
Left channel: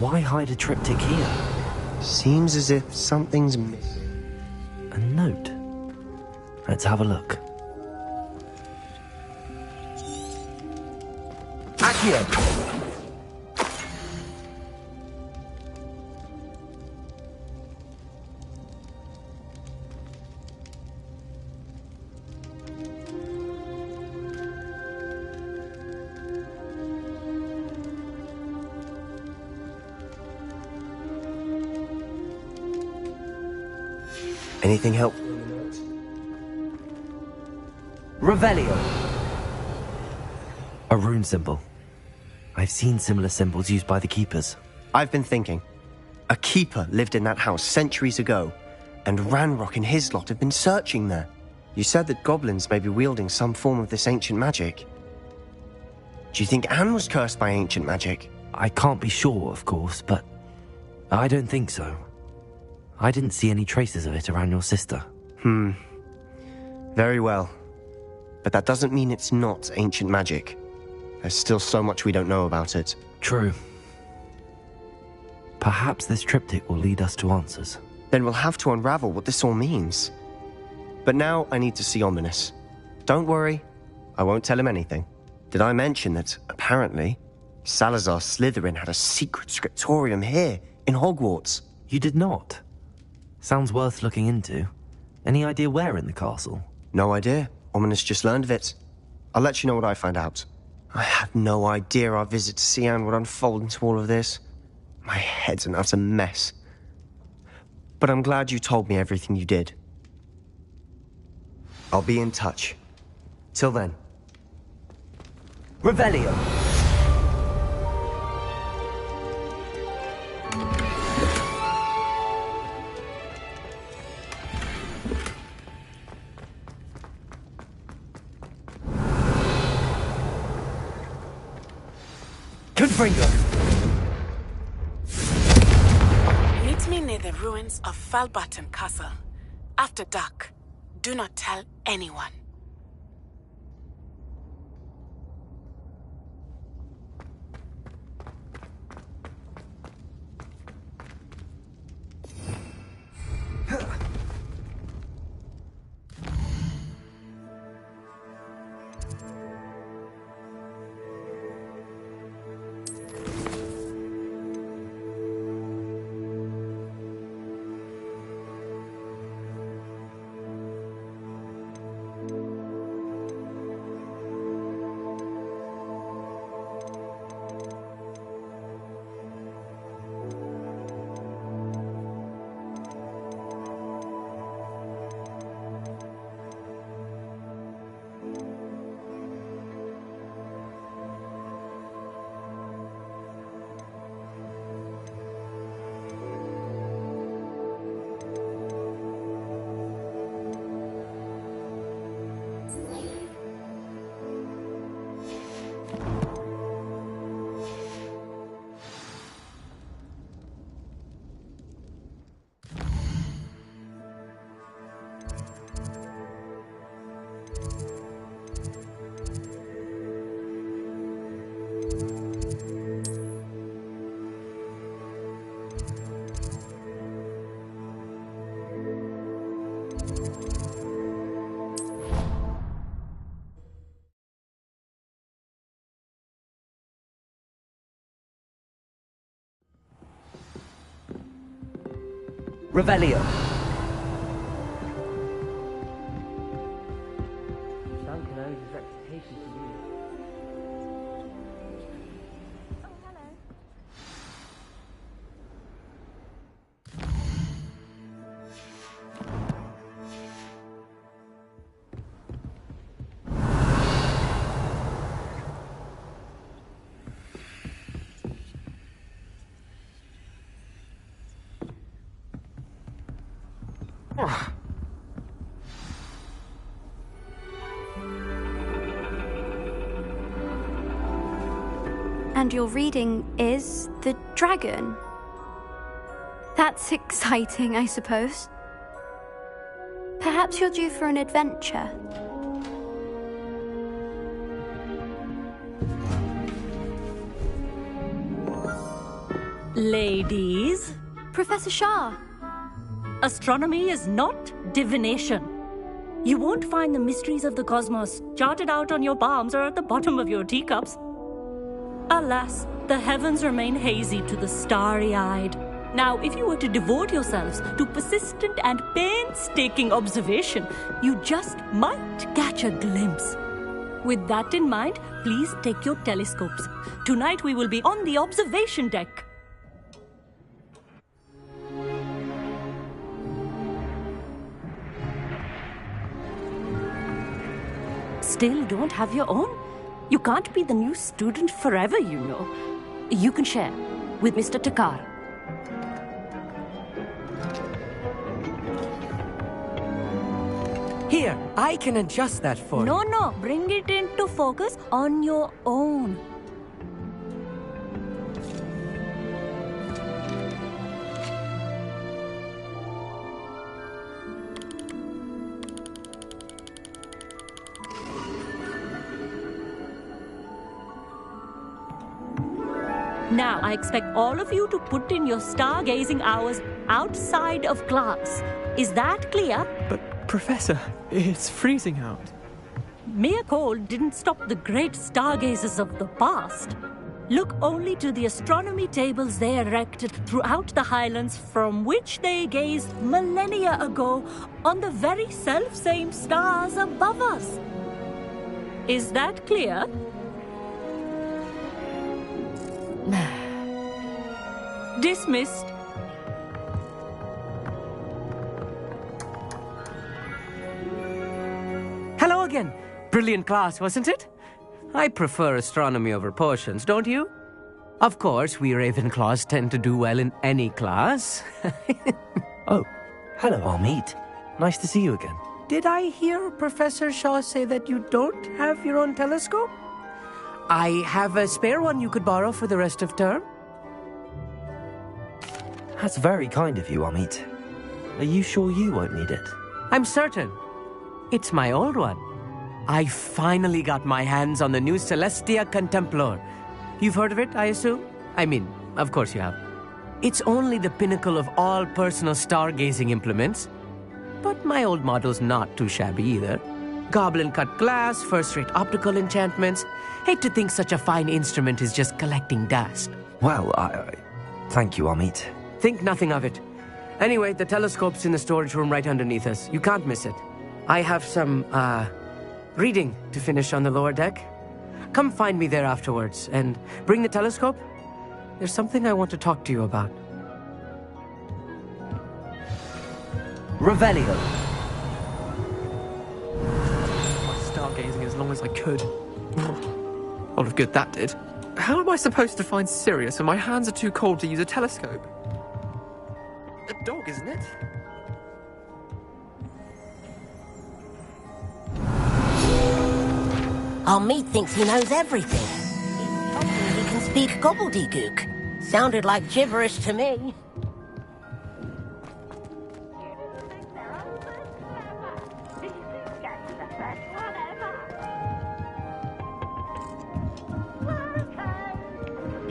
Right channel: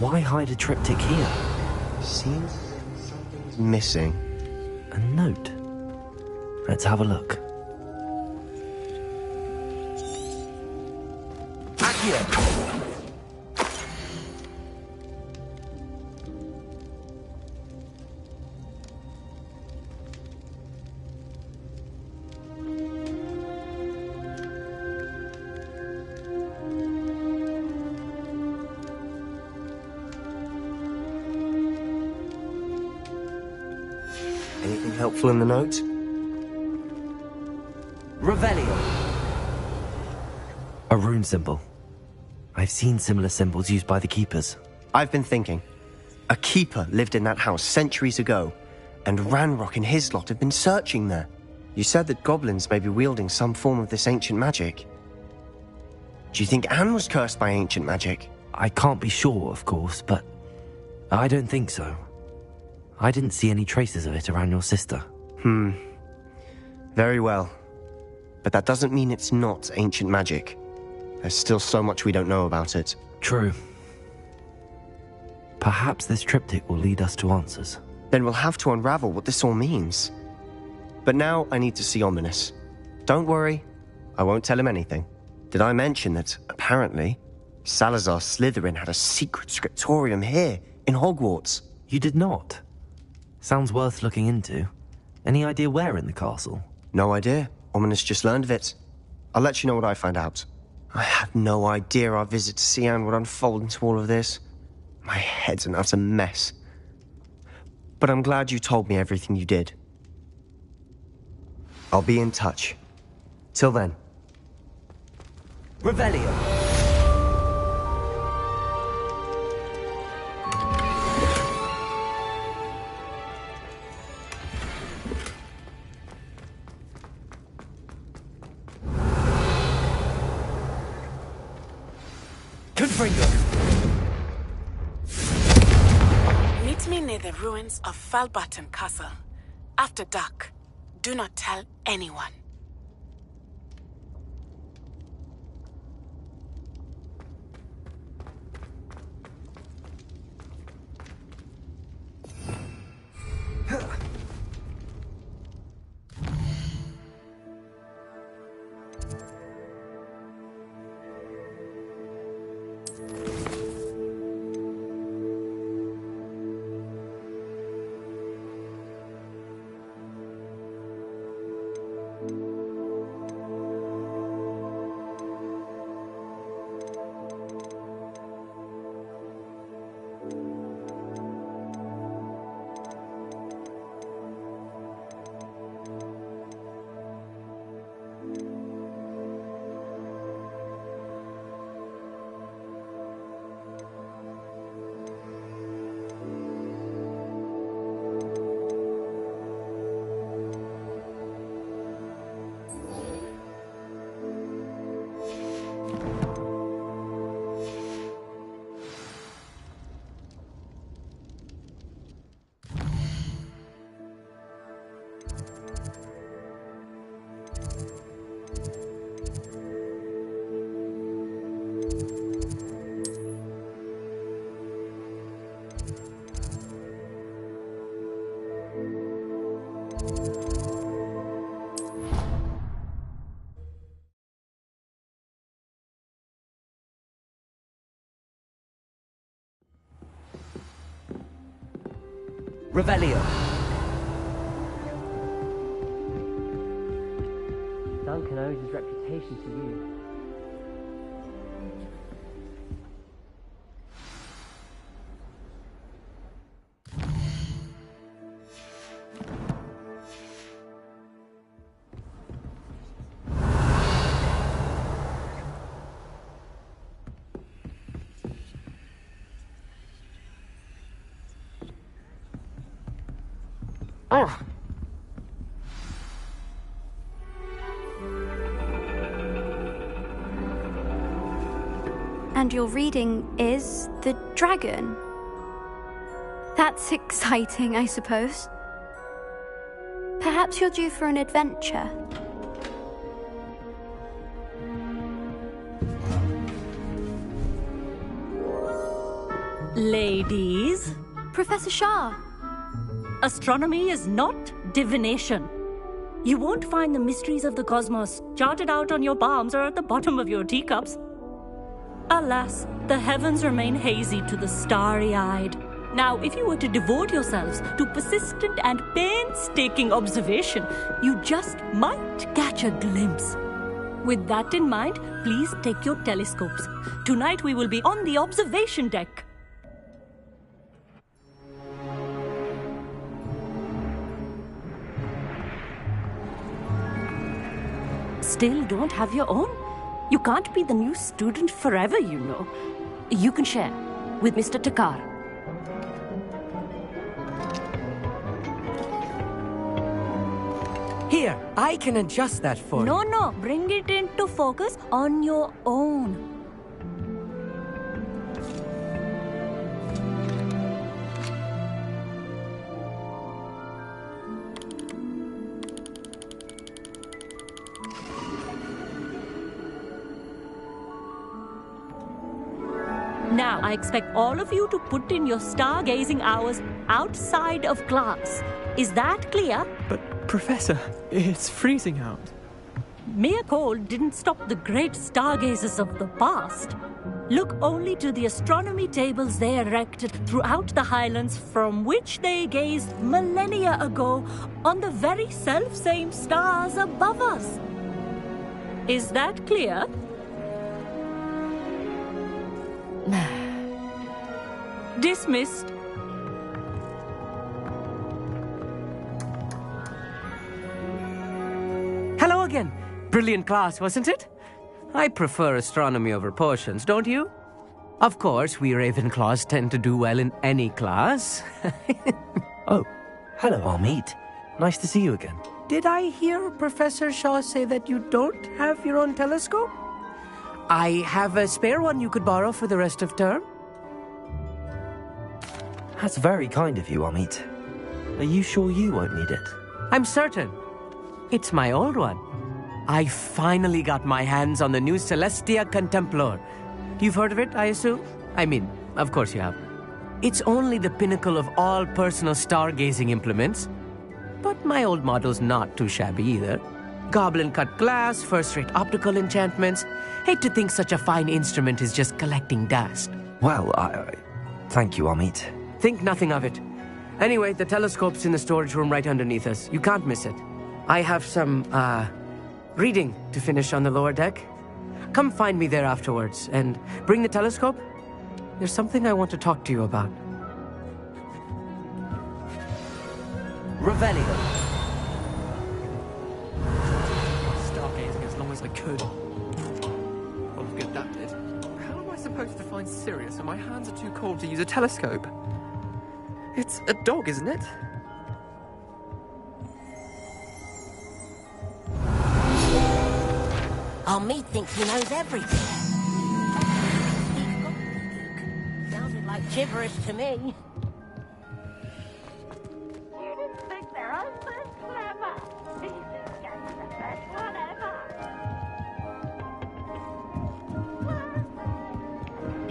Why hide a triptych here? Seems as if something's missing. A note. Let's have a look. Accio. Anything helpful in the note? Revelio. A rune symbol. I've seen similar symbols used by the keepers. I've been thinking. A keeper lived in that house centuries ago, and Ranrock and his lot have been searching there. You said that goblins may be wielding some form of this ancient magic. Do you think Anne was cursed by ancient magic? I can't be sure, of course, but I don't think so. I didn't see any traces of it around your sister. Very well. But that doesn't mean it's not ancient magic. There's still so much we don't know about it. True. Perhaps this triptych will lead us to answers. Then we'll have to unravel what this all means. But now I need to see Ominous. Don't worry, I won't tell him anything. Did I mention that, apparently, Salazar Slytherin had a secret scriptorium here, in Hogwarts? You did not? Sounds worth looking into. Any idea where in the castle? No idea. Ominous just learned of it. I'll let you know what I find out. I had no idea our visit to Cian would unfold into all of this. My head's an utter mess. But I'm glad you told me everything you did. I'll be in touch. Till then. Revelio. Confringo. Meet me near the ruins of Falbarton Castle. After dark. Do not tell anyone. Revelio. Duncan owes his reputation to you. And your reading is the dragon. That's exciting, I suppose. Perhaps you're due for an adventure. Ladies. Professor Shah. Astronomy is not divination. You won't find the mysteries of the cosmos charted out on your palms or at the bottom of your teacups. Alas, the heavens remain hazy to the starry-eyed. Now, if you were to devote yourselves to persistent and painstaking observation, you just might catch a glimpse. With that in mind, please take your telescopes. Tonight we will be on the observation deck. still don't have your own? You can't be the new student forever, you know. You can share with Mr. Takar. Here, I can adjust that for you. No, bring it into focus on your own. Now, I expect all of you to put in your stargazing hours outside of class. Is that clear? But, Professor, it's freezing out. Mere cold didn't stop the great stargazers of the past. Look only to the astronomy tables they erected throughout the highlands from which they gazed millennia ago on the very self-same stars above us. Is that clear? Dismissed. Hello again. Brilliant class, wasn't it? I prefer astronomy over potions, don't you? Of course, we Ravenclaws tend to do well in any class. Oh, hello, Armit. Nice to see you again. Did I hear Professor Shaw say that you don't have your own telescope? I have a spare one you could borrow for the rest of term. That's very kind of you, Armit. Are you sure you won't need it? I'm certain. It's my old one. I finally got my hands on the new Celestia Contemplar. You've heard of it, I assume? I mean, of course you have. It's only the pinnacle of all personal stargazing implements. But my old model's not too shabby either. Goblin-cut glass, first-rate optical enchantments. Hate to think such a fine instrument is just collecting dust. Well, thank you, Armit. Think nothing of it. Anyway, the telescope's in the storage room right underneath us. You can't miss it. I have some, reading to finish on the lower deck. Come find me there afterwards, and bring the telescope. There's something I want to talk to you about. Revelio. Stargazing as long as I could. A lot of good that did. How am I supposed to find Sirius when my hands are too cold to use a telescope? It's a dog, isn't it? Armit thinks he knows everything. Hopefully he can speak gobbledygook. Sounded like gibberish to me.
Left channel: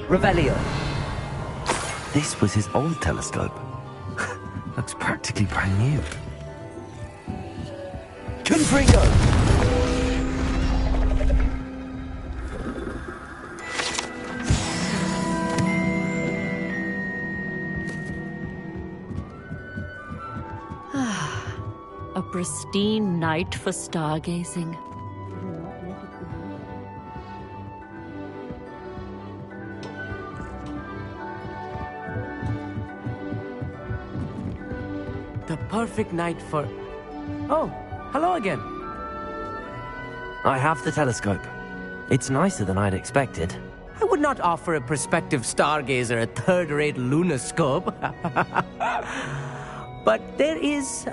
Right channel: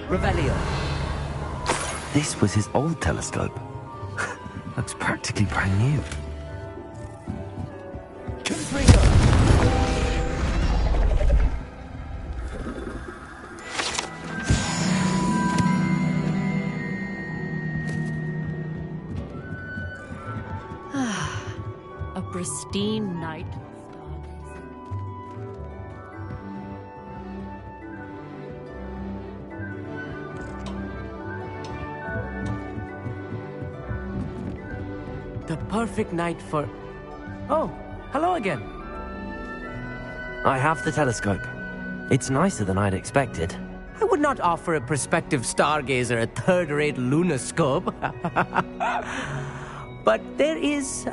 Revelio. This was his old telescope. Looks practically brand new. Confringo! A pristine night for stargazing. The perfect night for... Oh, hello again. I have the telescope. It's nicer than I'd expected. I would not offer a prospective stargazer a third-rate lunoscope. But there is,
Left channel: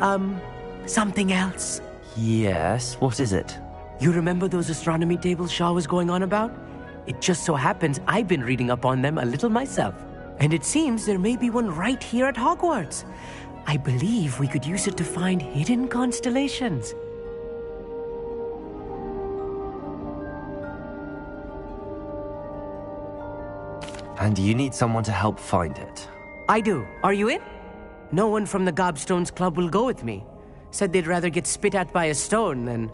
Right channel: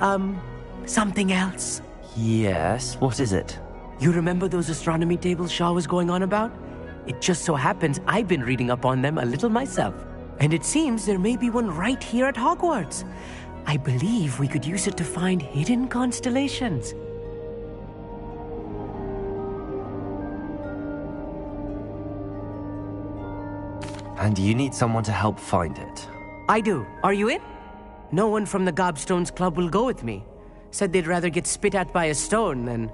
something else. Yes, what is it? You remember those astronomy tables Shaw was going on about? It just so happens I've been reading up on them a little myself. And it seems there may be one right here at Hogwarts. I believe we could use it to find hidden constellations. And you need someone to help find it. I do. Are you in? No one from the Gobstones Club will go with me. Said they'd rather get spit at by a stone than...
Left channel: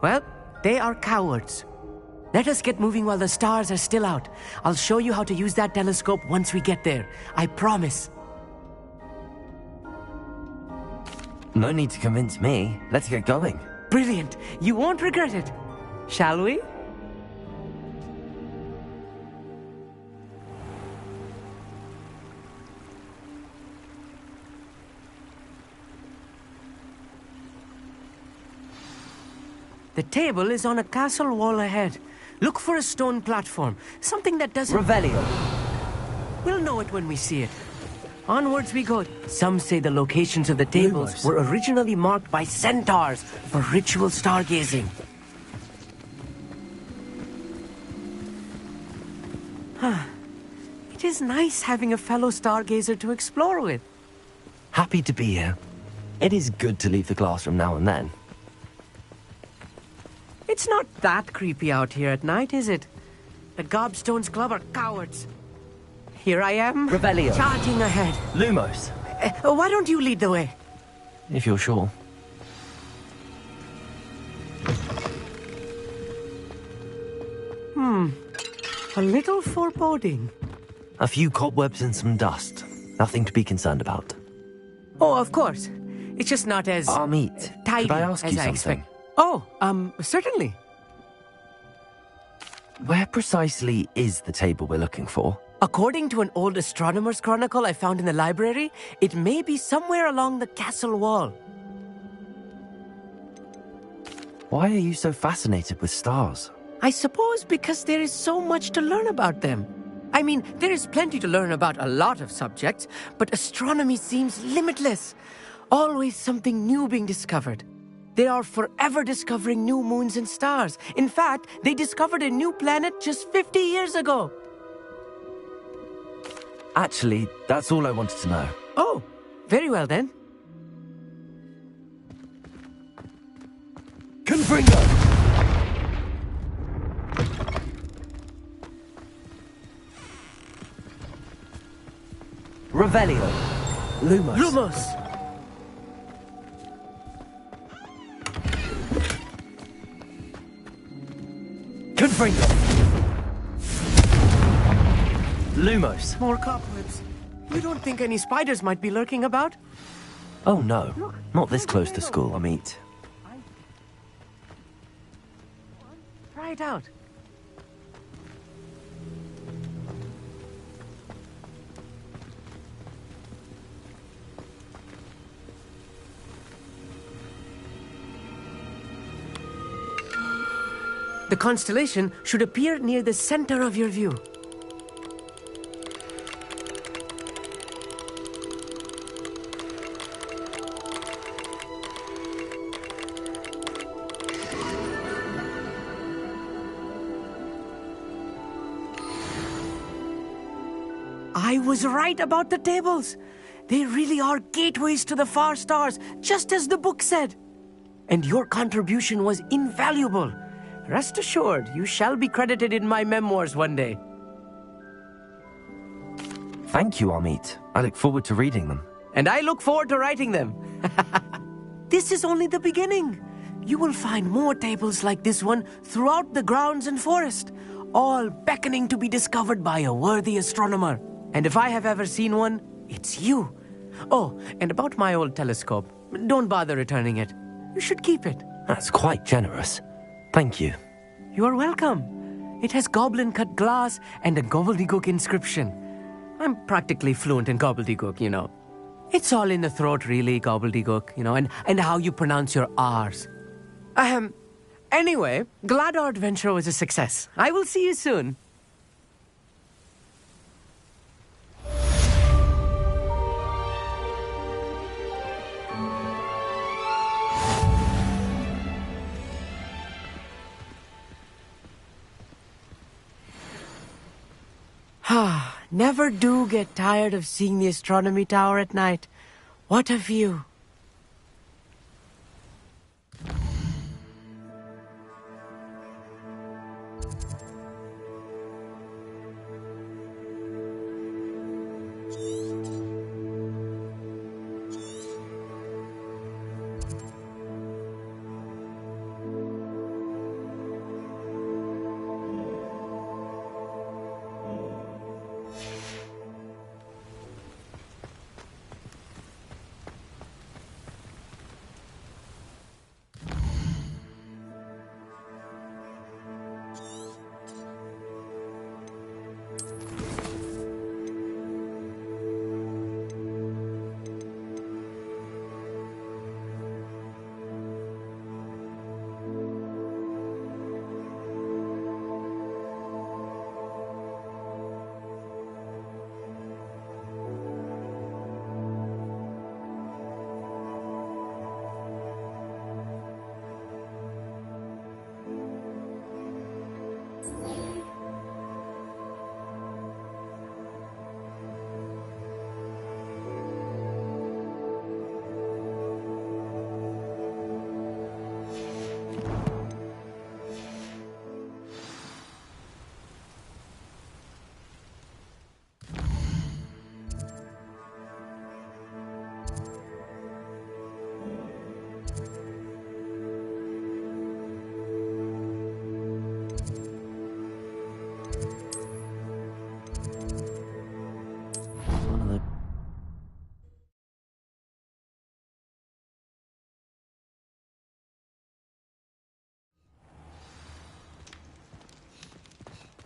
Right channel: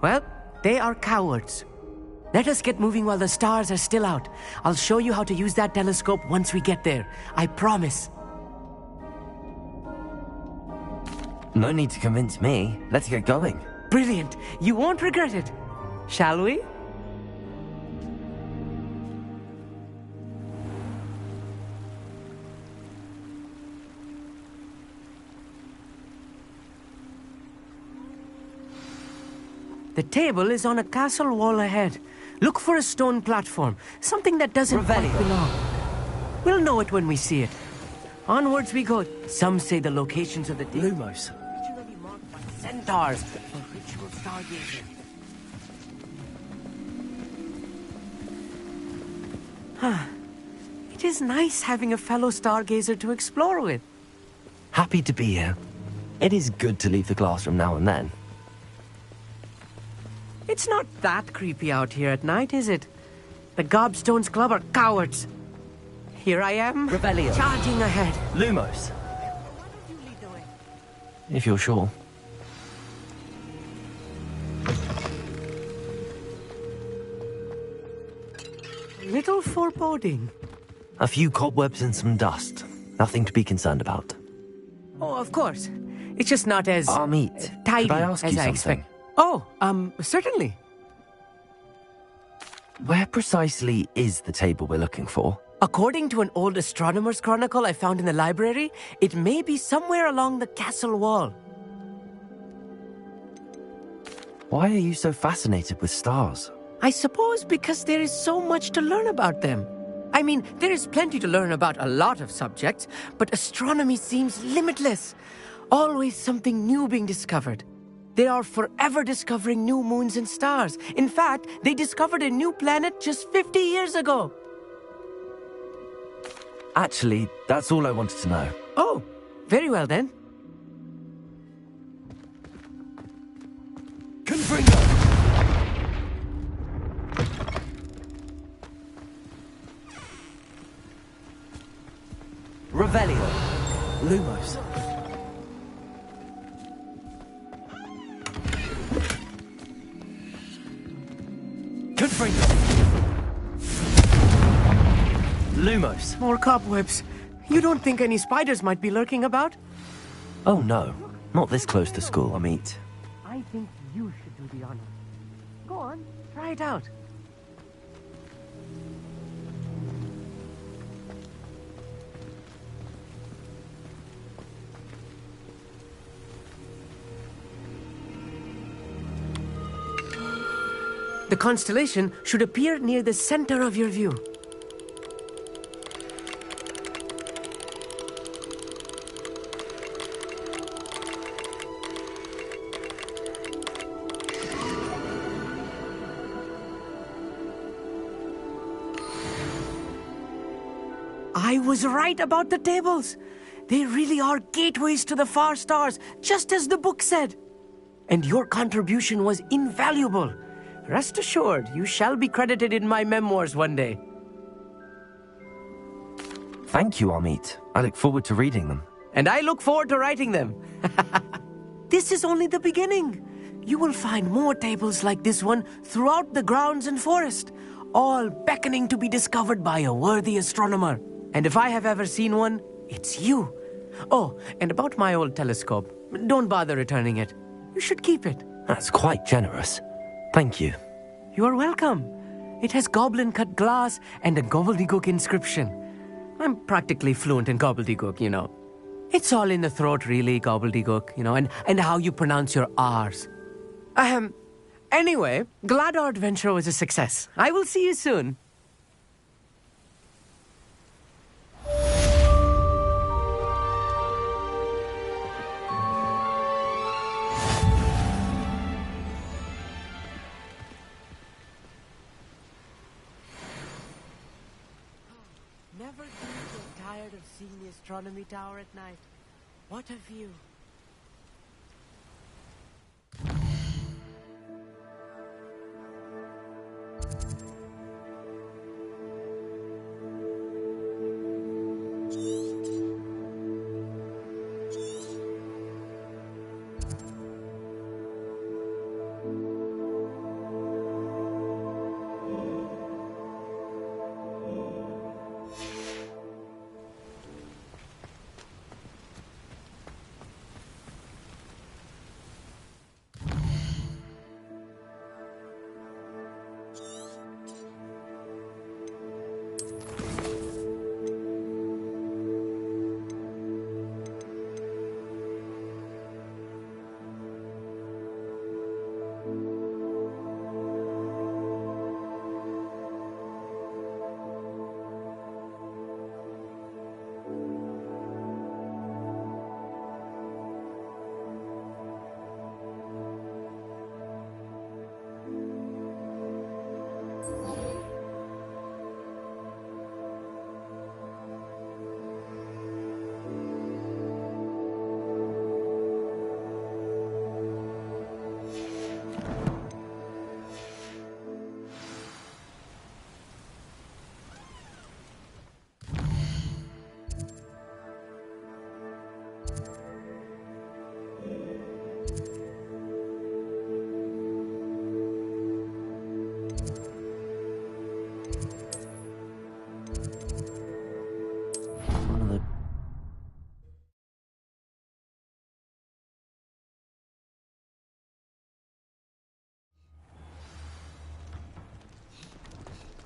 Well, they are cowards. Let us get moving while the stars are still out. I'll show you how to use that telescope once we get there. I promise. No need to convince me. Let's get going. Brilliant. You won't regret it. Shall we? The table is on a castle wall ahead. Look for a stone platform. Something that doesn't... Revelio. We'll know it when we see it. Onwards we go. Some say the locations of the tables Lumos. were originally marked by centaurs for ritual stargazing. It is nice having a fellow stargazer to explore with. Happy to be here. It is good to leave the classroom now and then. It's not that creepy out here at night, is it? The Gobstones Club are cowards. Here I am, Revelio. charging ahead. Lumos. Why don't you lead the way? If you're sure. A little foreboding. A few cobwebs and some dust. Nothing to be concerned about. Oh, of course. It's just not as... Amit, tidy could I ask as you I something? expect. Oh, certainly. Where precisely is the table we're looking for? According to an old astronomer's chronicle I found in the library, it may be somewhere along the castle wall. Why are you so fascinated with stars? I suppose because there is so much to learn about them. I mean, there is plenty to learn about a lot of subjects, but astronomy seems limitless. Always something new being discovered. They are forever discovering new moons and stars. In fact, they discovered a new planet just 50 years ago. Actually, that's all I wanted to know. Oh, very well then. Confringo. Revelio. Lumos. Lumos. Confringo. Lumos. More cobwebs. You don't think any spiders might be lurking about? Oh no, not this close to school, Amit. I think you should do the honor. Go on, try it out. The constellation should appear near the center of your view. I was right about the tables. They really are gateways to the far stars, just as the book said. And your contribution was invaluable. Rest assured, you shall be credited in my memoirs one day. Thank you, Amit. I look forward to reading them. And I look forward to writing them. This is only the beginning. You will find more tables like this one throughout the grounds and forest, all beckoning to be discovered by a worthy astronomer. And if I have ever seen one, it's you. Oh, and about my old telescope, don't bother returning it. You should keep it. That's quite generous. Thank you. You are welcome. It has goblin-cut glass and a gobbledygook inscription. I'm practically fluent in gobbledygook, you know. It's all in the throat, really, gobbledygook, you know, and how you pronounce your R's. Anyway, glad our adventure was a success. I will see you soon. Never do get tired of seeing the astronomy tower at night. What a view.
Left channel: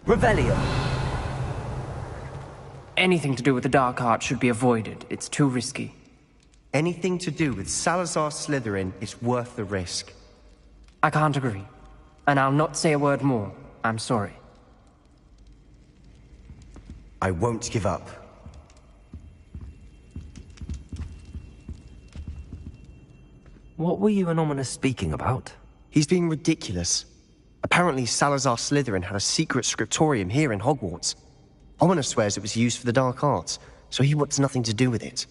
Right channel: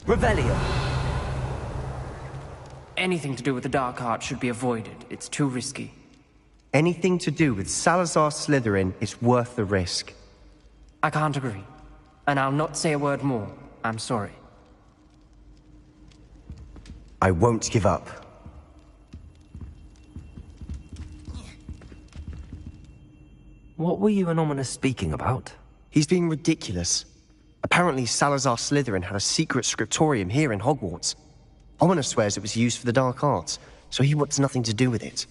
Revelio. Anything to do with the dark art should be avoided. It's too risky. Anything to do with Salazar Slytherin is worth the risk. I can't agree. And I'll not say a word more. I'm sorry. I won't give up. What were you and Ominous speaking about? He's being ridiculous. Apparently Salazar Slytherin had a secret scriptorium here in Hogwarts. Ominous swears it was used for the dark arts, so he wants nothing to do with it.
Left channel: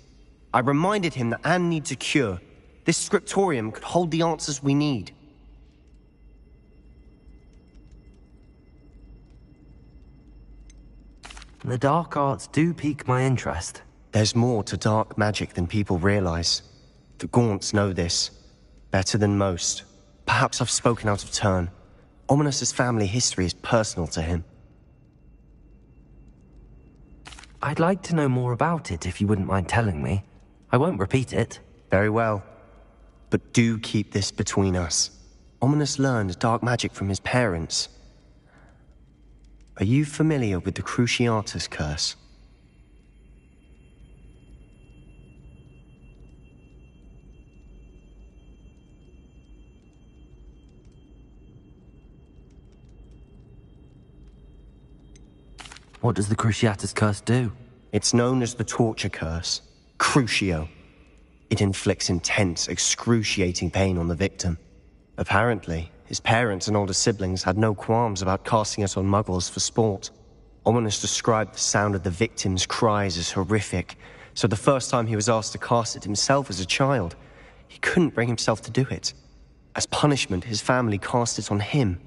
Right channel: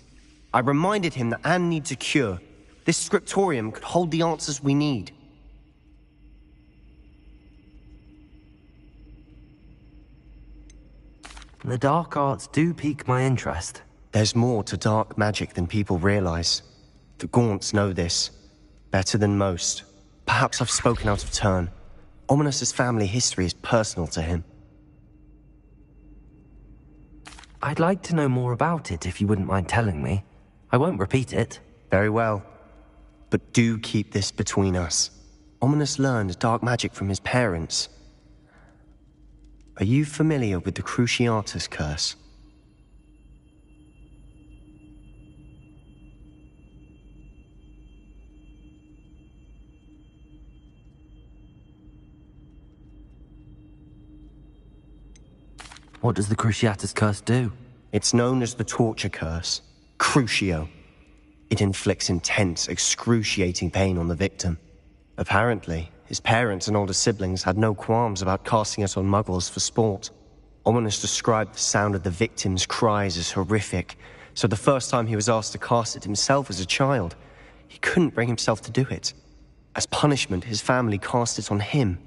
I reminded him that Anne needs a cure. This scriptorium could hold the answers we need. The dark arts do pique my interest. There's more to dark magic than people realize. The Gaunts know this. Better than most. Perhaps I've spoken out of turn. Ominous's family history is personal to him. I'd like to know more about it if you wouldn't mind telling me. I won't repeat it. Very well. But do keep this between us. Ominous learned dark magic from his parents. Are you familiar with the Cruciatus curse? What does the Cruciatus curse do? It's known as the torture curse. Crucio. It inflicts intense, excruciating pain on the victim. Apparently, his parents and older siblings had no qualms about casting it on muggles for sport. Ominous described the sound of the victim's cries as horrific, so the first time he was asked to cast it himself as a child, he couldn't bring himself to do it. As punishment, his family cast it on him.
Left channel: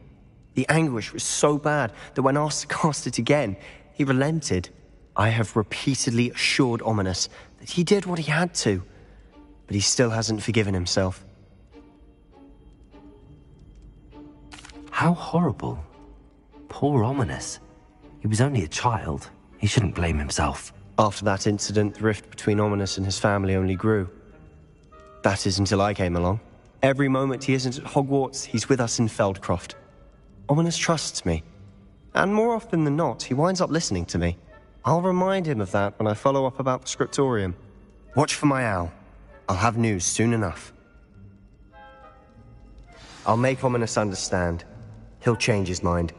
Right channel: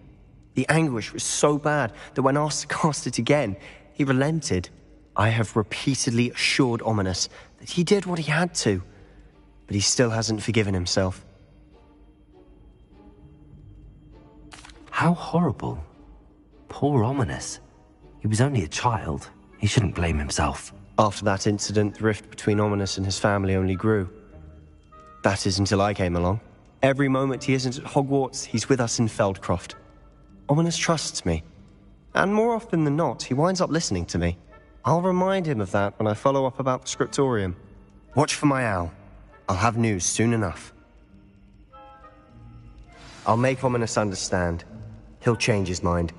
The anguish was so bad that when asked to cast it again, he relented. I have repeatedly assured Ominous that he did what he had to, but he still hasn't forgiven himself. How horrible. Poor Ominous. He was only a child. He shouldn't blame himself. After that incident, the rift between Ominous and his family only grew. That is until I came along. Every moment he isn't at Hogwarts, he's with us in Feldcroft. Ominous trusts me. And more often than not, he winds up listening to me. I'll remind him of that when I follow up about the scriptorium. Watch for my owl. I'll have news soon enough. I'll make Ominous understand. He'll change his mind.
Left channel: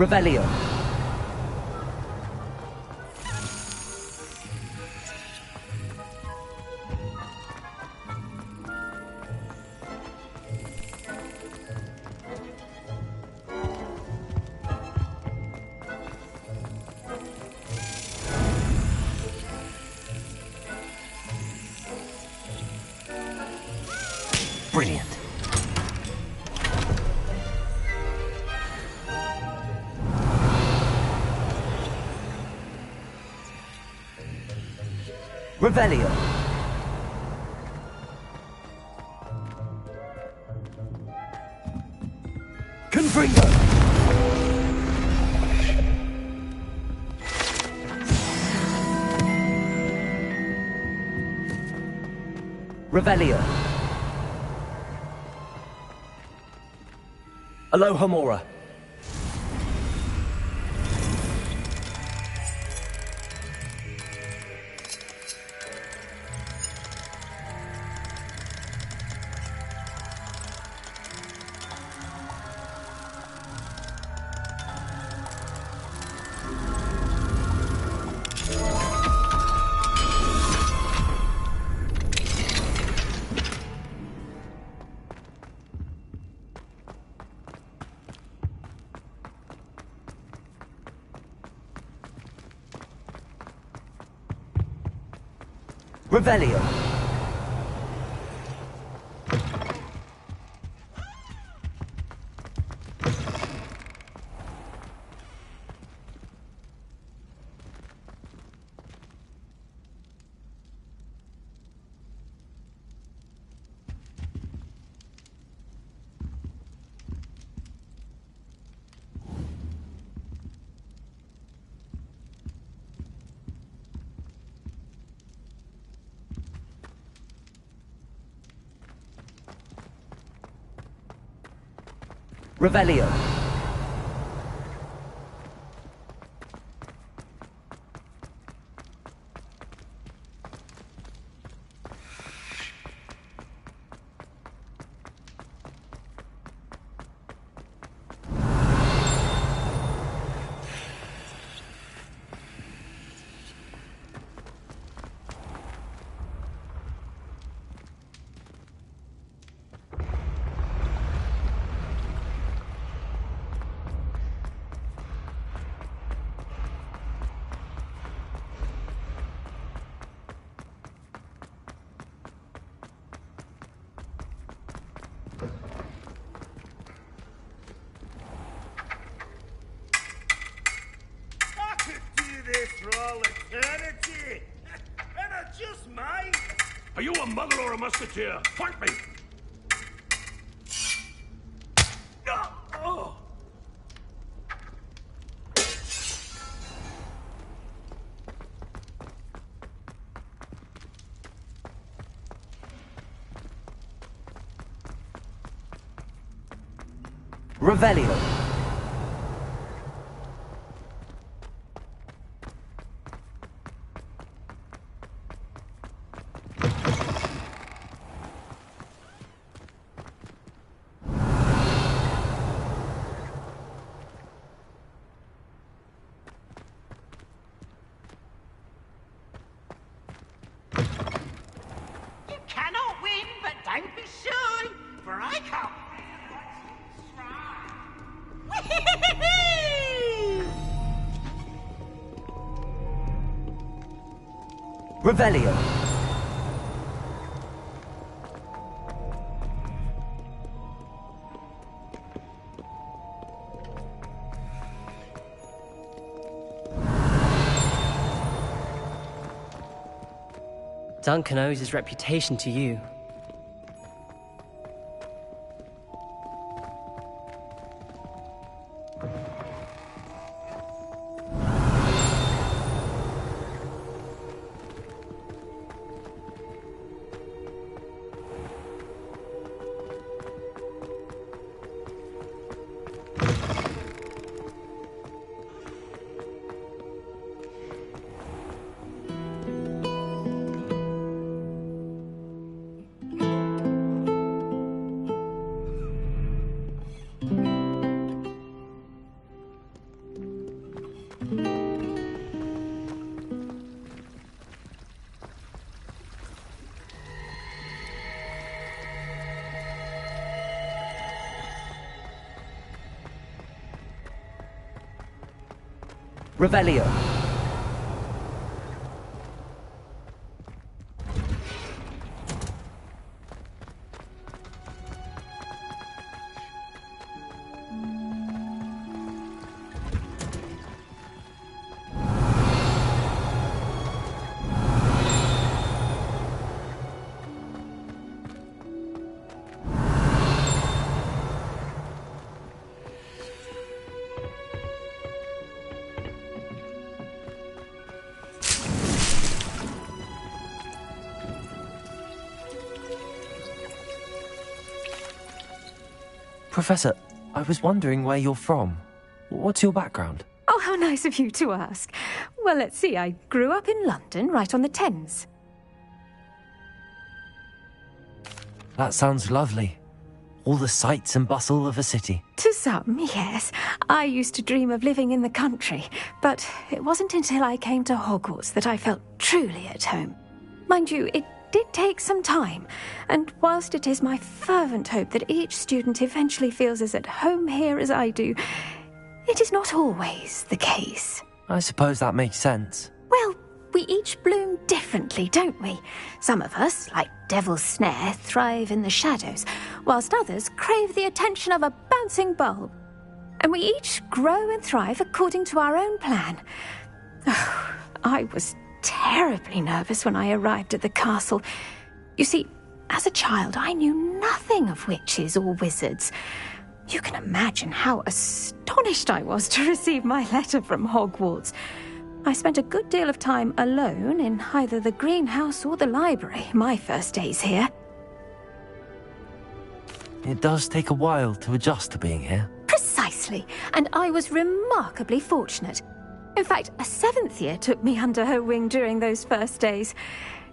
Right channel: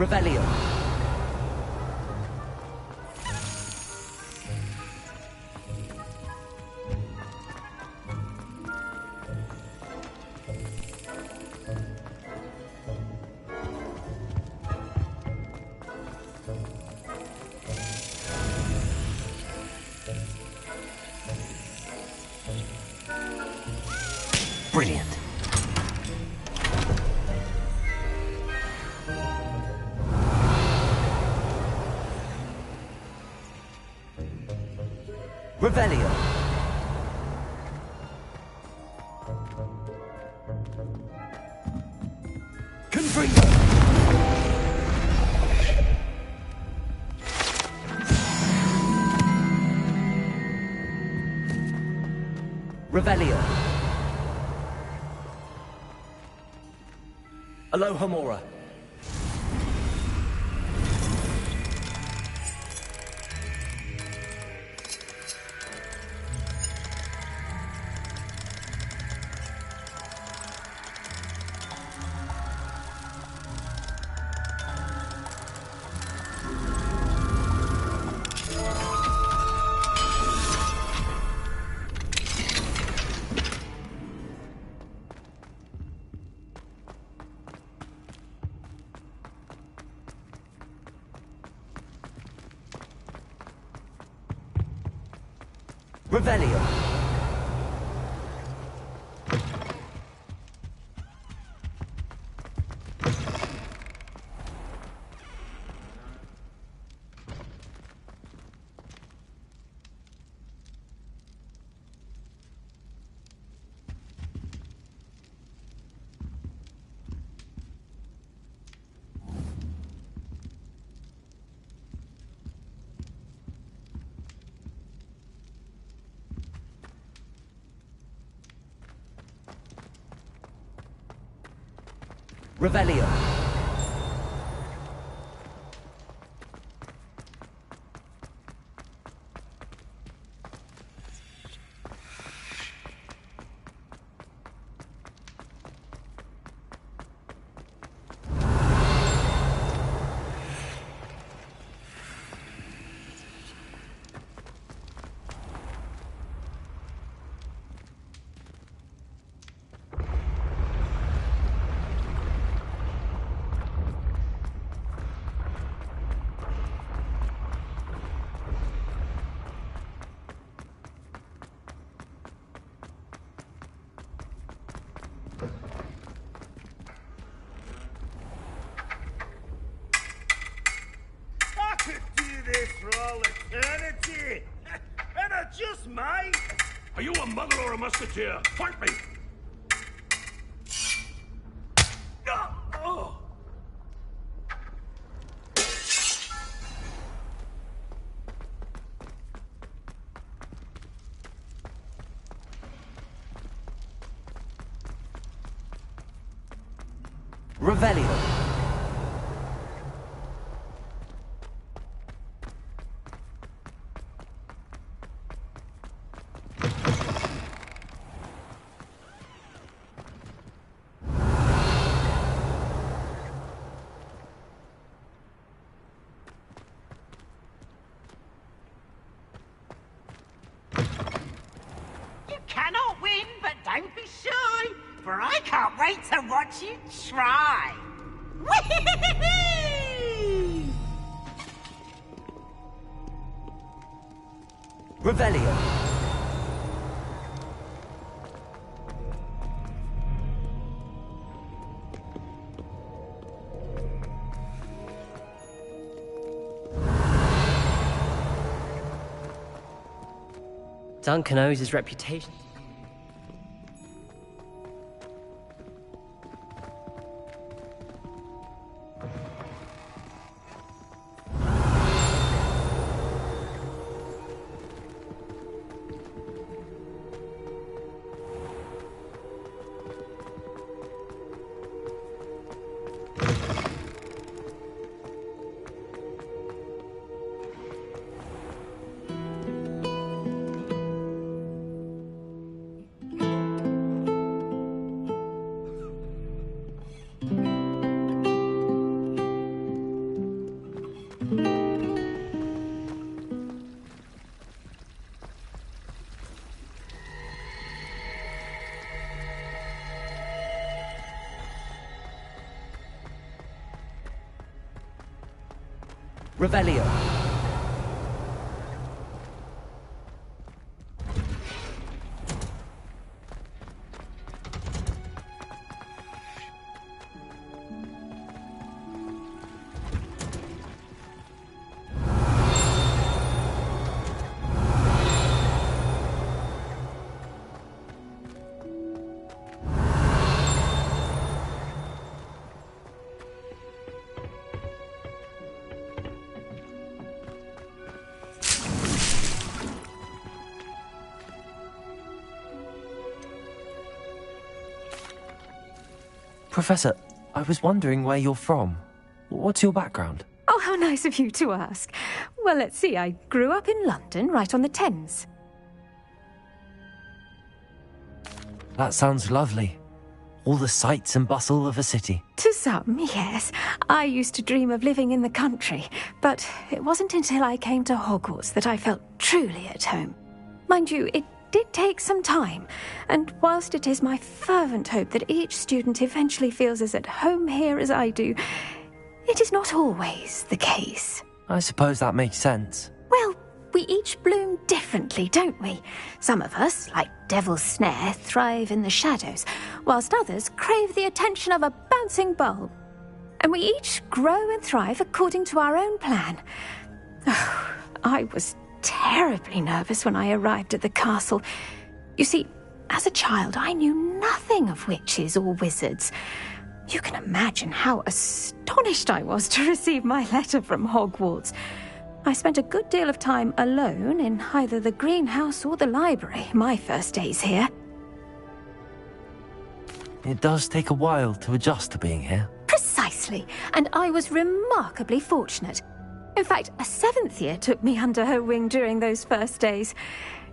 Revelio. Brilliant. Revelio. Confringo. Revelio. Alohomora. Revelio. Revelio. For all eternity! And I just might! Are you a muggle or a musketeer? Fight me! Oh. Revelio. Cannot win, but don't be shy, for I can't wait to watch you try. Whee! Revelio. Duncan owes his reputation to you. Revelio. Professor, I was wondering where you're from. What's your background? Oh, how nice of you to ask. Well, let's see. I grew up in London, right on the Thames. That sounds lovely. All the sights and bustle of a city. To some, yes. I used to dream of living in the country, but it wasn't until I came to Hogwarts that I felt truly at home. Mind you, it did take some time, and whilst it is my fervent hope that each student eventually feels as at home here as I do, it is not always the case. I suppose that makes sense. Well, We each bloom differently, don't we? Some of us, like Devil's Snare, thrive in the shadows, whilst others crave the attention of a bouncing bulb. And we each grow and thrive according to our own plan. Oh, I was terribly nervous when I arrived at the castle. You see, as a child, I knew nothing of witches or wizards. You can imagine how astonished I was to receive my letter from Hogwarts. I spent a good deal of time alone in either the greenhouse or the library my first days here. It does take a while to adjust to being here. Precisely, and I was remarkably fortunate. In fact, a 7th year took me under her wing during those first days.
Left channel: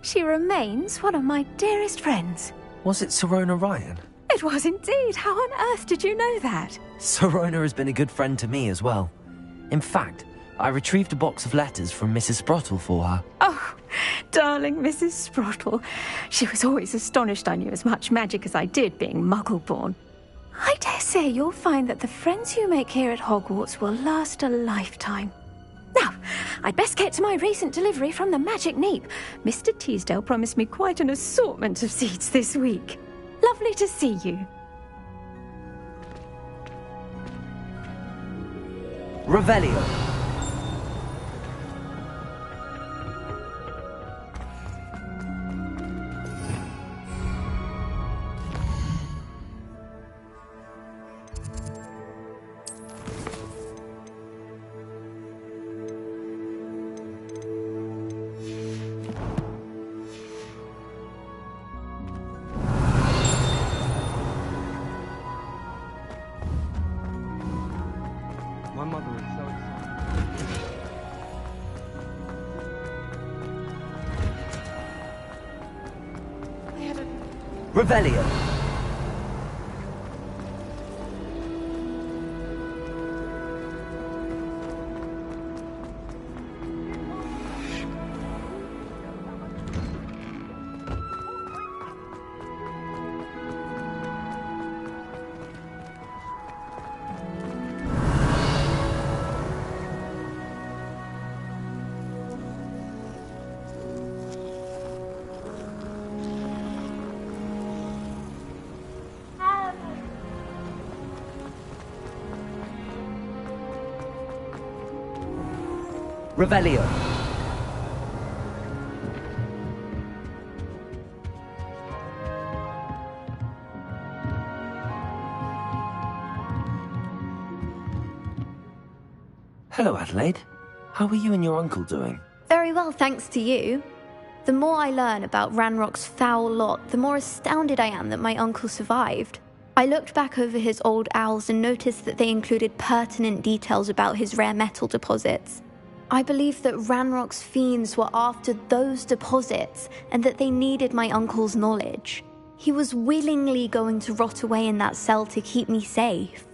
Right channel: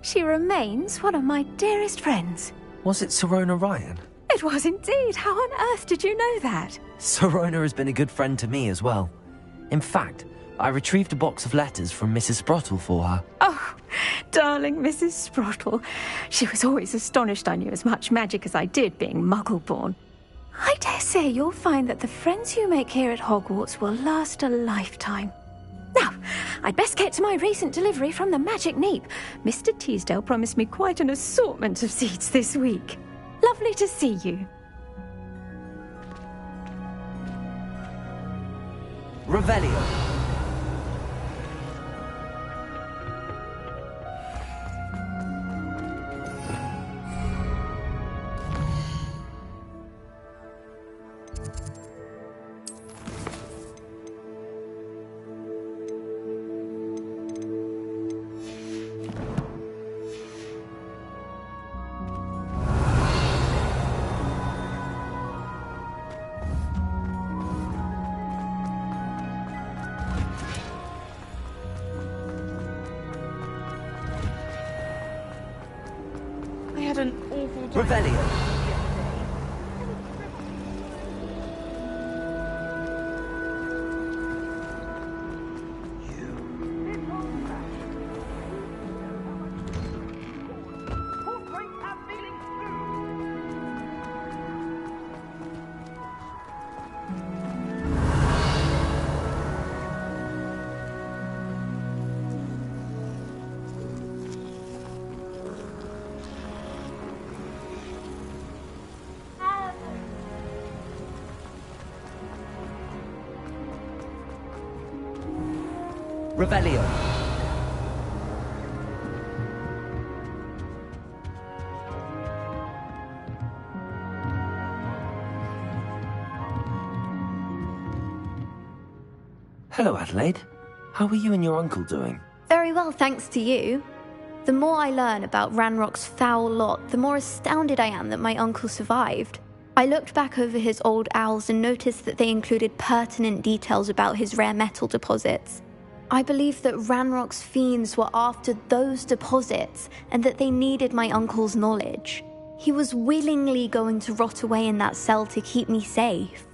She remains one of my dearest friends. Was it Sirona Ryan? It was indeed. How on earth did you know that? Sirona has been a good friend to me as well. In fact, I retrieved a box of letters from Mrs. Sprottle for her. Oh, darling Mrs. Sprottle. She was always astonished I knew as much magic as I did, being Muggle-born. I dare say you'll find that the friends you make here at Hogwarts will last a lifetime. Now, I'd best get to my recent delivery from the Magic Neep. Mr. Teasdale promised me quite an assortment of seeds this week. Lovely to see you. Revelio. Revelio. Revelio. Hello, Adelaide. How are you and your uncle doing? Very well, thanks to you. The more I learn about Ranrock's foul lot, the more astounded I am that my uncle survived. I looked back over his old owls and noticed that they included pertinent details about his rare metal deposits. I believe that Ranrock's fiends were after those deposits and that they needed my uncle's knowledge. He was willingly going to rot away in that cell to keep me safe.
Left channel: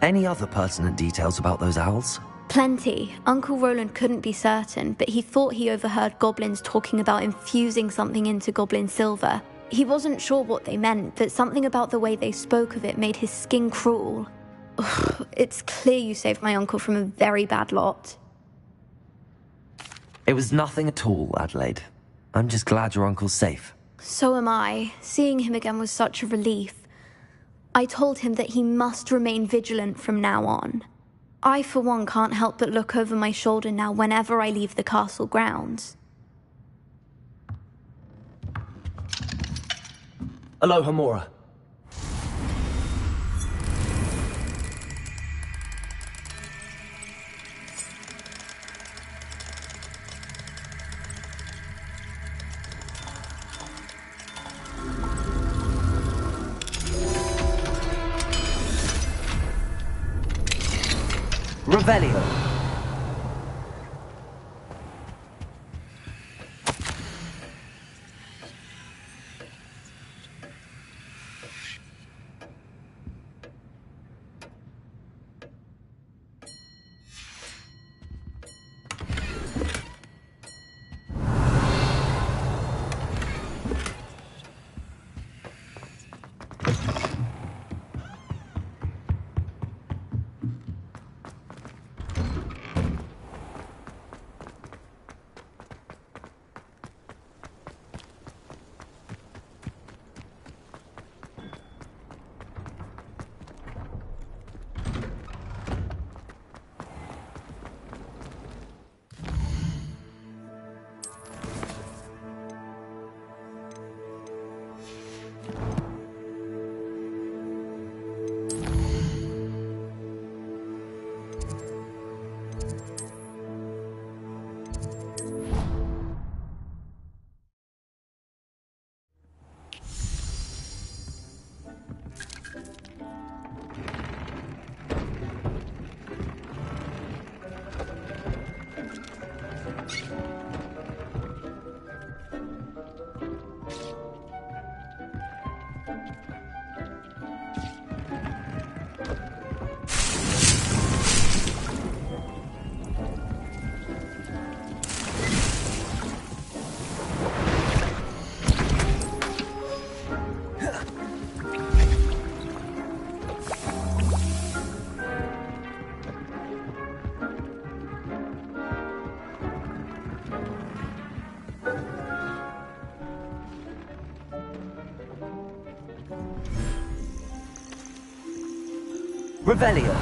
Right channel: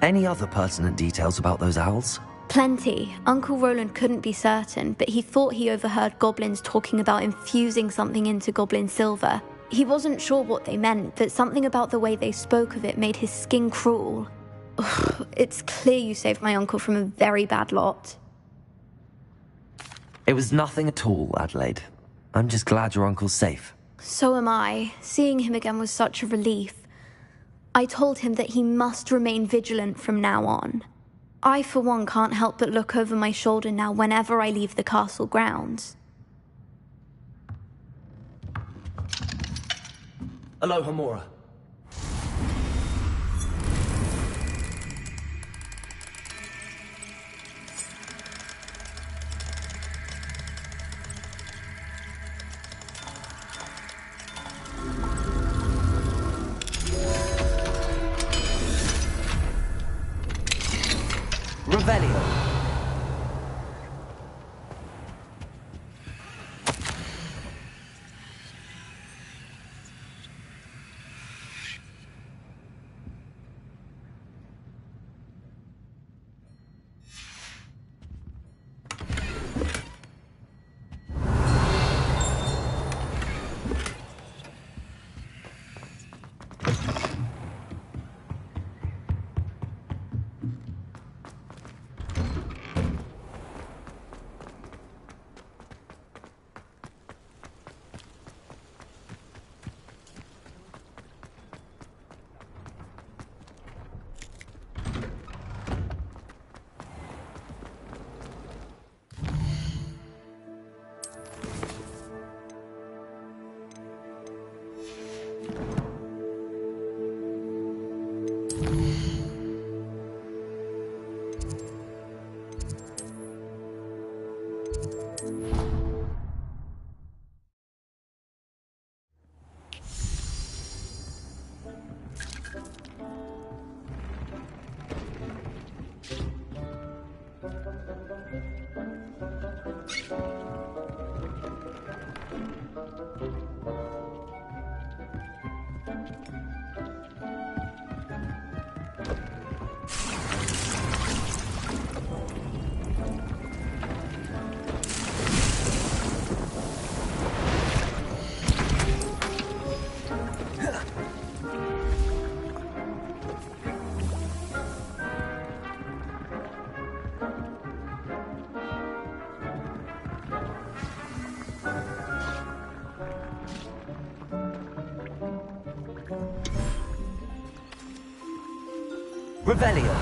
Any other pertinent details about those owls? Plenty. Uncle Roland couldn't be certain, but he thought he overheard goblins talking about infusing something into goblin silver. He wasn't sure what they meant, but something about the way they spoke of it made his skin crawl. Ugh, it's clear you saved my uncle from a very bad lot. It was nothing at all, Adelaide. I'm just glad your uncle's safe. So am I. Seeing him again was such a relief. I told him that he must remain vigilant from now on. I, for one, can't help but look over my shoulder now whenever I leave the castle grounds. Aloha, Mora. Revelio. Revelio.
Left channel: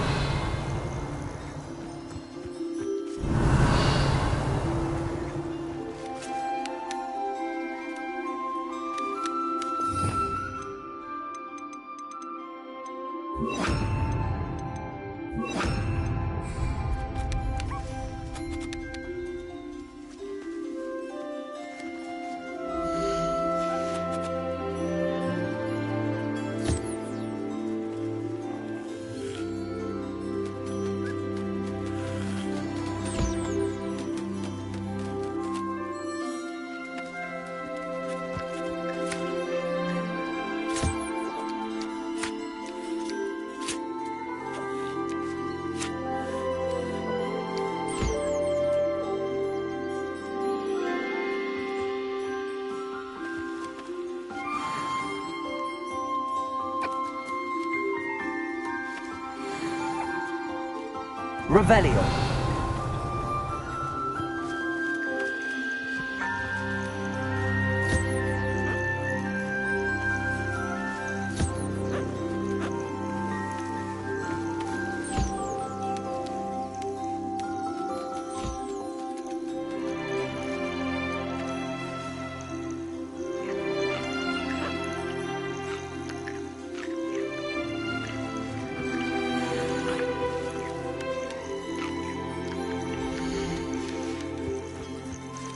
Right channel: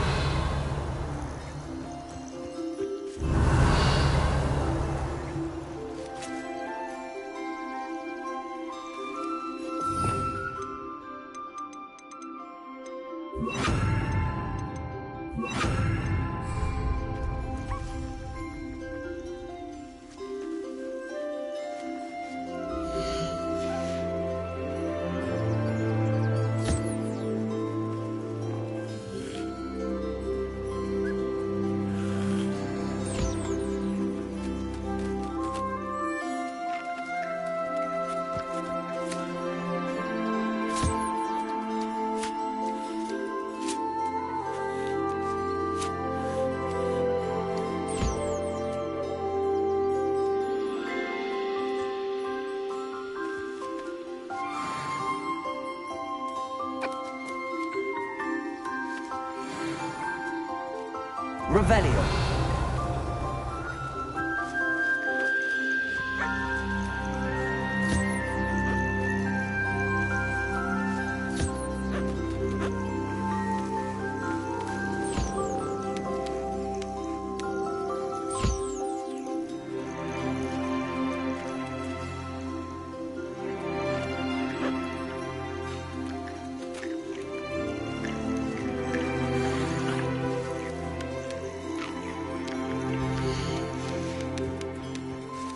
Revelio.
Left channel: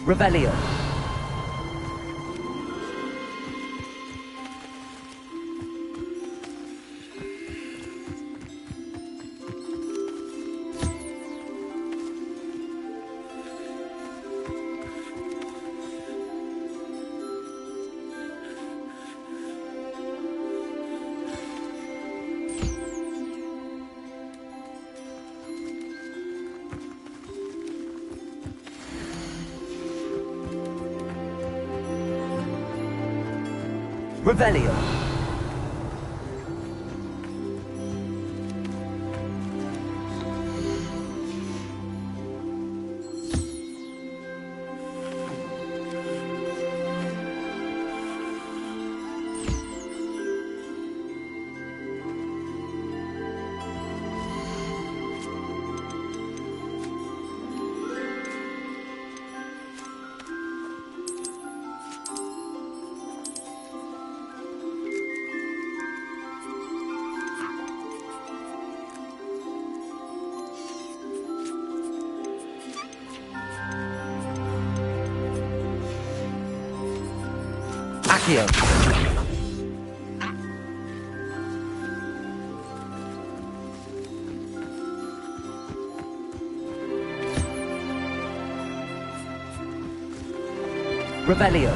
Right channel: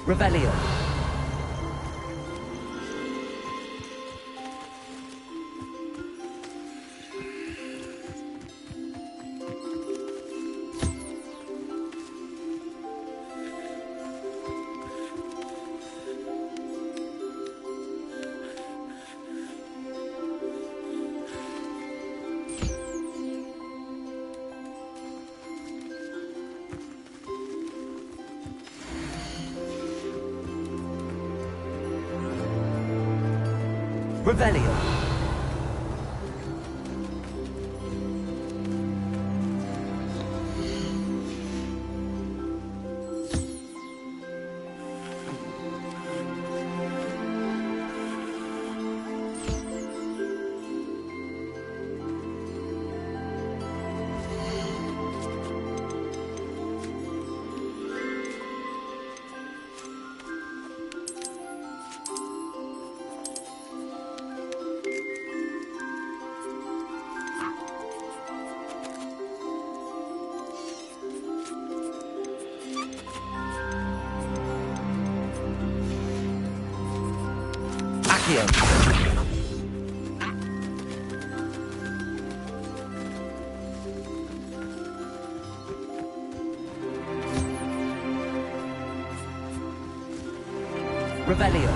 Revelio. Revelio. Accio. Revelio.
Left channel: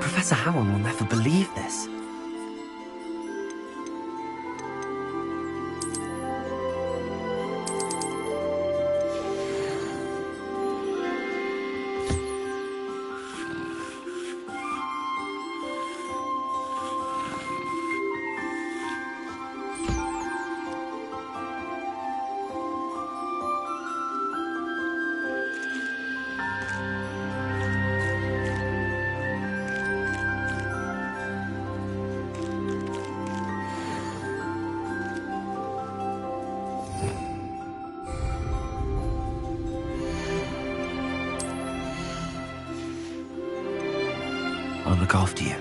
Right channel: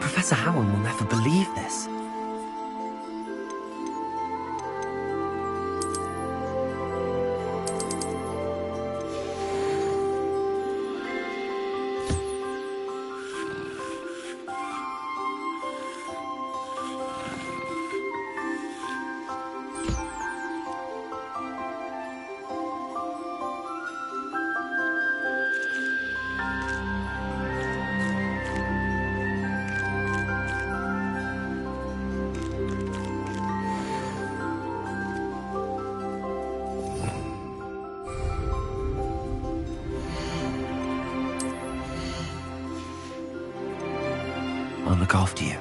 Professor Howard will never believe this. I'll look after you.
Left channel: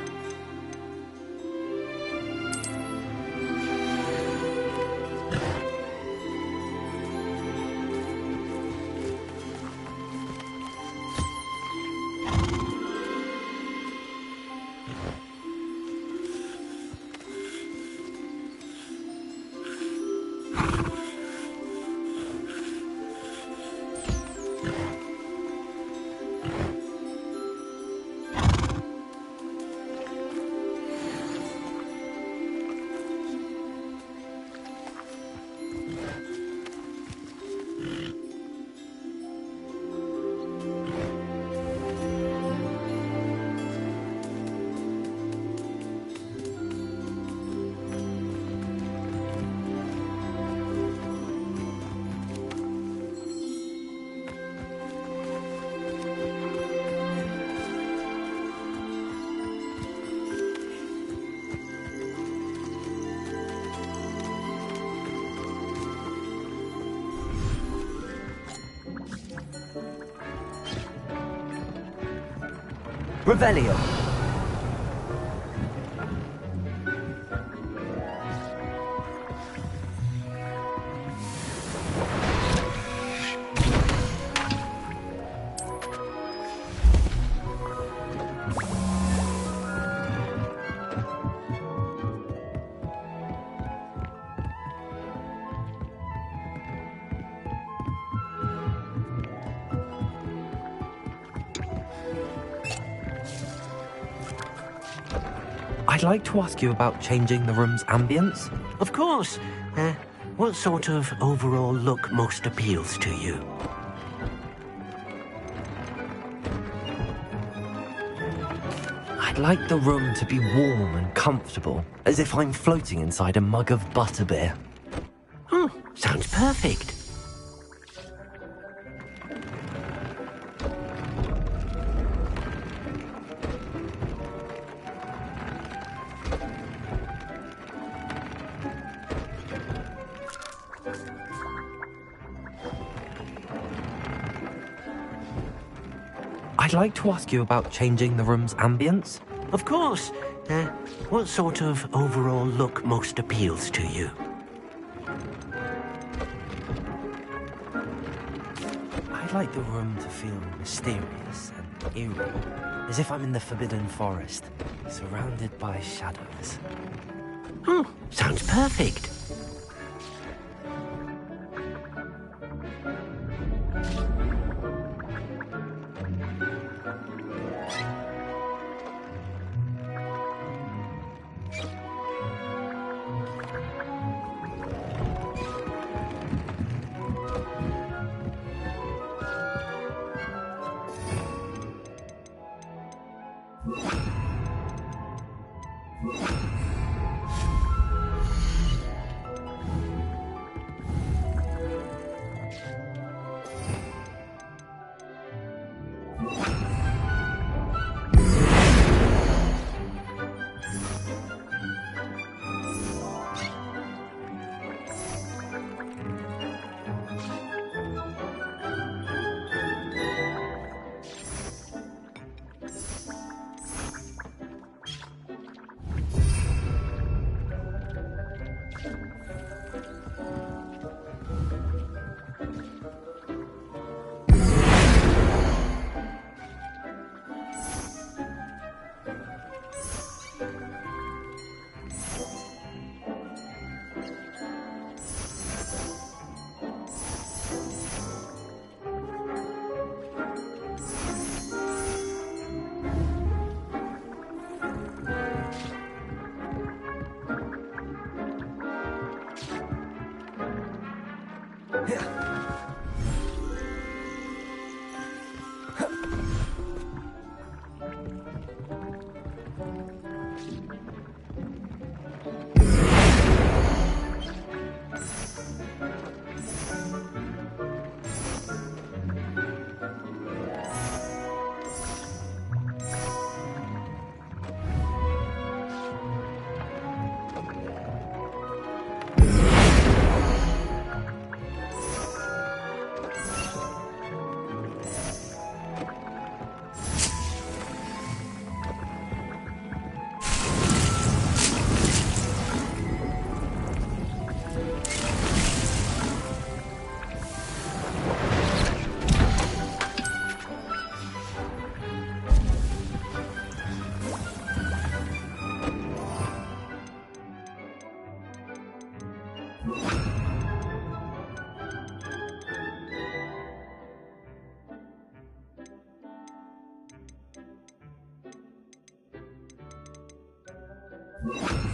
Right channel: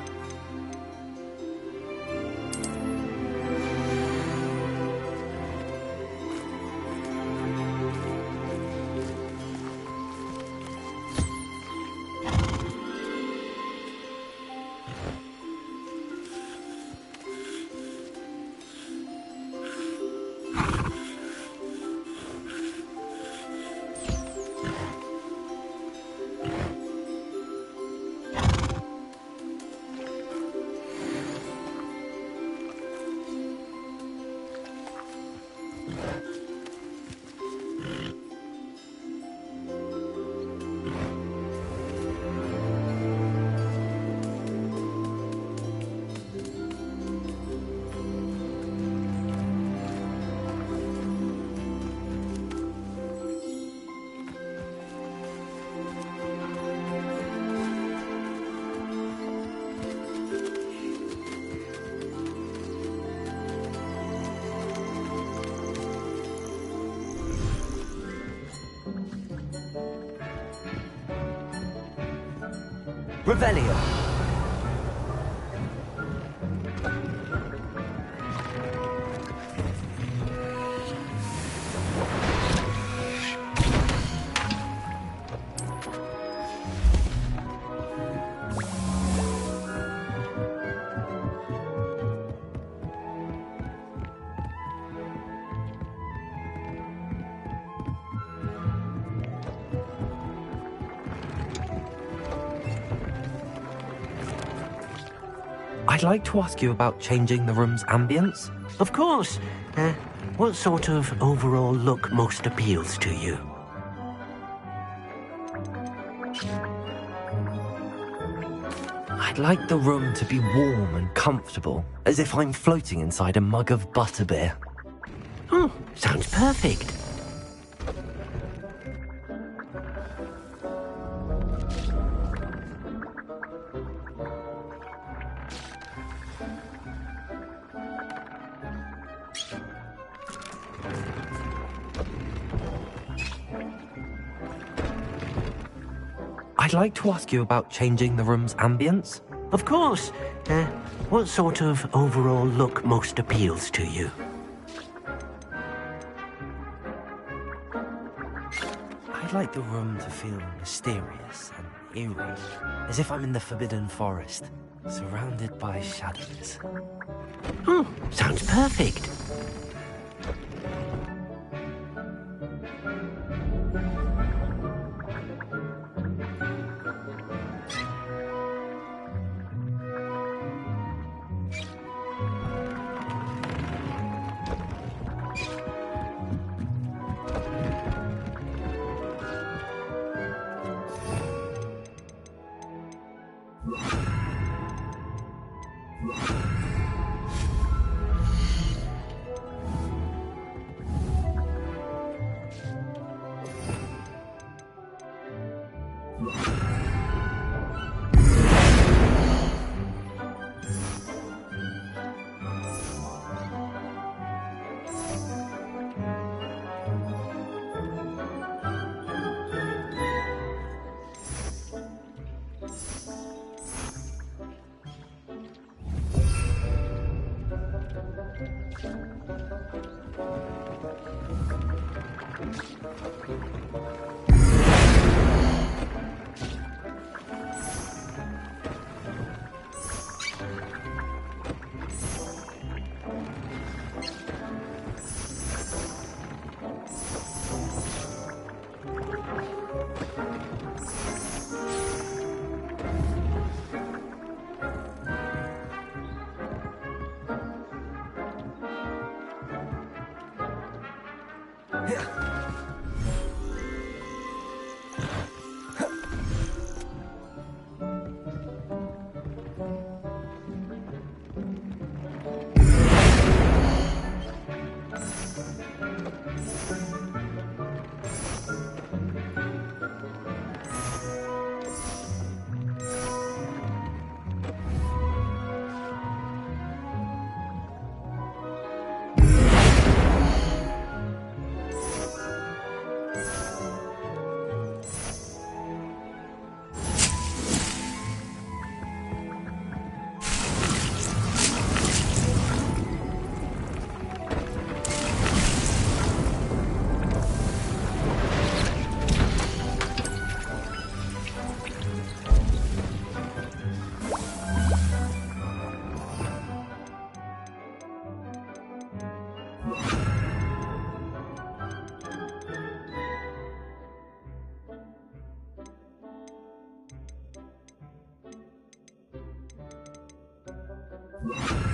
Revelio. I'd like to ask you about changing the room's ambience. Of course. What sort of overall look most appeals to you? I'd like the room to be warm and comfortable, as if I'm floating inside a mug of butterbeer. Oh, sounds perfect. I'd like to ask you about changing the room's ambience. Of course. What sort of overall look most appeals to you? I'd like the room to feel mysterious and eerie, as if I'm in the Forbidden Forest, surrounded by shadows. Oh, sounds perfect. you